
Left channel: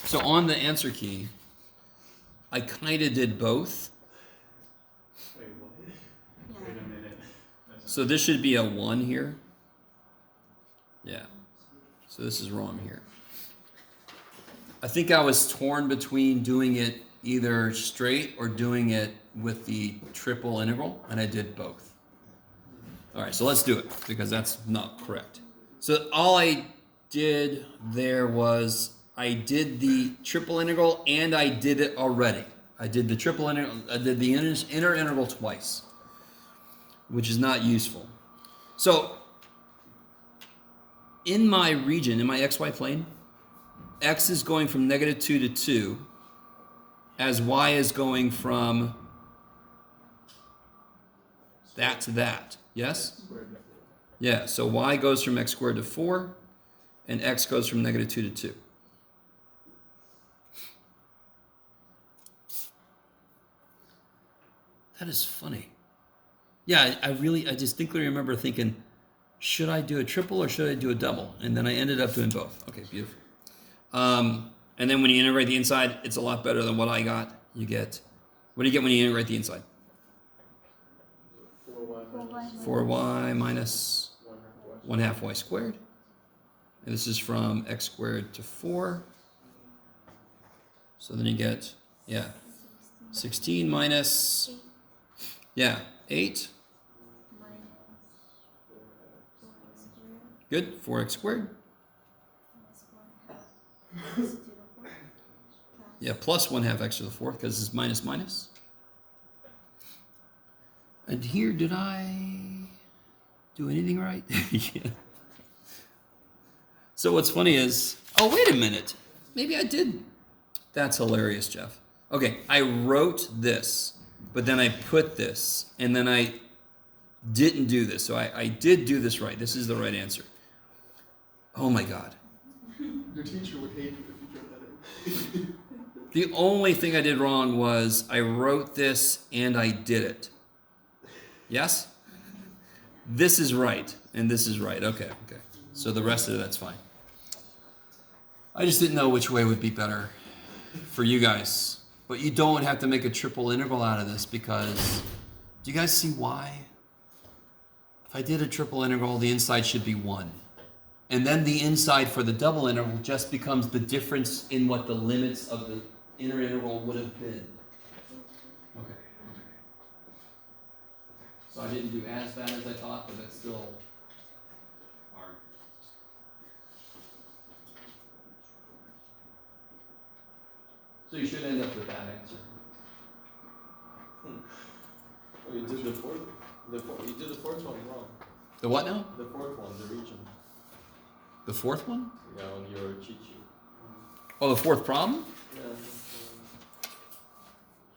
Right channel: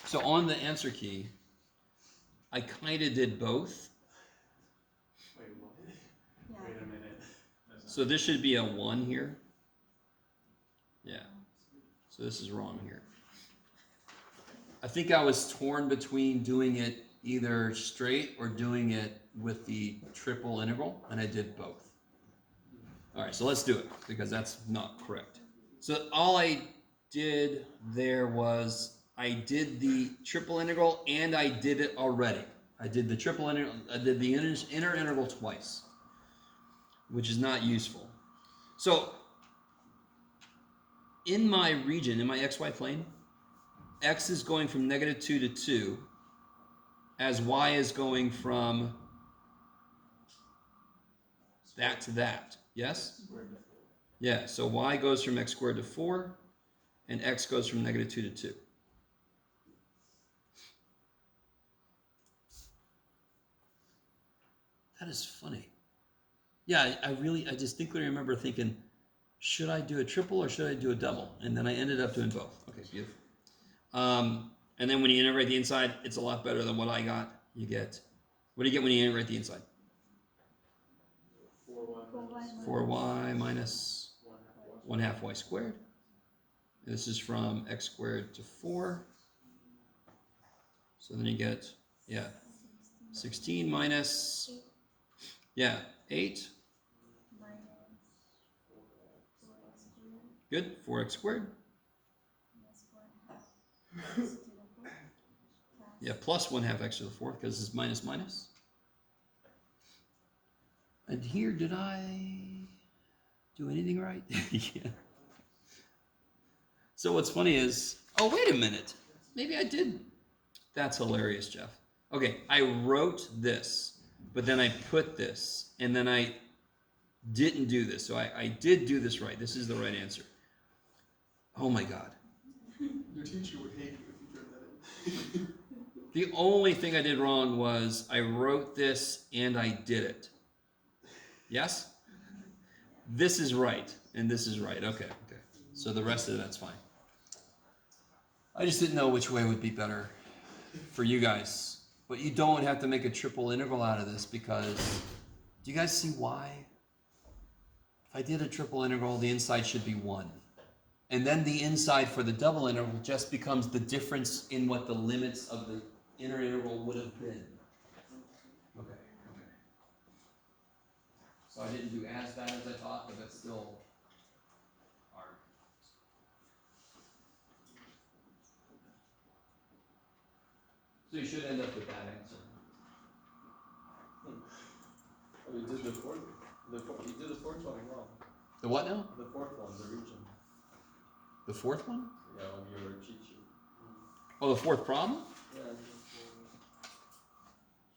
So on the answer key, I kind of did both. Wait, what? Yeah. Wait a minute. So this should be a 1 here. Yeah. So this is wrong here. I think I was torn between doing it either straight or doing it with the triple integral, and I did both. All right, so let's do it, because that's not correct. So all I did there was I did the triple integral, and I did it already. I did the triple integral, I did the inner integral twice, which is not useful. So in my region, in my xy plane, x is going from -2 to 2, as y is going from that to that. Yes? Yeah, so y goes from x squared to 4, and x goes from -2 to 2. That is funny. Yeah, I distinctly remember thinking, should I do a triple or should I do a double? And then I ended up doing both. Okay, beautiful. And then when you integrate the inside, it's a lot better than what I got. You get, what do you get when you integrate the inside? 4y minus 1/2 y squared. And this is from x squared to 4. So then you get, yeah, 16 minus, yeah, 8. Good, 4x squared. Yeah, plus 1/2 x to the 4th because it's minus minus. And here, did I do anything right? Yeah. So what's funny is, oh, wait a minute. Maybe I did. That's hilarious, Jeff. Okay, I wrote this, but then I put this, and then I didn't do this. So I did do this right. This is the right answer. Oh my God. Your teacher would hate you if you turned that in. The only thing I did wrong was I wrote this and I did it. Yes? This is right, and this is right. Okay. So the rest of that's fine. I just didn't know which way would be better for you guys. But you don't have to make a triple integral out of this because, do you guys see why? If I did a triple integral, the inside should be 1. And then the inside for the double integral just becomes the difference in what the limits of the inner integral would have been. Okay. So I didn't do as bad as I thought, but that's still hard. So you should end up with that answer. Oh, you did the fourth. You did the fourth one wrong. The what now? The fourth one, the region. The 4th one? Yeah, on your cheat sheet. Oh, the 4th problem? Yeah.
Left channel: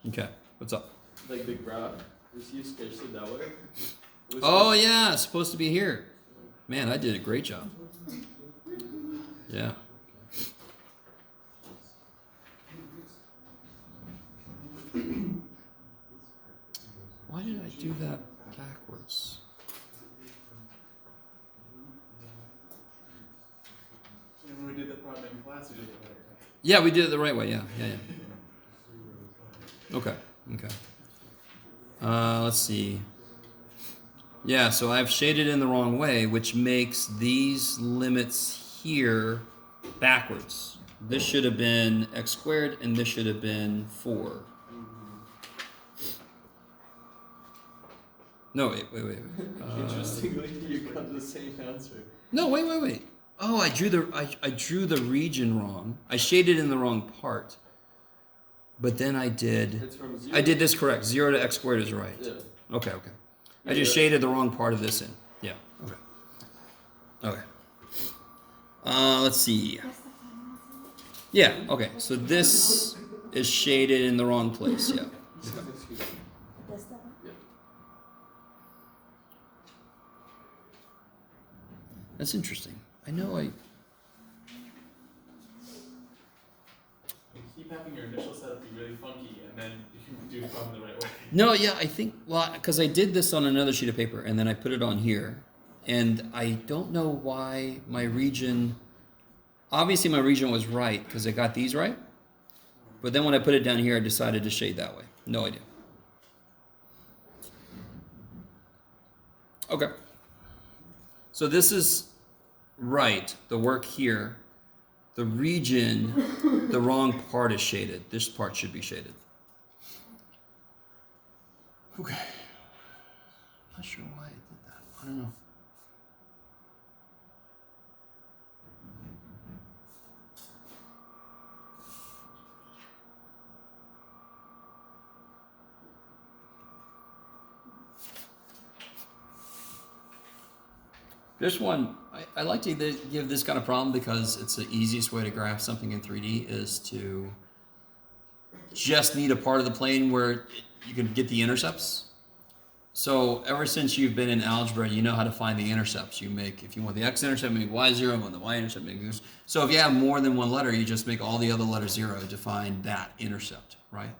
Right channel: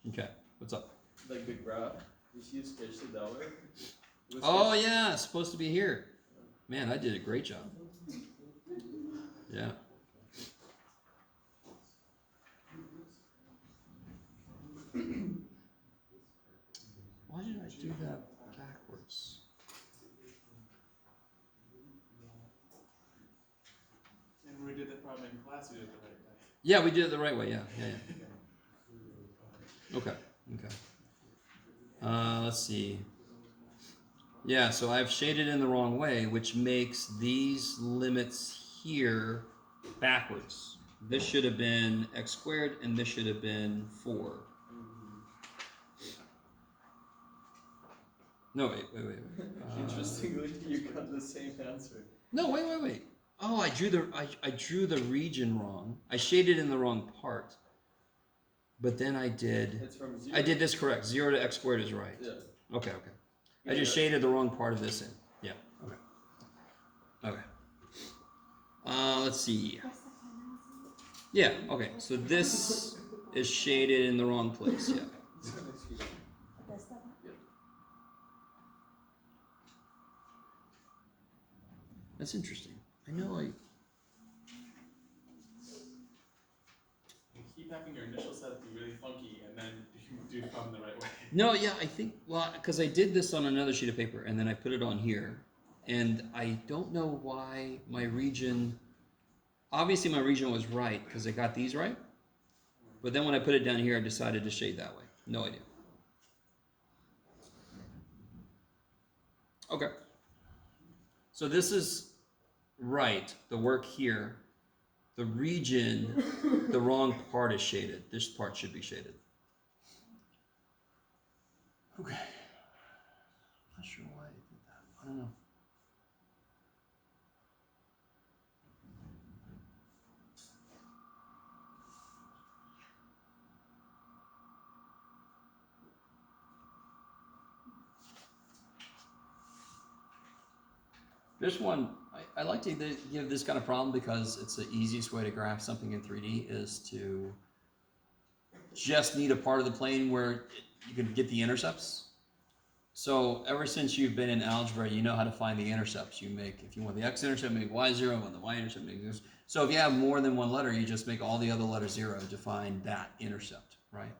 Okay, what's up? Like the graph. Is you sketched it that way? Oh yeah, it's supposed to be here. Man, I did a great job. Yeah. Why did I do that backwards? And when we did that problem in class, we did it right. Yeah, we did it the right way. Yeah. Okay. Let's see. Yeah, so I've shaded in the wrong way, which makes these limits here backwards. This should have been x squared, and this should have been 4. No, wait. Interestingly, you got the same answer. No, wait. Oh, I drew the region wrong. I shaded in the wrong part. But then I did. It's from 0. I did this correct. 0 to x squared is right. Yeah. Okay. I just shaded the wrong part of this in. Yeah. Okay. Let's see. Yeah. Okay. So this is shaded in the wrong place. Yeah. Okay. That's interesting. I know You keep having your initial setup be really funky, and then you do the problem the right way. No, yeah, I think, well, because I did this on another sheet of paper, and then I put it on here, and I don't know why my region, obviously my region was right, because I got these right, but then when I put it down here, I decided to shade that way. No idea. Okay. So this is right, the work here. The region, the wrong part is shaded. This part should be shaded. Okay. Not sure why I did that. I don't know. This one, I like to give this kind of problem because it's the easiest way to graph something in 3D is to just need a part of the plane where you can get the intercepts. So ever since you've been in algebra, you know how to find the intercepts. You make, if you want the x-intercept, make y0, and the y-intercept, make this. So if you have more than one letter, you just make all the other letters 0 to find that intercept, right?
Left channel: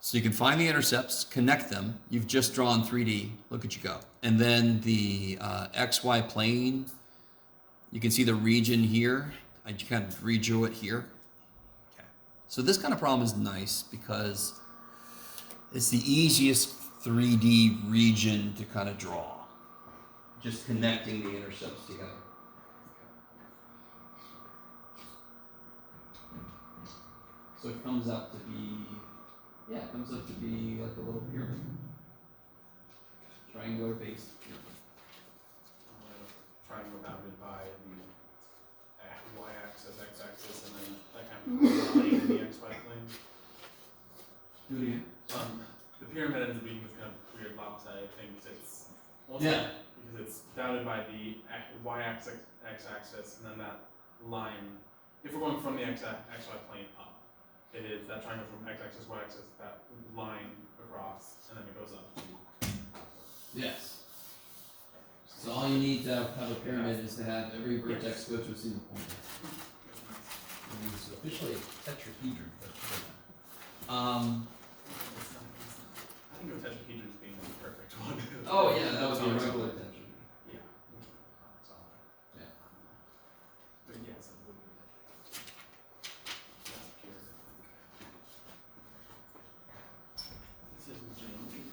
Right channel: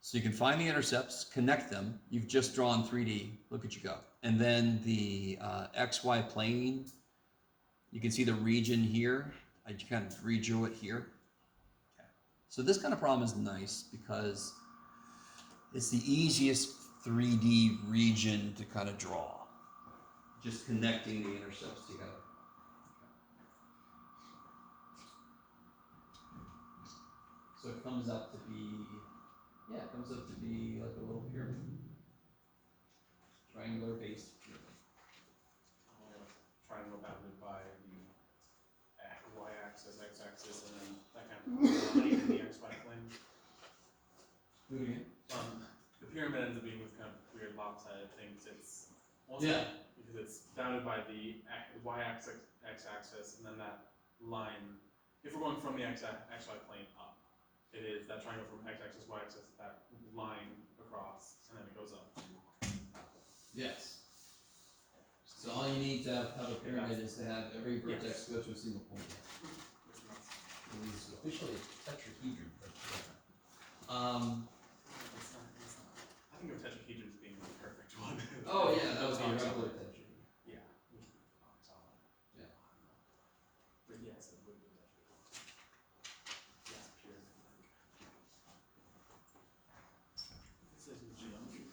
So you can find the intercepts, connect them. You've just drawn 3D. Look at you go. And then the XY plane, you can see the region here. I kind of redrew it here. Okay. So this kind of problem is nice because it's the easiest 3D region to kind of draw. Just connecting the intercepts together. So it comes out to be, yeah, it comes out to be like a little pyramid. Triangular based pyramid. Triangle bounded by the y-axis, x-axis, and then that kind of line in the xy plane. Do it again. The pyramid ends up being this kind of weird lopsided thing, because it's Yeah. because it's bounded by the y-axis, x-axis, and then that line. If we're going from the xy plane up, it is that triangle from x-axis, y-axis, that line across, and then it goes up. Yes. So all you need to have a pyramid is to have every vertex go to a single point. It's officially a tetrahedron. I think of tetrahedron as being the perfect one. Oh yeah, that would be a regular tetrahedron. Yeah. Yeah. But yes, it would be. That's pure. This is geometry.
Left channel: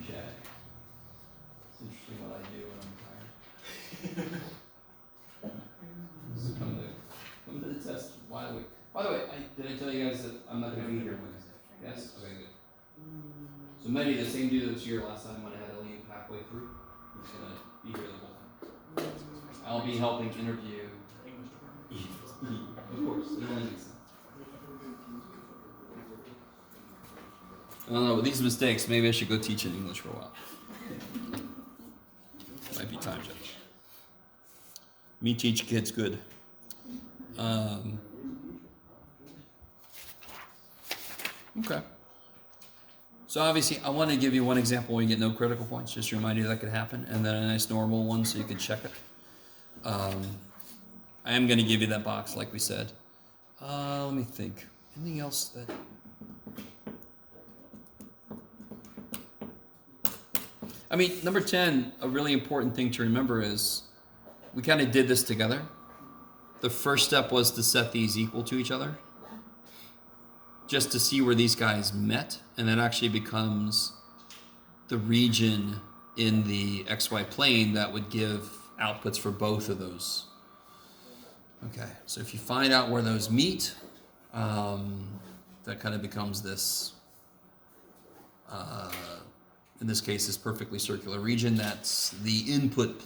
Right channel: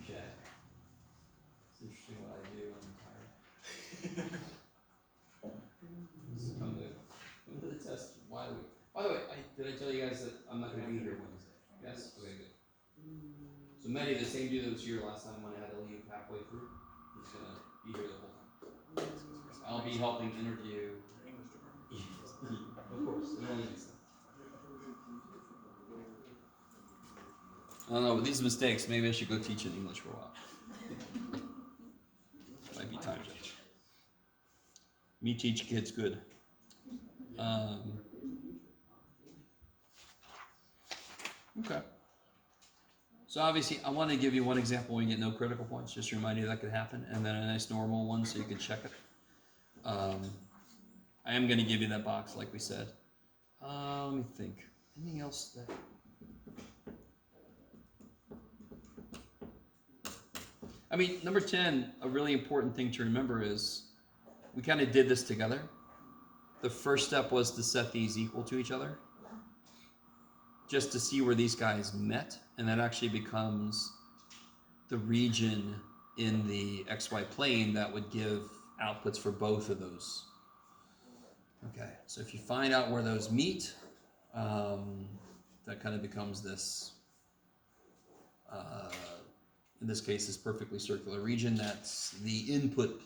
Okay. It's interesting what I do when I'm tired. So come to the test. By the way, did I tell you guys that I'm not gonna be here Wednesday? Yes? Okay, good. So Mehdi, the same dude that was here last time when I had to leave halfway through, he's gonna be here the whole time. I'll be helping interview. Of course, it only makes sense. I don't know, with these mistakes, maybe I should go teach in English for a while. Might be time, Judge. Me teach kids good. Okay. So obviously, I want to give you one example where you get no critical points, just to remind you that could happen, and then a nice normal one so you can check it. I am going to give you that box, like we said. Let me think. Anything else that... I mean, number 10, a really important thing to remember is we kind of did this together. The first step was to set these equal to each other, just to see where these guys met, and that actually becomes the region in the XY plane that would give outputs for both of those. Okay, so if you find out where those meet, that kind of becomes this, in this case, this perfectly circular region. That's the input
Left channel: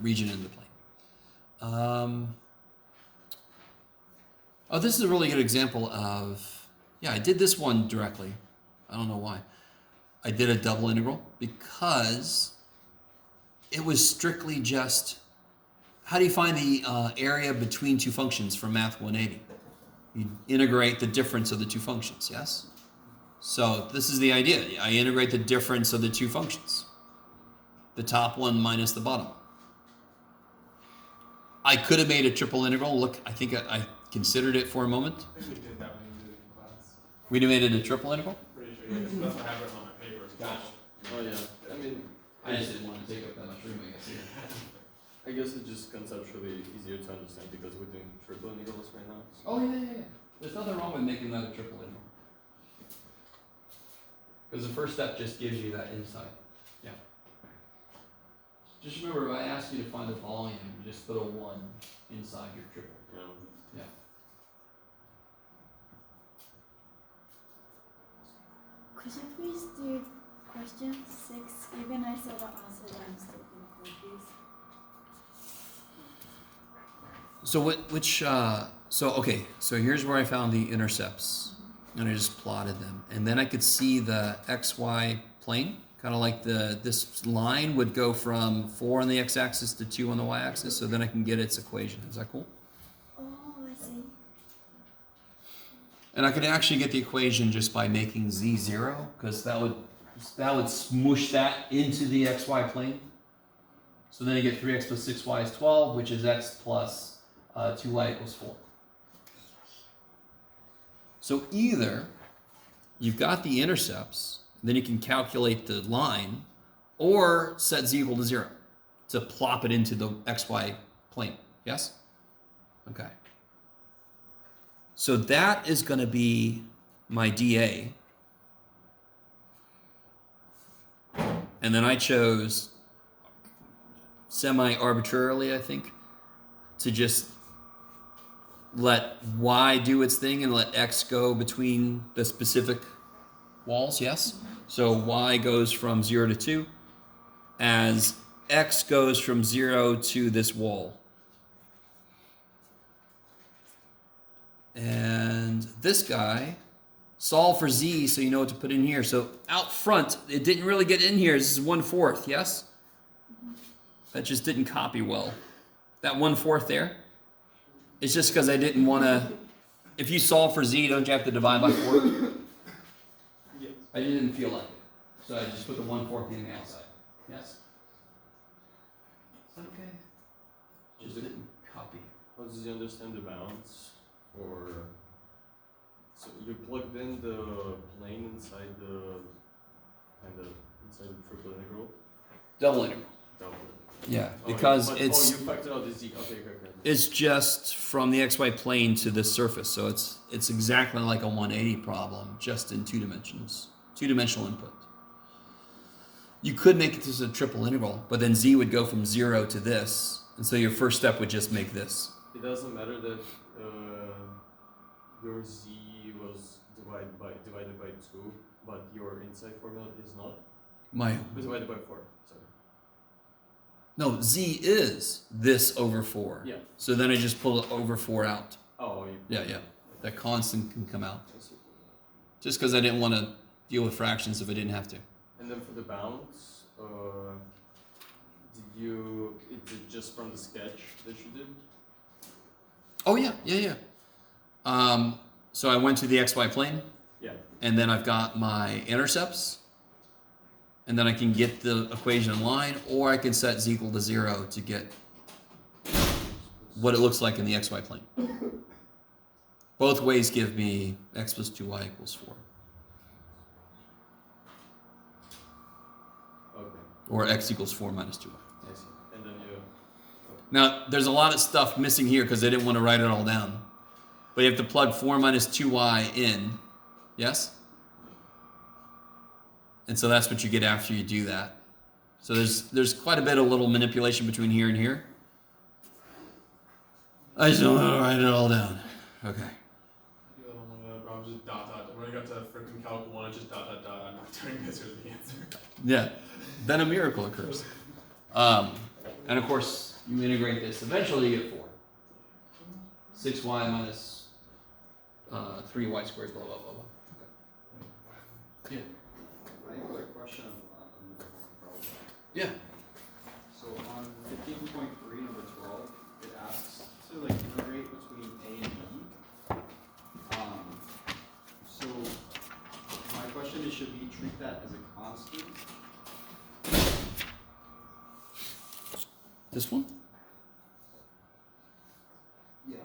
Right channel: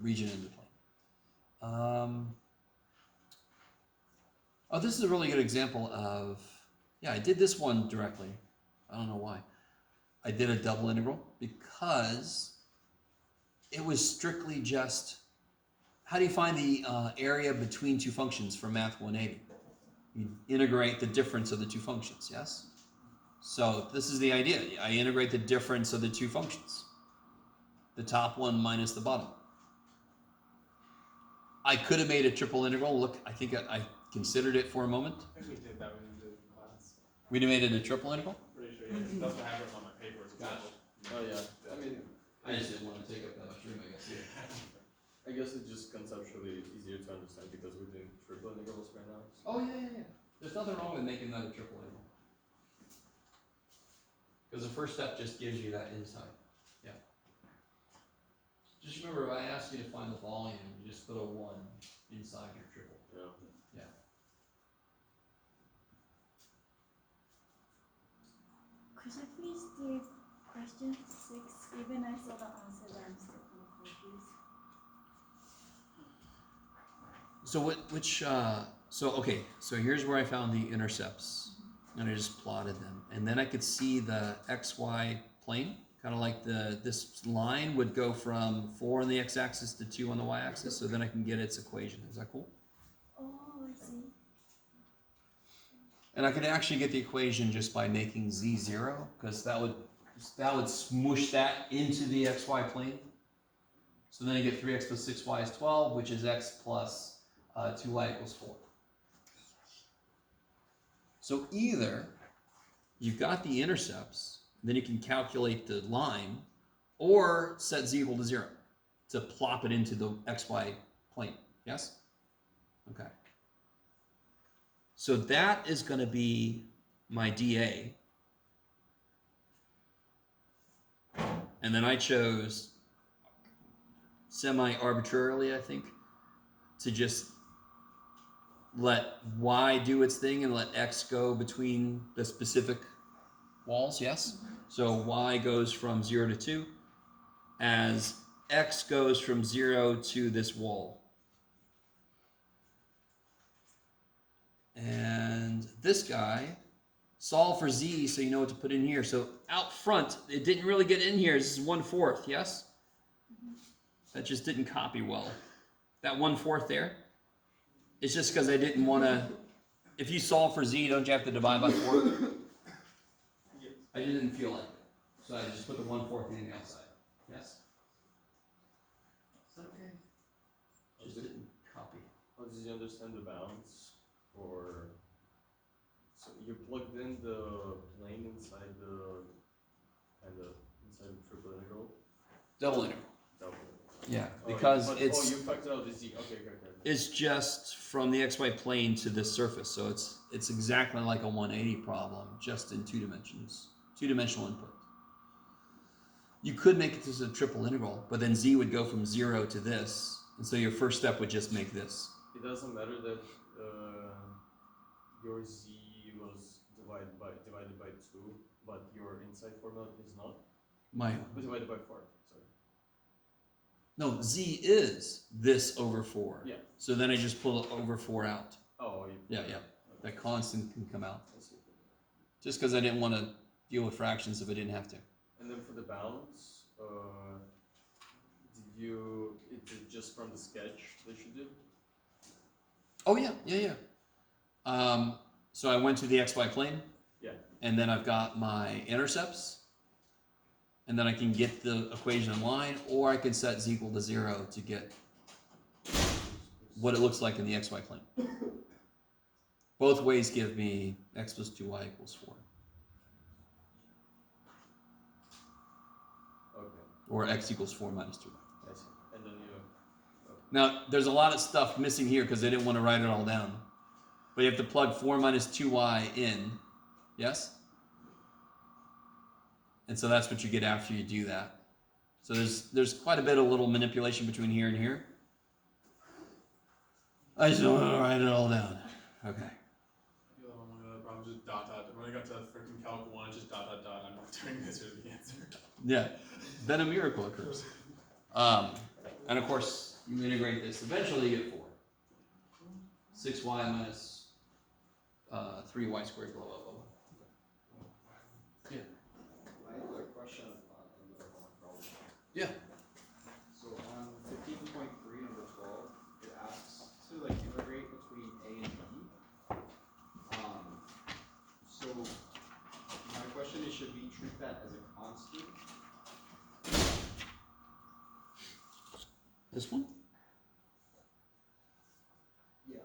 region in the plane. Oh, this is a really good example of, yeah, I did this one directly. I don't know why. I did a double integral because it was strictly just, how do you find the area between two functions from Math 180? You integrate the difference of the two functions, yes? So this is the idea. I integrate the difference of the two functions. The top one minus the bottom one. I could have made a triple integral. Look, I think I considered it for a moment. I think we did that when we did it in class. We'd have made it a triple integral? Pretty sure, yeah. That's what I have written on my paper. Gotcha. Oh yeah, I mean, I just didn't want to take up that much room, I guess. I guess it's just conceptually easier to understand because we're doing triple integrals right now. Oh, yeah. There's nothing wrong with making that a triple integral. Because the first step just gives you that insight. Yeah. Just remember, if I ask you to find a volume, you just put a 1 inside your triple. Yeah. Yeah. Could you please do question 6? Even I saw the answer, but I'm still confused. So so here's where I found the intercepts, and I just plotted them, and then I could see the XY plane, kind of like this line would go from 4 on the x-axis to 2 on the y-axis, so then I can get its equation. Is that cool? Oh, I see. And I could actually get the equation just by making z 0, because that would smoosh that into the xy plane. So then you get 3x plus 6y is 12, which is x plus 2y equals 4. So either you've got the intercepts, then you can calculate the line, or set z equal to 0 to plop it into the xy plane. Yes? Okay. So that is going to be my dA. And then I chose semi-arbitrarily, I think, to just let y do its thing and let x go between the specific walls, yes? So y goes from 0 to 2 as x goes from 0 to this wall. And this guy, solve for z so you know what to put in here. So out front, it didn't really get in here. This is 1/4, yes? That just didn't copy well. That 1/4 there, it's just because I didn't want to. If you solve for z, don't you have to divide by 4? I didn't feel like it. So I just put the 1/4 in the outside. Yes? Is that okay? Just didn't copy. How does he understand the bounds? Or so you plugged in the plane inside the triple integral? Double integral. Double. Yeah, Oh, because but, it's you factored out the z. Okay. it's just from the xy plane to the surface, so it's exactly like a 180 problem, just in 2 dimensions, 2-dimensional input. You could make it to a triple integral, but then z would go from 0 to this, and so your first step would just make this. It doesn't matter that your z was divided by 2, but your inside formula is not. Divided by 4. Sorry. No, z is this over 4. Yeah. So then I just pull it over 4 out. Oh. Yeah. That constant can come out. I see. Just because I didn't want to deal with fractions if I didn't have to. And then for the bounds, is it just from the sketch that you did? Oh yeah. So I went to the xy plane. Yeah. And then I've got my intercepts. And then I can get the equation in line, or I can set z equal to 0 to get what it looks like in the xy plane. Both ways give me x plus 2y equals 4. Okay. Or x equals 4 minus 2y. I see. And then you. Now, there's a lot of stuff missing here because I didn't want to write it all down. But you have to plug 4 minus 2y in. Yes? And so that's what you get after you do that. So there's quite a bit of little manipulation between here and here. I just don't want to write it all down. Okay. I'm just dot. When I got to freaking calc 1, it's just dot. I'm not doing this. Here's the answer. Yeah. Then a miracle occurs. And of course, you integrate this. Eventually you get 4. 6y minus 3y squared, blah, blah, blah, blah. Okay. Yeah. I have a question on the different problem. Yeah. So on 15.3, number 12, it asks to like integrate between A and B. So my question is, should we treat that as a constant? This one? Yeah.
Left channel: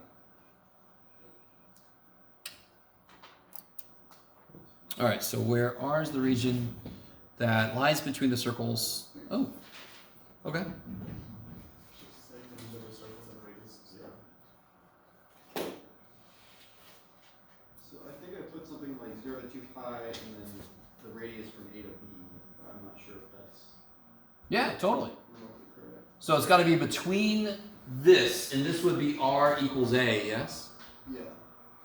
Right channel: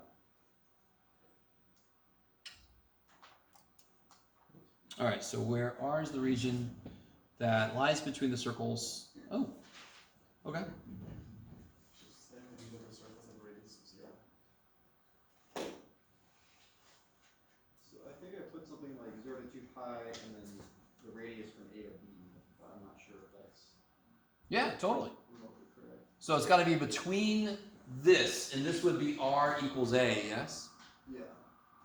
All right, so where R is the region that lies between the circles. Oh, okay. So I think I put something like 0 to 2 pi and then the radius from A to B, but I'm not sure if that's Yeah, totally. remotely correct. So it's got to be between this, and this would be R equals A, yes? Yeah.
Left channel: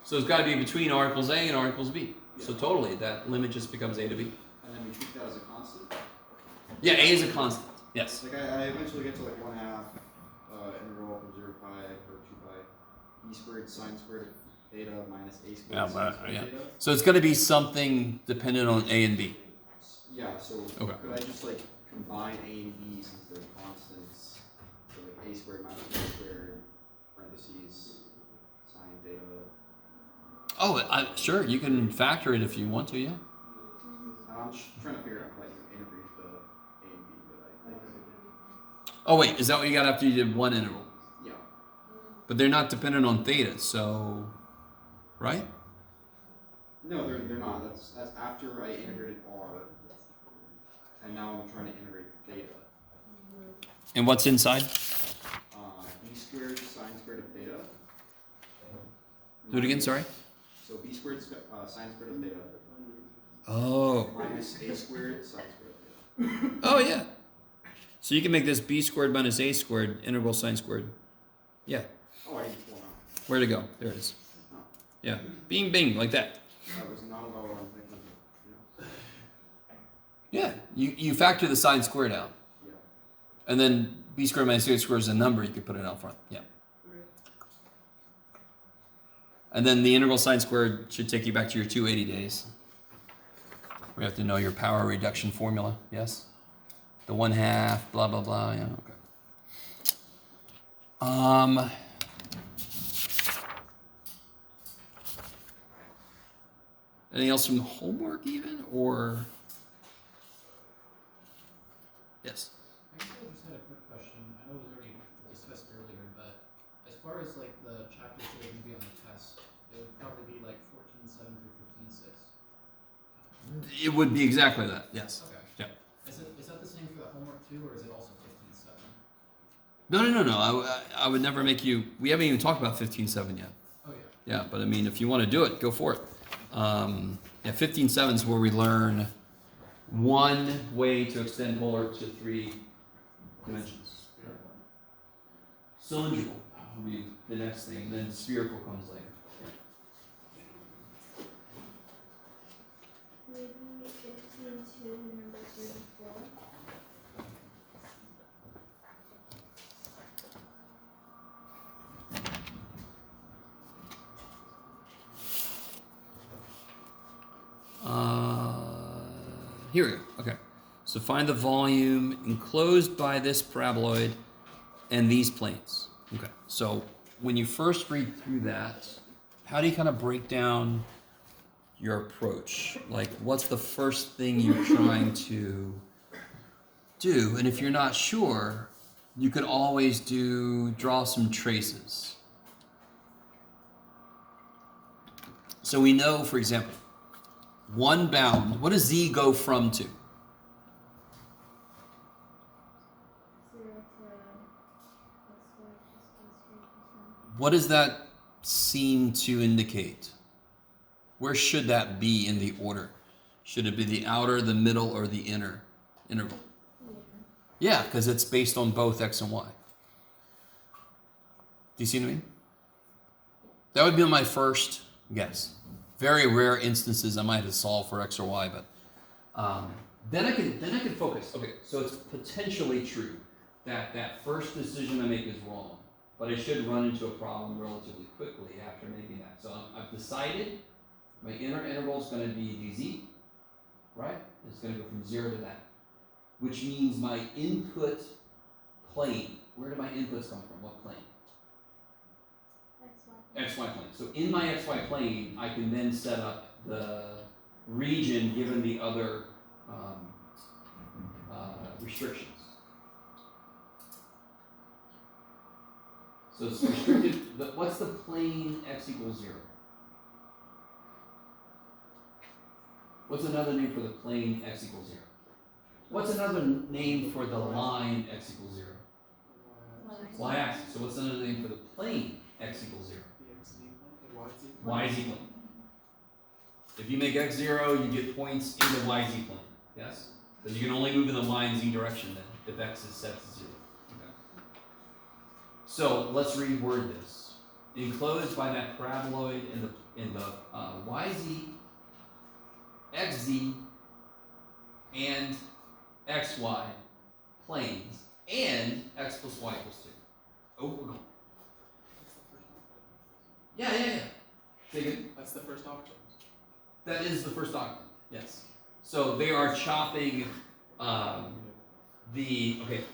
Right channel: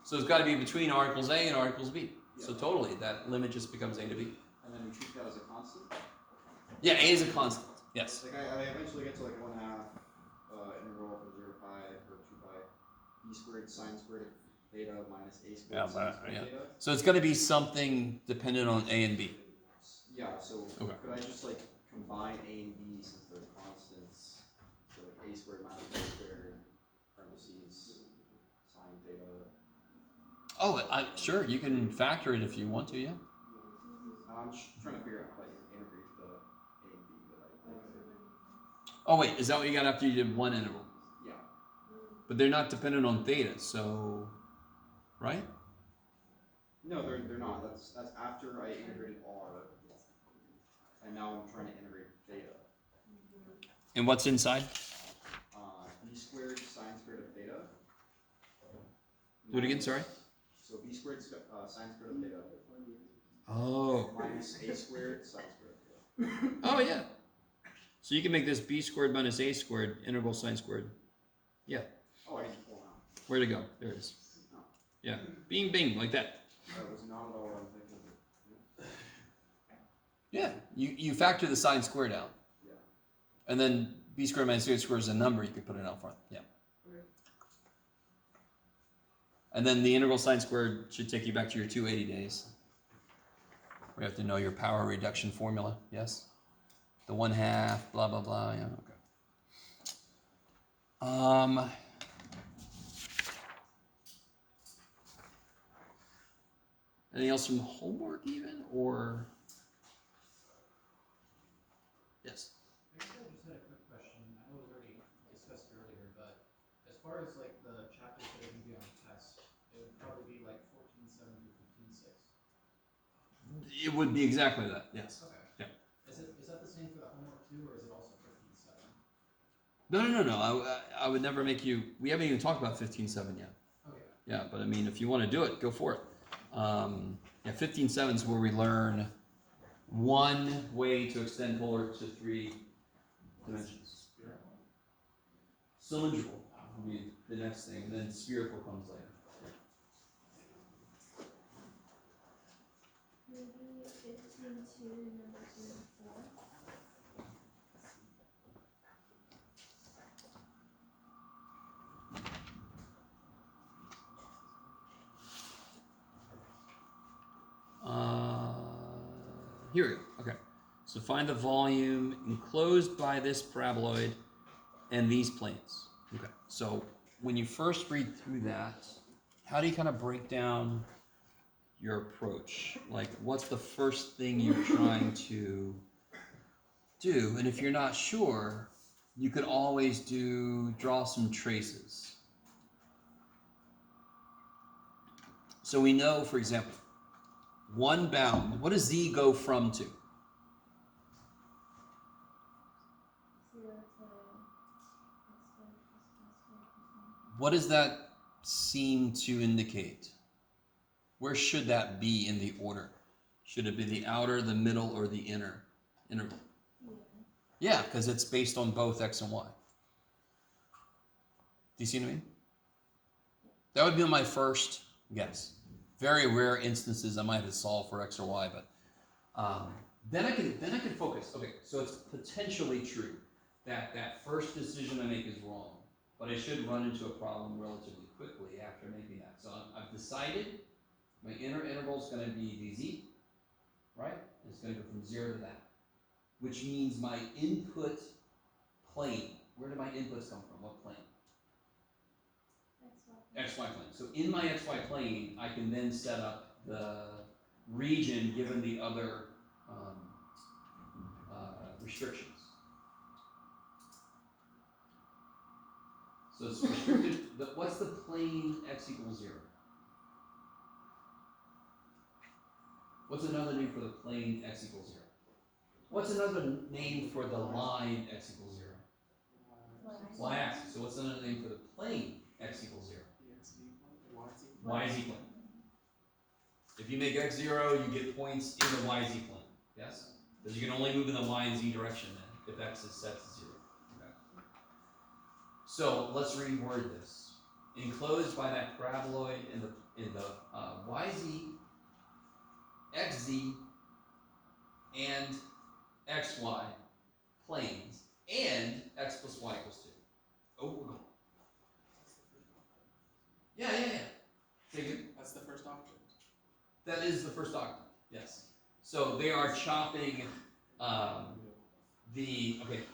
So it's got to be between R equals A and R equals B. Yeah. So totally, that limit just becomes A to B. And then we treat that as a constant. Yeah, A is a constant, yes. Like I eventually get to like 1/2 integral from 0 to pi or 2 pi b squared sine squared of theta minus a squared Yeah, sine squared yeah. theta. So it's going to be something dependent on A and B. Yeah, so Okay. could I just like combine a and b since they're constants? So like a squared minus b squared parentheses sine theta. Oh, sure, you can factor it if you want to, yeah. I'm just trying to figure out how you integrate the a and b, but I think Oh, wait, is that what you got after you did one integral? yeah. But they're not dependent on theta, so, right? No, they're not. That's after I integrated r, and now I'm trying to integrate theta. And what's inside? B squared sine squared of theta. Do it again, sorry. So b squared sine squared of theta Oh. minus a squared sine squared of theta. Oh, yeah. So you can make this b squared minus a squared integral sine squared. Yeah. Oh, I need to pull out. Where'd it go? There it is. Yeah, bing, bing, like that. That was not at all what I'm thinking of, Yeah, you factor the sine squared out. yeah. And then b squared minus c squared is a number, you could put it out front. Yeah. And then the integral sine squared should take you back to your 280 days. We have to know your power reduction formula, yes? The 1/2, blah, blah, blah, yeah, okay. Anything else from homework even, or? Yes? Actually, I just had a quick question. I know it was already discussed earlier, but as far as like the chapters that are gonna be on the test, it would probably be like 14.7 through 15.6. It would be exactly that, yes. Okay. Yeah. Is that the same for the homework too, or is it also 15.7? No. I would never make you, we haven't even talked about 15.7 yet. Oh, yeah. Yeah, but I mean, if you want to do it, go for it. Yeah, 15.7 is where we learn one way to extend polar to 3 dimensions. Cylindrical will be the next thing, and then spherical comes later. Maybe 15 to number 34. Here we go. Okay. So find the volume enclosed by this paraboloid and these planes. Okay. So when you first read through that, how do you kind of break down your approach? Like, what's the first thing you're trying to do? And if you're not sure, you could always draw some traces. So we know, for example, one bound, what does z go from to? 0 to x squared plus y squared plus 1. What does that seem to indicate? Where should that be in the order? Should it be the outer, the middle, or the inner interval? Yeah, because it's based on both x and y. Do you see what I mean? That would be my first guess. Very rare instances I might have to solve for x or y, but then I can focus. Okay, so it's potentially true that that first decision I make is wrong, but I should run into a problem relatively quickly after making that. So I've decided my inner interval is going to be dz, right? It's going to go from 0 to that, which means my input plane. Where do my inputs come from? What plane? XY plane. So in my XY plane, I can then set up the region given the other restrictions. So it's restricted. What's the plane x equals 0? What's another name for the plane x equals 0? What's another name for the line x equals 0? Y-axis. So what's another name for the plane x equals 0? YZ plane. If you make x 0, you get points in the YZ plane. Yes? Because you can only move in the y and z direction then, if x is set to 0. Okay. So let's reword this. Enclosed by that paraboloid in the YZ, XZ, and XY planes, and x plus y equals 2. Oh, we're going. Yeah. Take it. That's the first octave. That is the first octave, yes. So they are chopping okay,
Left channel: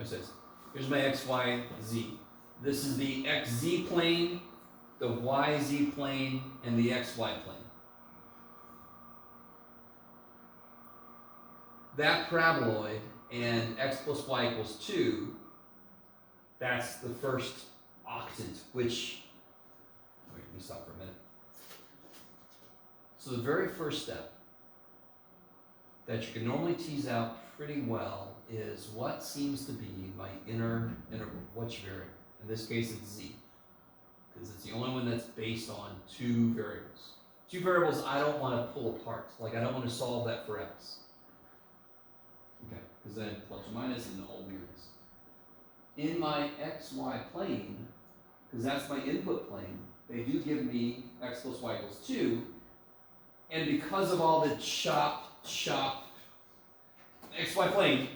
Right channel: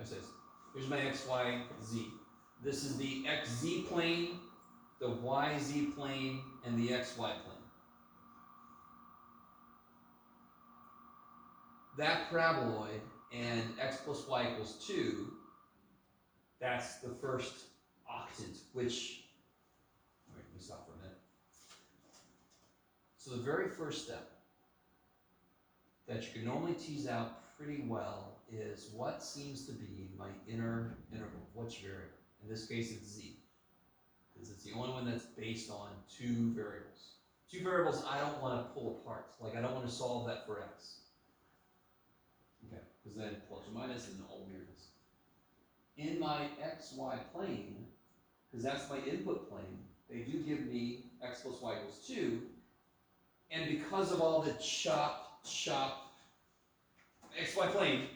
I says, here's my x, y, z. This is the xz plane, the yz plane, and the xy plane. That paraboloid and x plus y equals 2, that's the first octant, which, wait, let me stop for a minute. So the very first step that you can normally tease out pretty well is what seems to be my inner interval, which variable. In this case, it's z, because it's the only one that's based on 2 variables. 2 variables I don't want to pull apart. Like, I don't want to solve that for x. Okay, because then plus or minus and all weirdness. In my xy plane, because that's my input plane. They do give me x plus y equals 2, and because of all the chop, xy plane,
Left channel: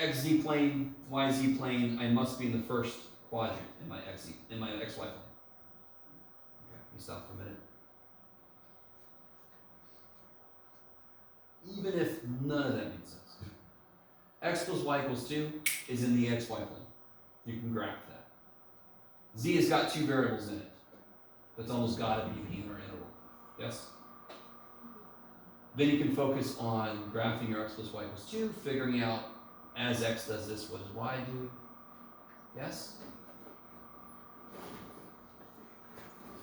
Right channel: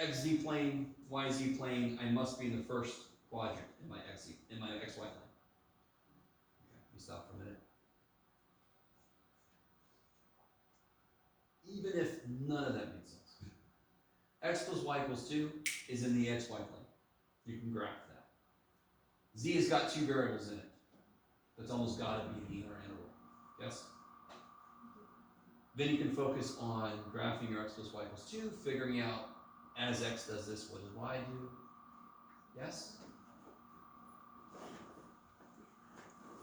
xz plane, yz plane, I must be in the first quadrant in my xy plane. Okay, let me stop for a minute. Even if none of that makes sense. X plus y equals 2 is in the xy plane. You can graph that. Z has got 2 variables in it. That's almost got to be the inner interval. Yes? Then you can focus on graphing your x plus y equals 2, figuring out as x does this, what does y do? Yes?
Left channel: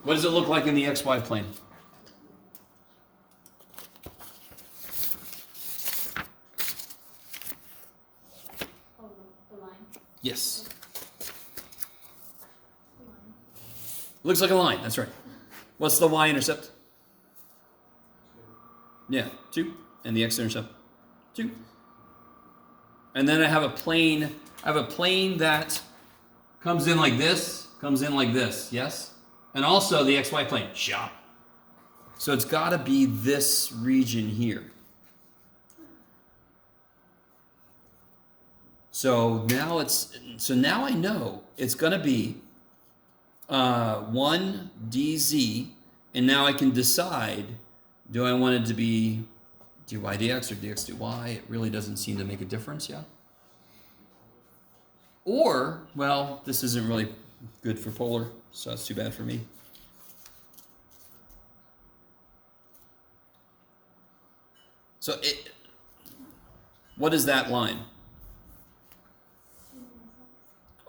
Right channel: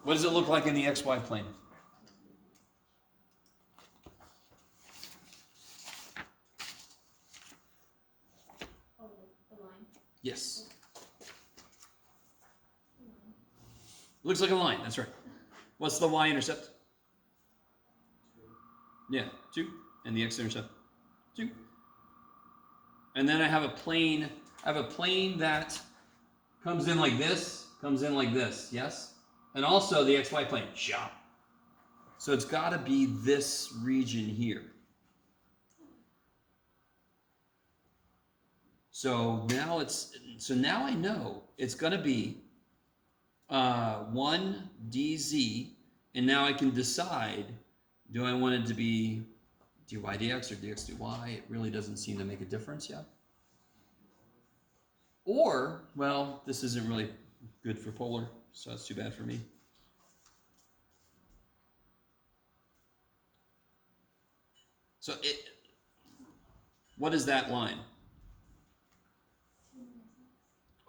What does it look like in the xy plane? Oh, the line. Yes. The line. Looks like a line, that's right. What's the y-intercept? Yeah, 2. And the x-intercept? 2. And then I have a plane that comes in like this, yes? And also the xy plane, shop. So it's got to be this region here. So now I know it's going to be 1 dz, and now I can decide, do I want it to be dy dx or dx dy? It really doesn't seem to make a difference, yeah? Or, well, this isn't really good for polar, so that's too bad for me. So what is that line?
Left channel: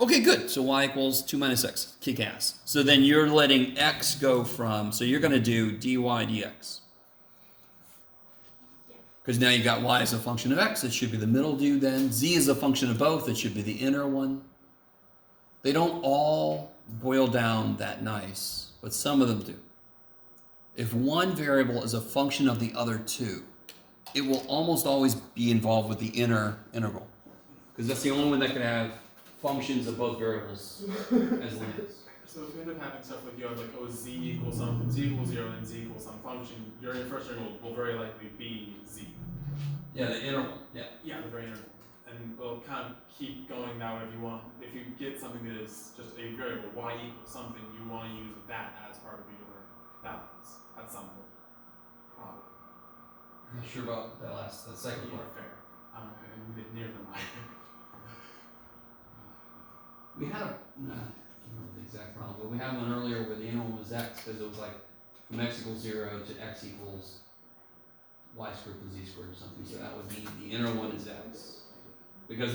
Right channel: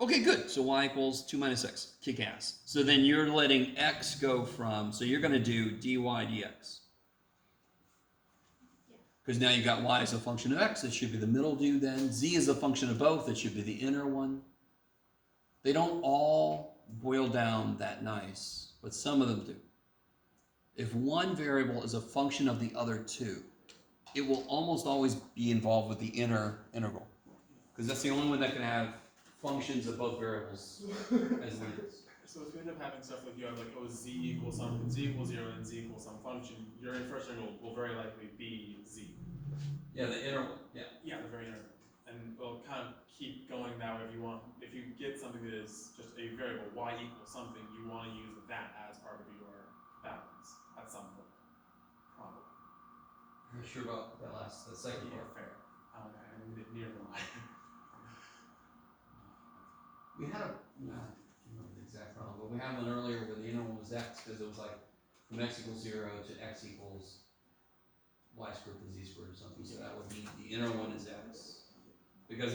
Okay, good. So y equals 2 minus x. Kick ass. So then you're letting x go from, so you're going to do dy dx. Because now you got y as a function of x. It should be the middle due then. Z is a function of both. It should be the inner one. They don't all boil down that nice, but some of them do. If one variable is a function of the other two, it will almost always be involved with the inner integral. Because that's the only one that can have functions of both variables as limits. So if you end up having stuff like you have like, oh, z equals 0 and z equals some function, your first integral will very likely be z. Yeah, the inner one, yeah. Yeah, the very inner one. And we'll kind of keep going now if you want. If you get something that is just a variable, y equals something, you want to use that as part of your balance at some point. Probably. I'm not sure about that second part. Fair. Near the line. We had I can't remember the exact problem, but we had one earlier where the inner one was x, because it was like from x equals 0 to x equals y squared plus z squared or something. So that would be the inner one is x, because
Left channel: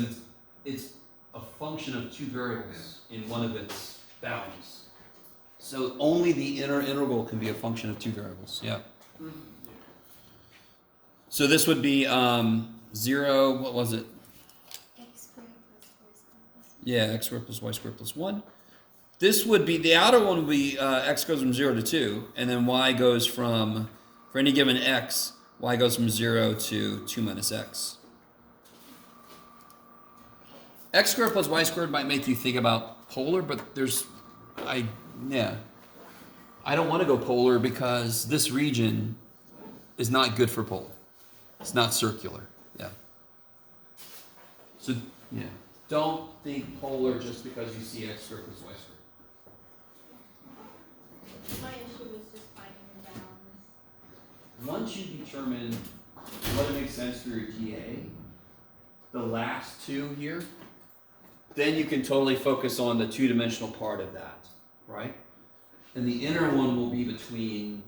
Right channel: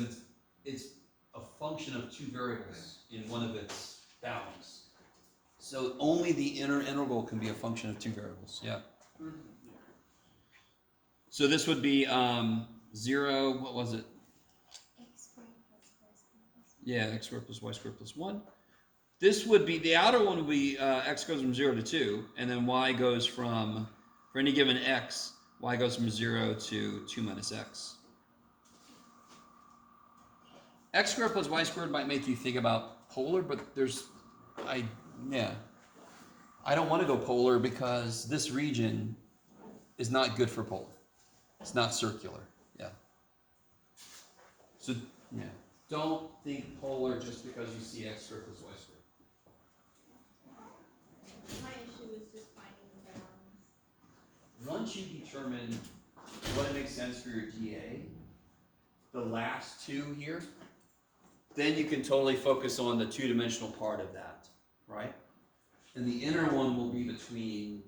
it's a function of 2 variables in one of its bounds. So only the inner integral can be a function of 2 variables. Yeah. So this would be 0. What was it? Yeah, x squared plus y squared plus 1. This would be, the outer one would be x goes from 0 to 2, and then y goes from, for any given x, y goes from 0 to 2 minus x. X squared plus y squared might make you think about polar, but I don't want to go polar because this region is not good for polar. It's not circular, yeah. So, yeah. Don't think polar just because you see x squared plus y squared. My issue is just finding the balance. Once you determine what makes sense for your TA, the last two here, then you can totally focus on the two-dimensional part of that, right? And the inner one will be between,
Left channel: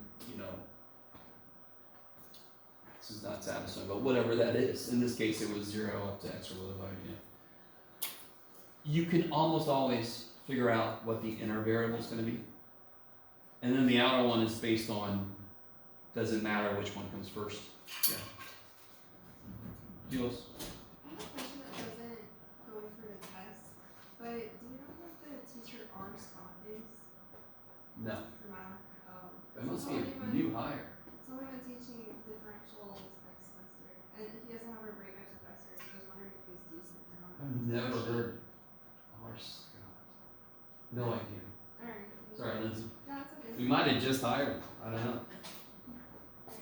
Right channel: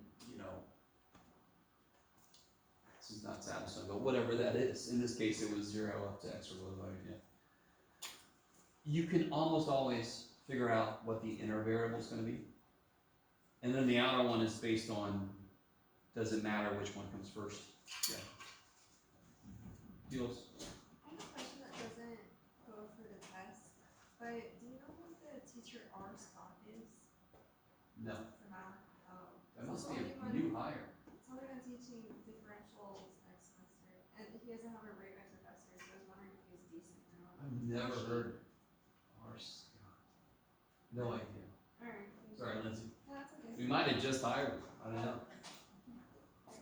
this is not satisfying, but whatever that is. In this case, it was 0 up to x or whatever. You can almost always figure out what the inner variable is going to be. And then the outer one is based on, doesn't matter which one comes first. Yeah. Jules? I have a question that doesn't go for the test, but do you know what the teacher R spot is No. for math? That must be a new hire. Someone been teaching differentials next semester, and he doesn't have a great math professor, so I was wondering if he's decent or not. I've never heard horse. No idea. Alright, might have just hired him. I don't know.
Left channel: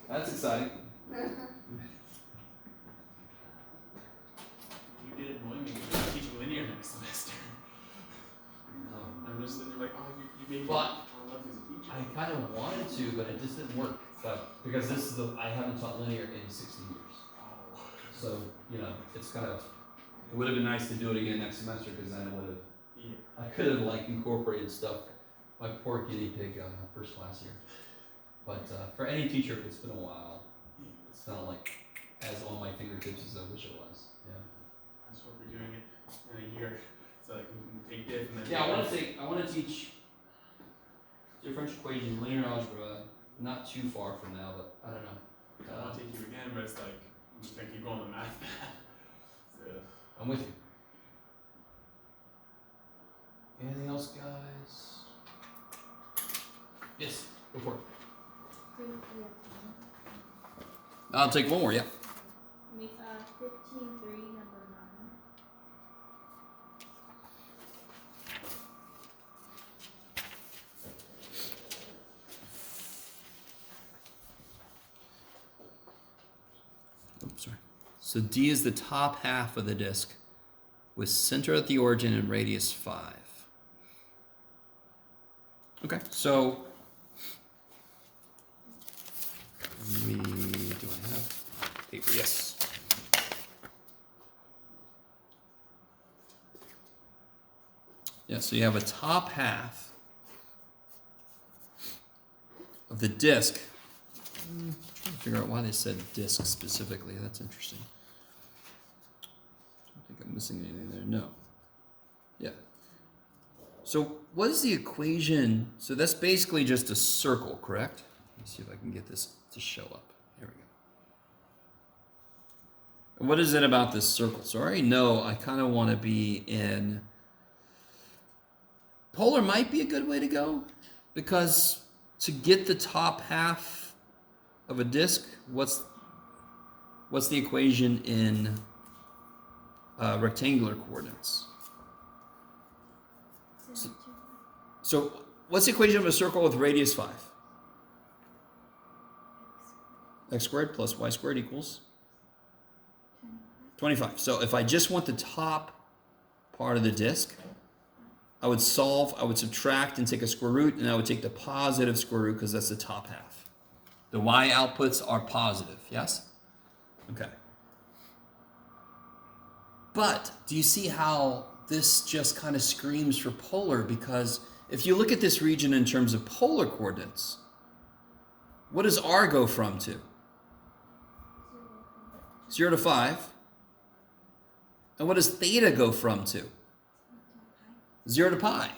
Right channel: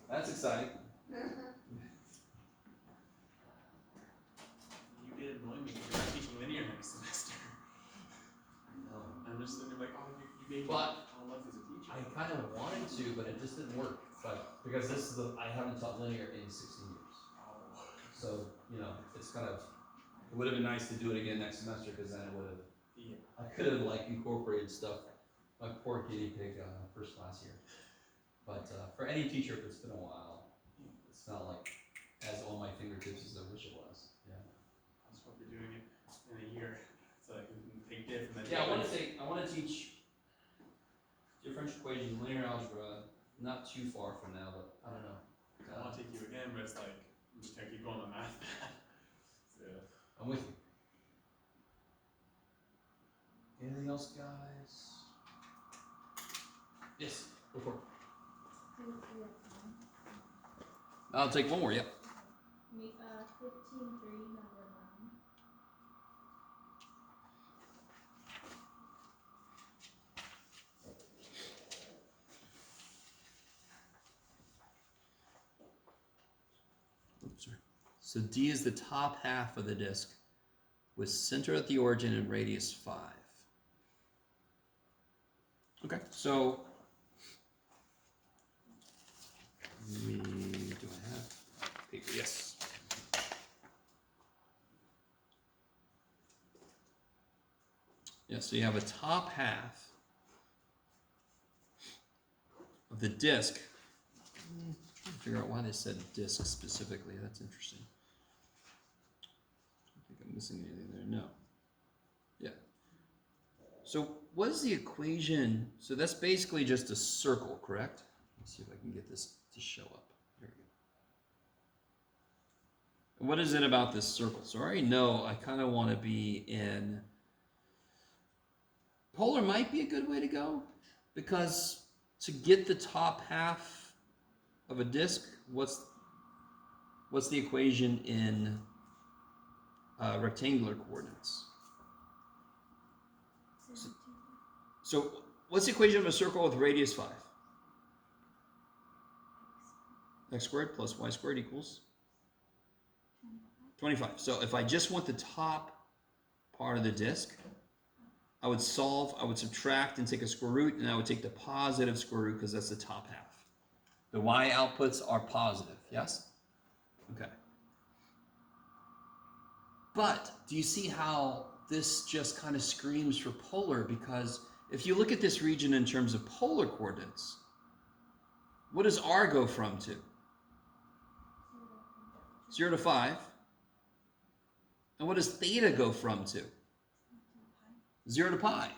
That's exciting. You did annoy me when you were teaching linear next semester. I'm just sitting there like, oh, you made me. Well, I don't know if he's a teacher. I kind of wanted to, but it just didn't work. So, because this is I haven't taught linear in 16 years. So, you know, it's kind of, it would have been nice to do it again next semester because then it would have, Yeah. I could have like incorporated stuff, my poor guinea pig first class year. But for any teacher, if it's been a while, it's not like as on my fingertips as I wish it was. Yeah. That's what we're doing it in a year. So like we can take diff and then. Yeah, I want to teach differential equations, linear algebra, not too far from now, but I don't know. I want to take you again, but it's like, I'm just gonna keep going on math. So, I'm with you. Anything else, guys? Yes, go for it. Do we have time? I'll take one more, yeah. 15-3, number 9. Oops, sorry. So D is the top half of the disk with center at the origin and radius 5. Okay, so do I have paper? Yes. Yeah, so you have a top half of the disk. I'm trying to figure out why they said disk specifically. That's interesting. I don't think I'm missing anything there. No. Yeah. So what is the equation? So that's basically just a circle, correct? Let me see if I can get this to show up. There we go. And what is it about this circle? So I already know I kind of want to be in... Polar might be a good way to go, because to get the top half of a disk, what's the equation in rectangular coordinates? So what's the equation of a circle with radius 5? X squared plus y squared equals 25. So if I just want the top part of the disk, I would subtract and take a square root, and I would take the positive square root because that's the top half. The y outputs are positive, yes? Okay. But do you see how this just kind of screams for polar? Because if you look at this region in terms of polar coordinates, what does r go from to? 0 to 5. And what does theta go from to? 0 to pi.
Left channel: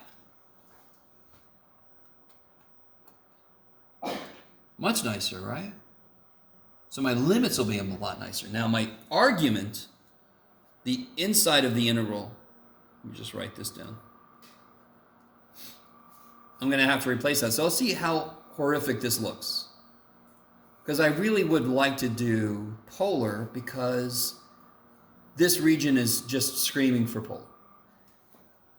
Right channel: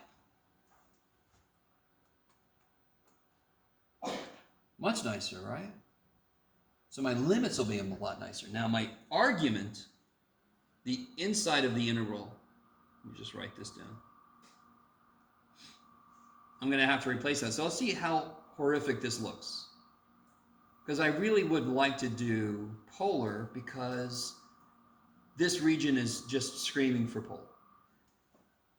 Much nicer, right? So my limits will be a lot nicer. Now my argument, the inside of the integral, let me just write this down. I'm going to have to replace that. So let's see how horrific this looks. Because I really would like to do polar because this region is just screaming for polar.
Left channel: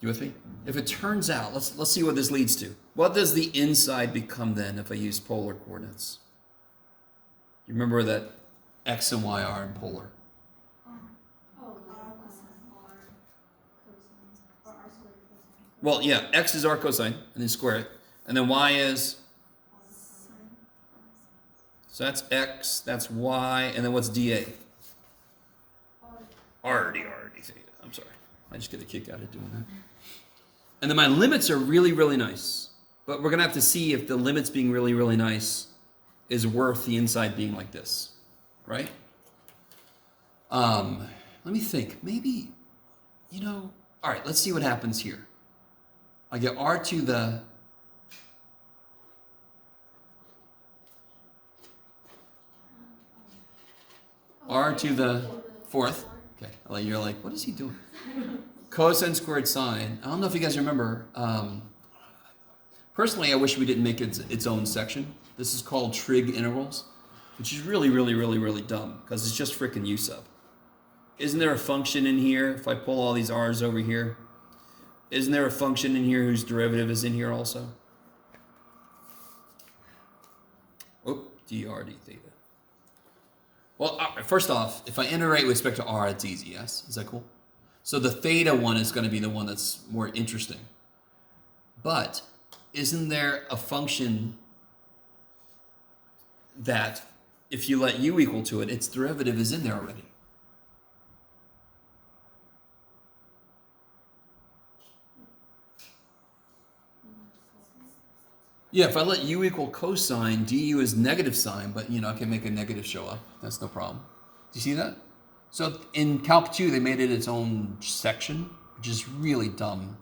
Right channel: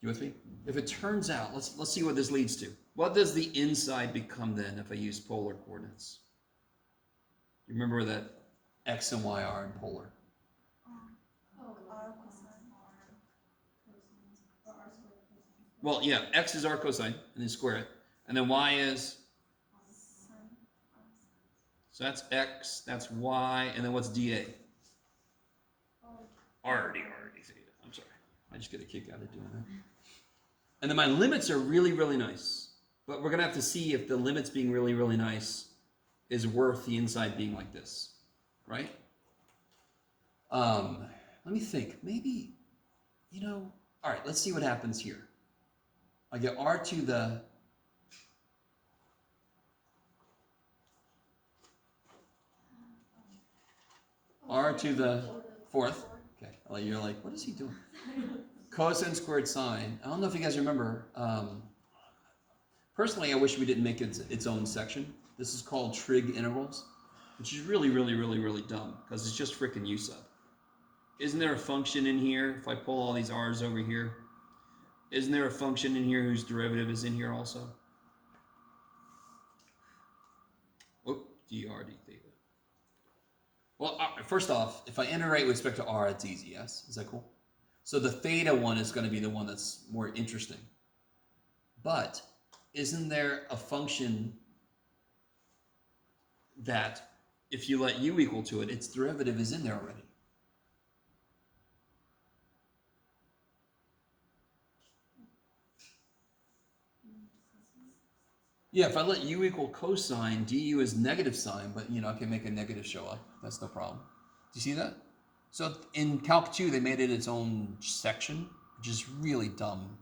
You with me? If it turns out, let's see what this leads to. What does the inside become then if I use polar coordinates? You remember that x and y are in polar. Well, yeah, x is r cosine, and then square it. And then y is? So that's x, that's y, and then what's dA? R theta. I'm sorry. I just get a kick out of doing that. And then my limits are really, really nice. But we're going to have to see if the limits being really, really nice is worth the inside being like this. Right? Let me think. Maybe, all right, let's see what happens here. I get r to the fourth. Okay, you're like, what is he doing? Cosine squared sine. I don't know if you guys remember. Personally, I wish we didn't make it its own section. This is called trig integrals, which is really, really, really, really dumb because it's just freaking u sub. Isn't there a function in here? If I pull all these r's over here, isn't there a function in here whose derivative is in here also? drd theta. Well, first off, if I iterate with respect to r, it's easy, yes? Is that cool? So the theta one is going to be the one that's more interesting. But isn't there a function that if you let u equal to it, its derivative is in there already? Yeah, if I let u equal cosine, du is negative sign, but I can make a negative show up. That's no problem. Do you see that? So in Calc 2, they made it its own section, which is really dumb.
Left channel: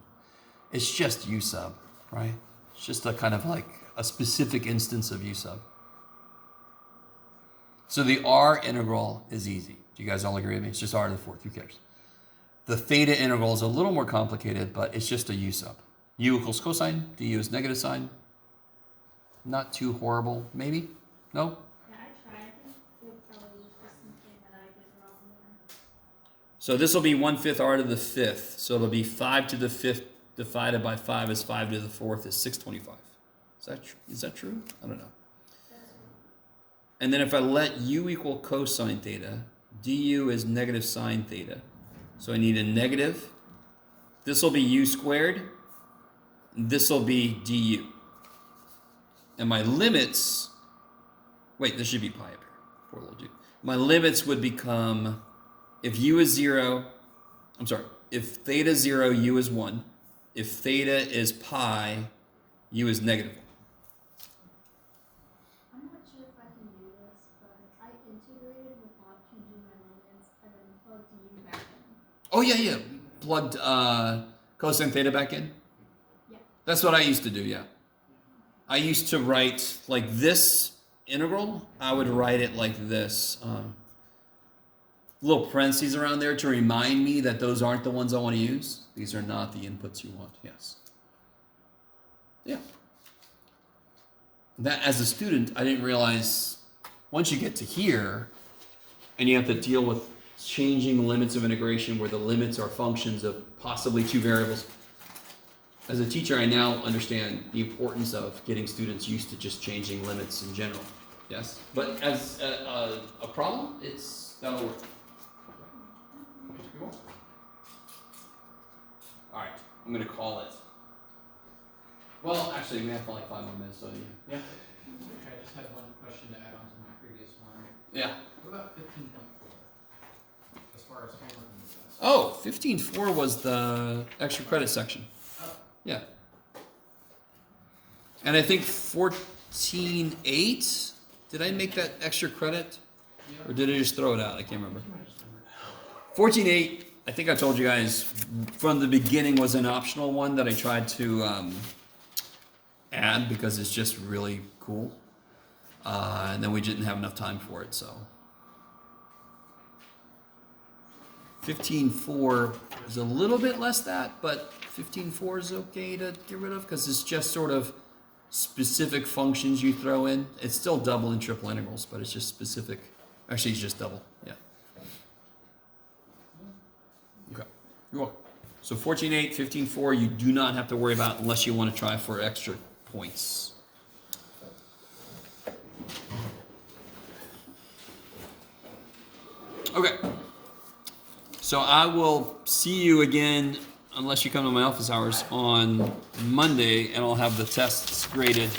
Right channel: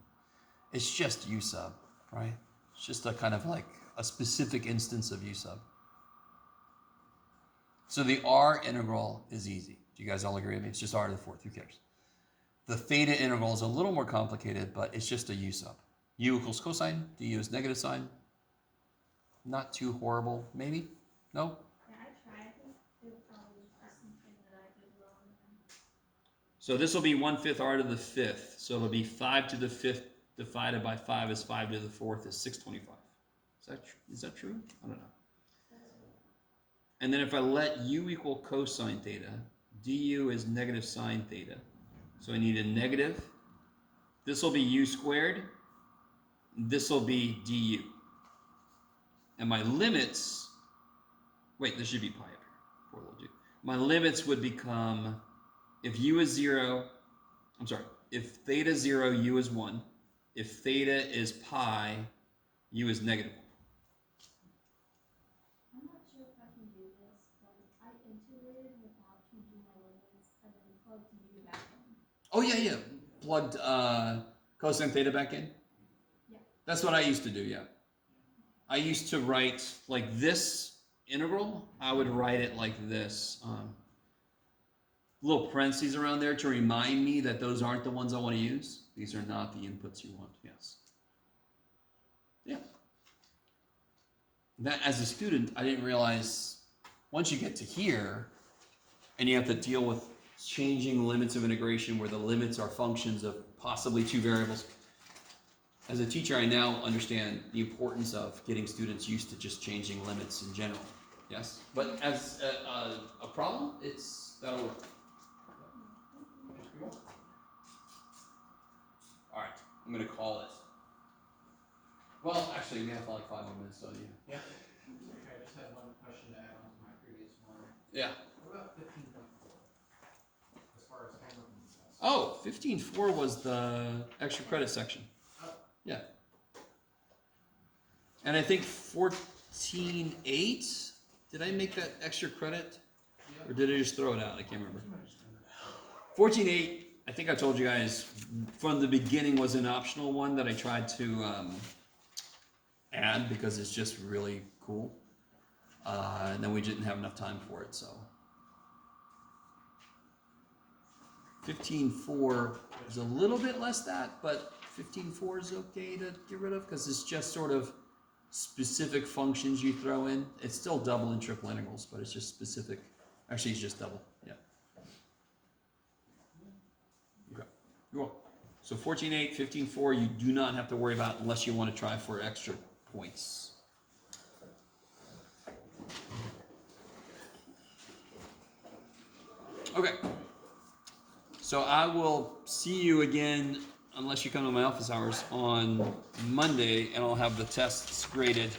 It's just u sub, right? It's just a kind of like a specific instance of u sub. So the r integral is easy. Do you guys all agree with me? It's just r to the fourth. Who cares? The theta integral is a little more complicated, but it's just a u sub. U equals cosine, du is negative sign. Not too horrible, maybe? No? Yeah, I tried. I think it probably was just something that I did wrong there. So this will be 1/5 r to the fifth. So it'll be 5 to the fifth divided by 5 is 5 to the fourth is 625. Is that true? I don't know. And then if I let u equal cosine theta, du is negative sine theta. So I need a negative. This will be u squared. This will be du. And my limits, wait, this should be pi up here. Poor little dude. My limits would become, if u is 0, if theta is 0, u is 1. If theta is pi, u is negative 1. I'm not sure if I can do this, but I integrated without changing my limits and then plugged u back in. Oh, yeah. Plugged cosine theta back in? Yeah. That's what I used to do, yeah. I used to write like this integral. I would write it like this. Little parentheses around there to remind me that those aren't the ones I want to use. These are not the inputs you want. Yes. Yeah. That as a student, I didn't realize once you get to here and you have to deal with changing limits of integration where the limits are functions of possibly two variables. As a teacher, I now understand the importance of getting students used to just changing limits in general. Yes? But as a problem, that'll work. All right, I'm going to call it. Well, actually, we have like 5 more minutes, don't you? Yeah? Okay, I just have one question to add on to my previous one. Yeah. What about 15.4? As far as homework and stuff. Oh, 15.4 was the extra credit section. Yeah. And I think 14.8, did I make that extra credit? Or did I just throw it out? I can't remember. 14.8, I think I told you guys from the beginning was an optional one that I tried to add because it's just really cool. And then we didn't have enough time for it, so. 15.4 is a little bit less that, but 15.4 is okay to get rid of because it's just sort of specific functions you throw in. It's still double and triple integrals, but it's just specific. Actually, it's just double. Yeah. Okay. You're welcome. So 14.8, 15.4, you do not have to worry about unless you want to try for extra points. Okay. So I will see you again, unless you come to my office hours, on Monday, and I'll have the tests graded.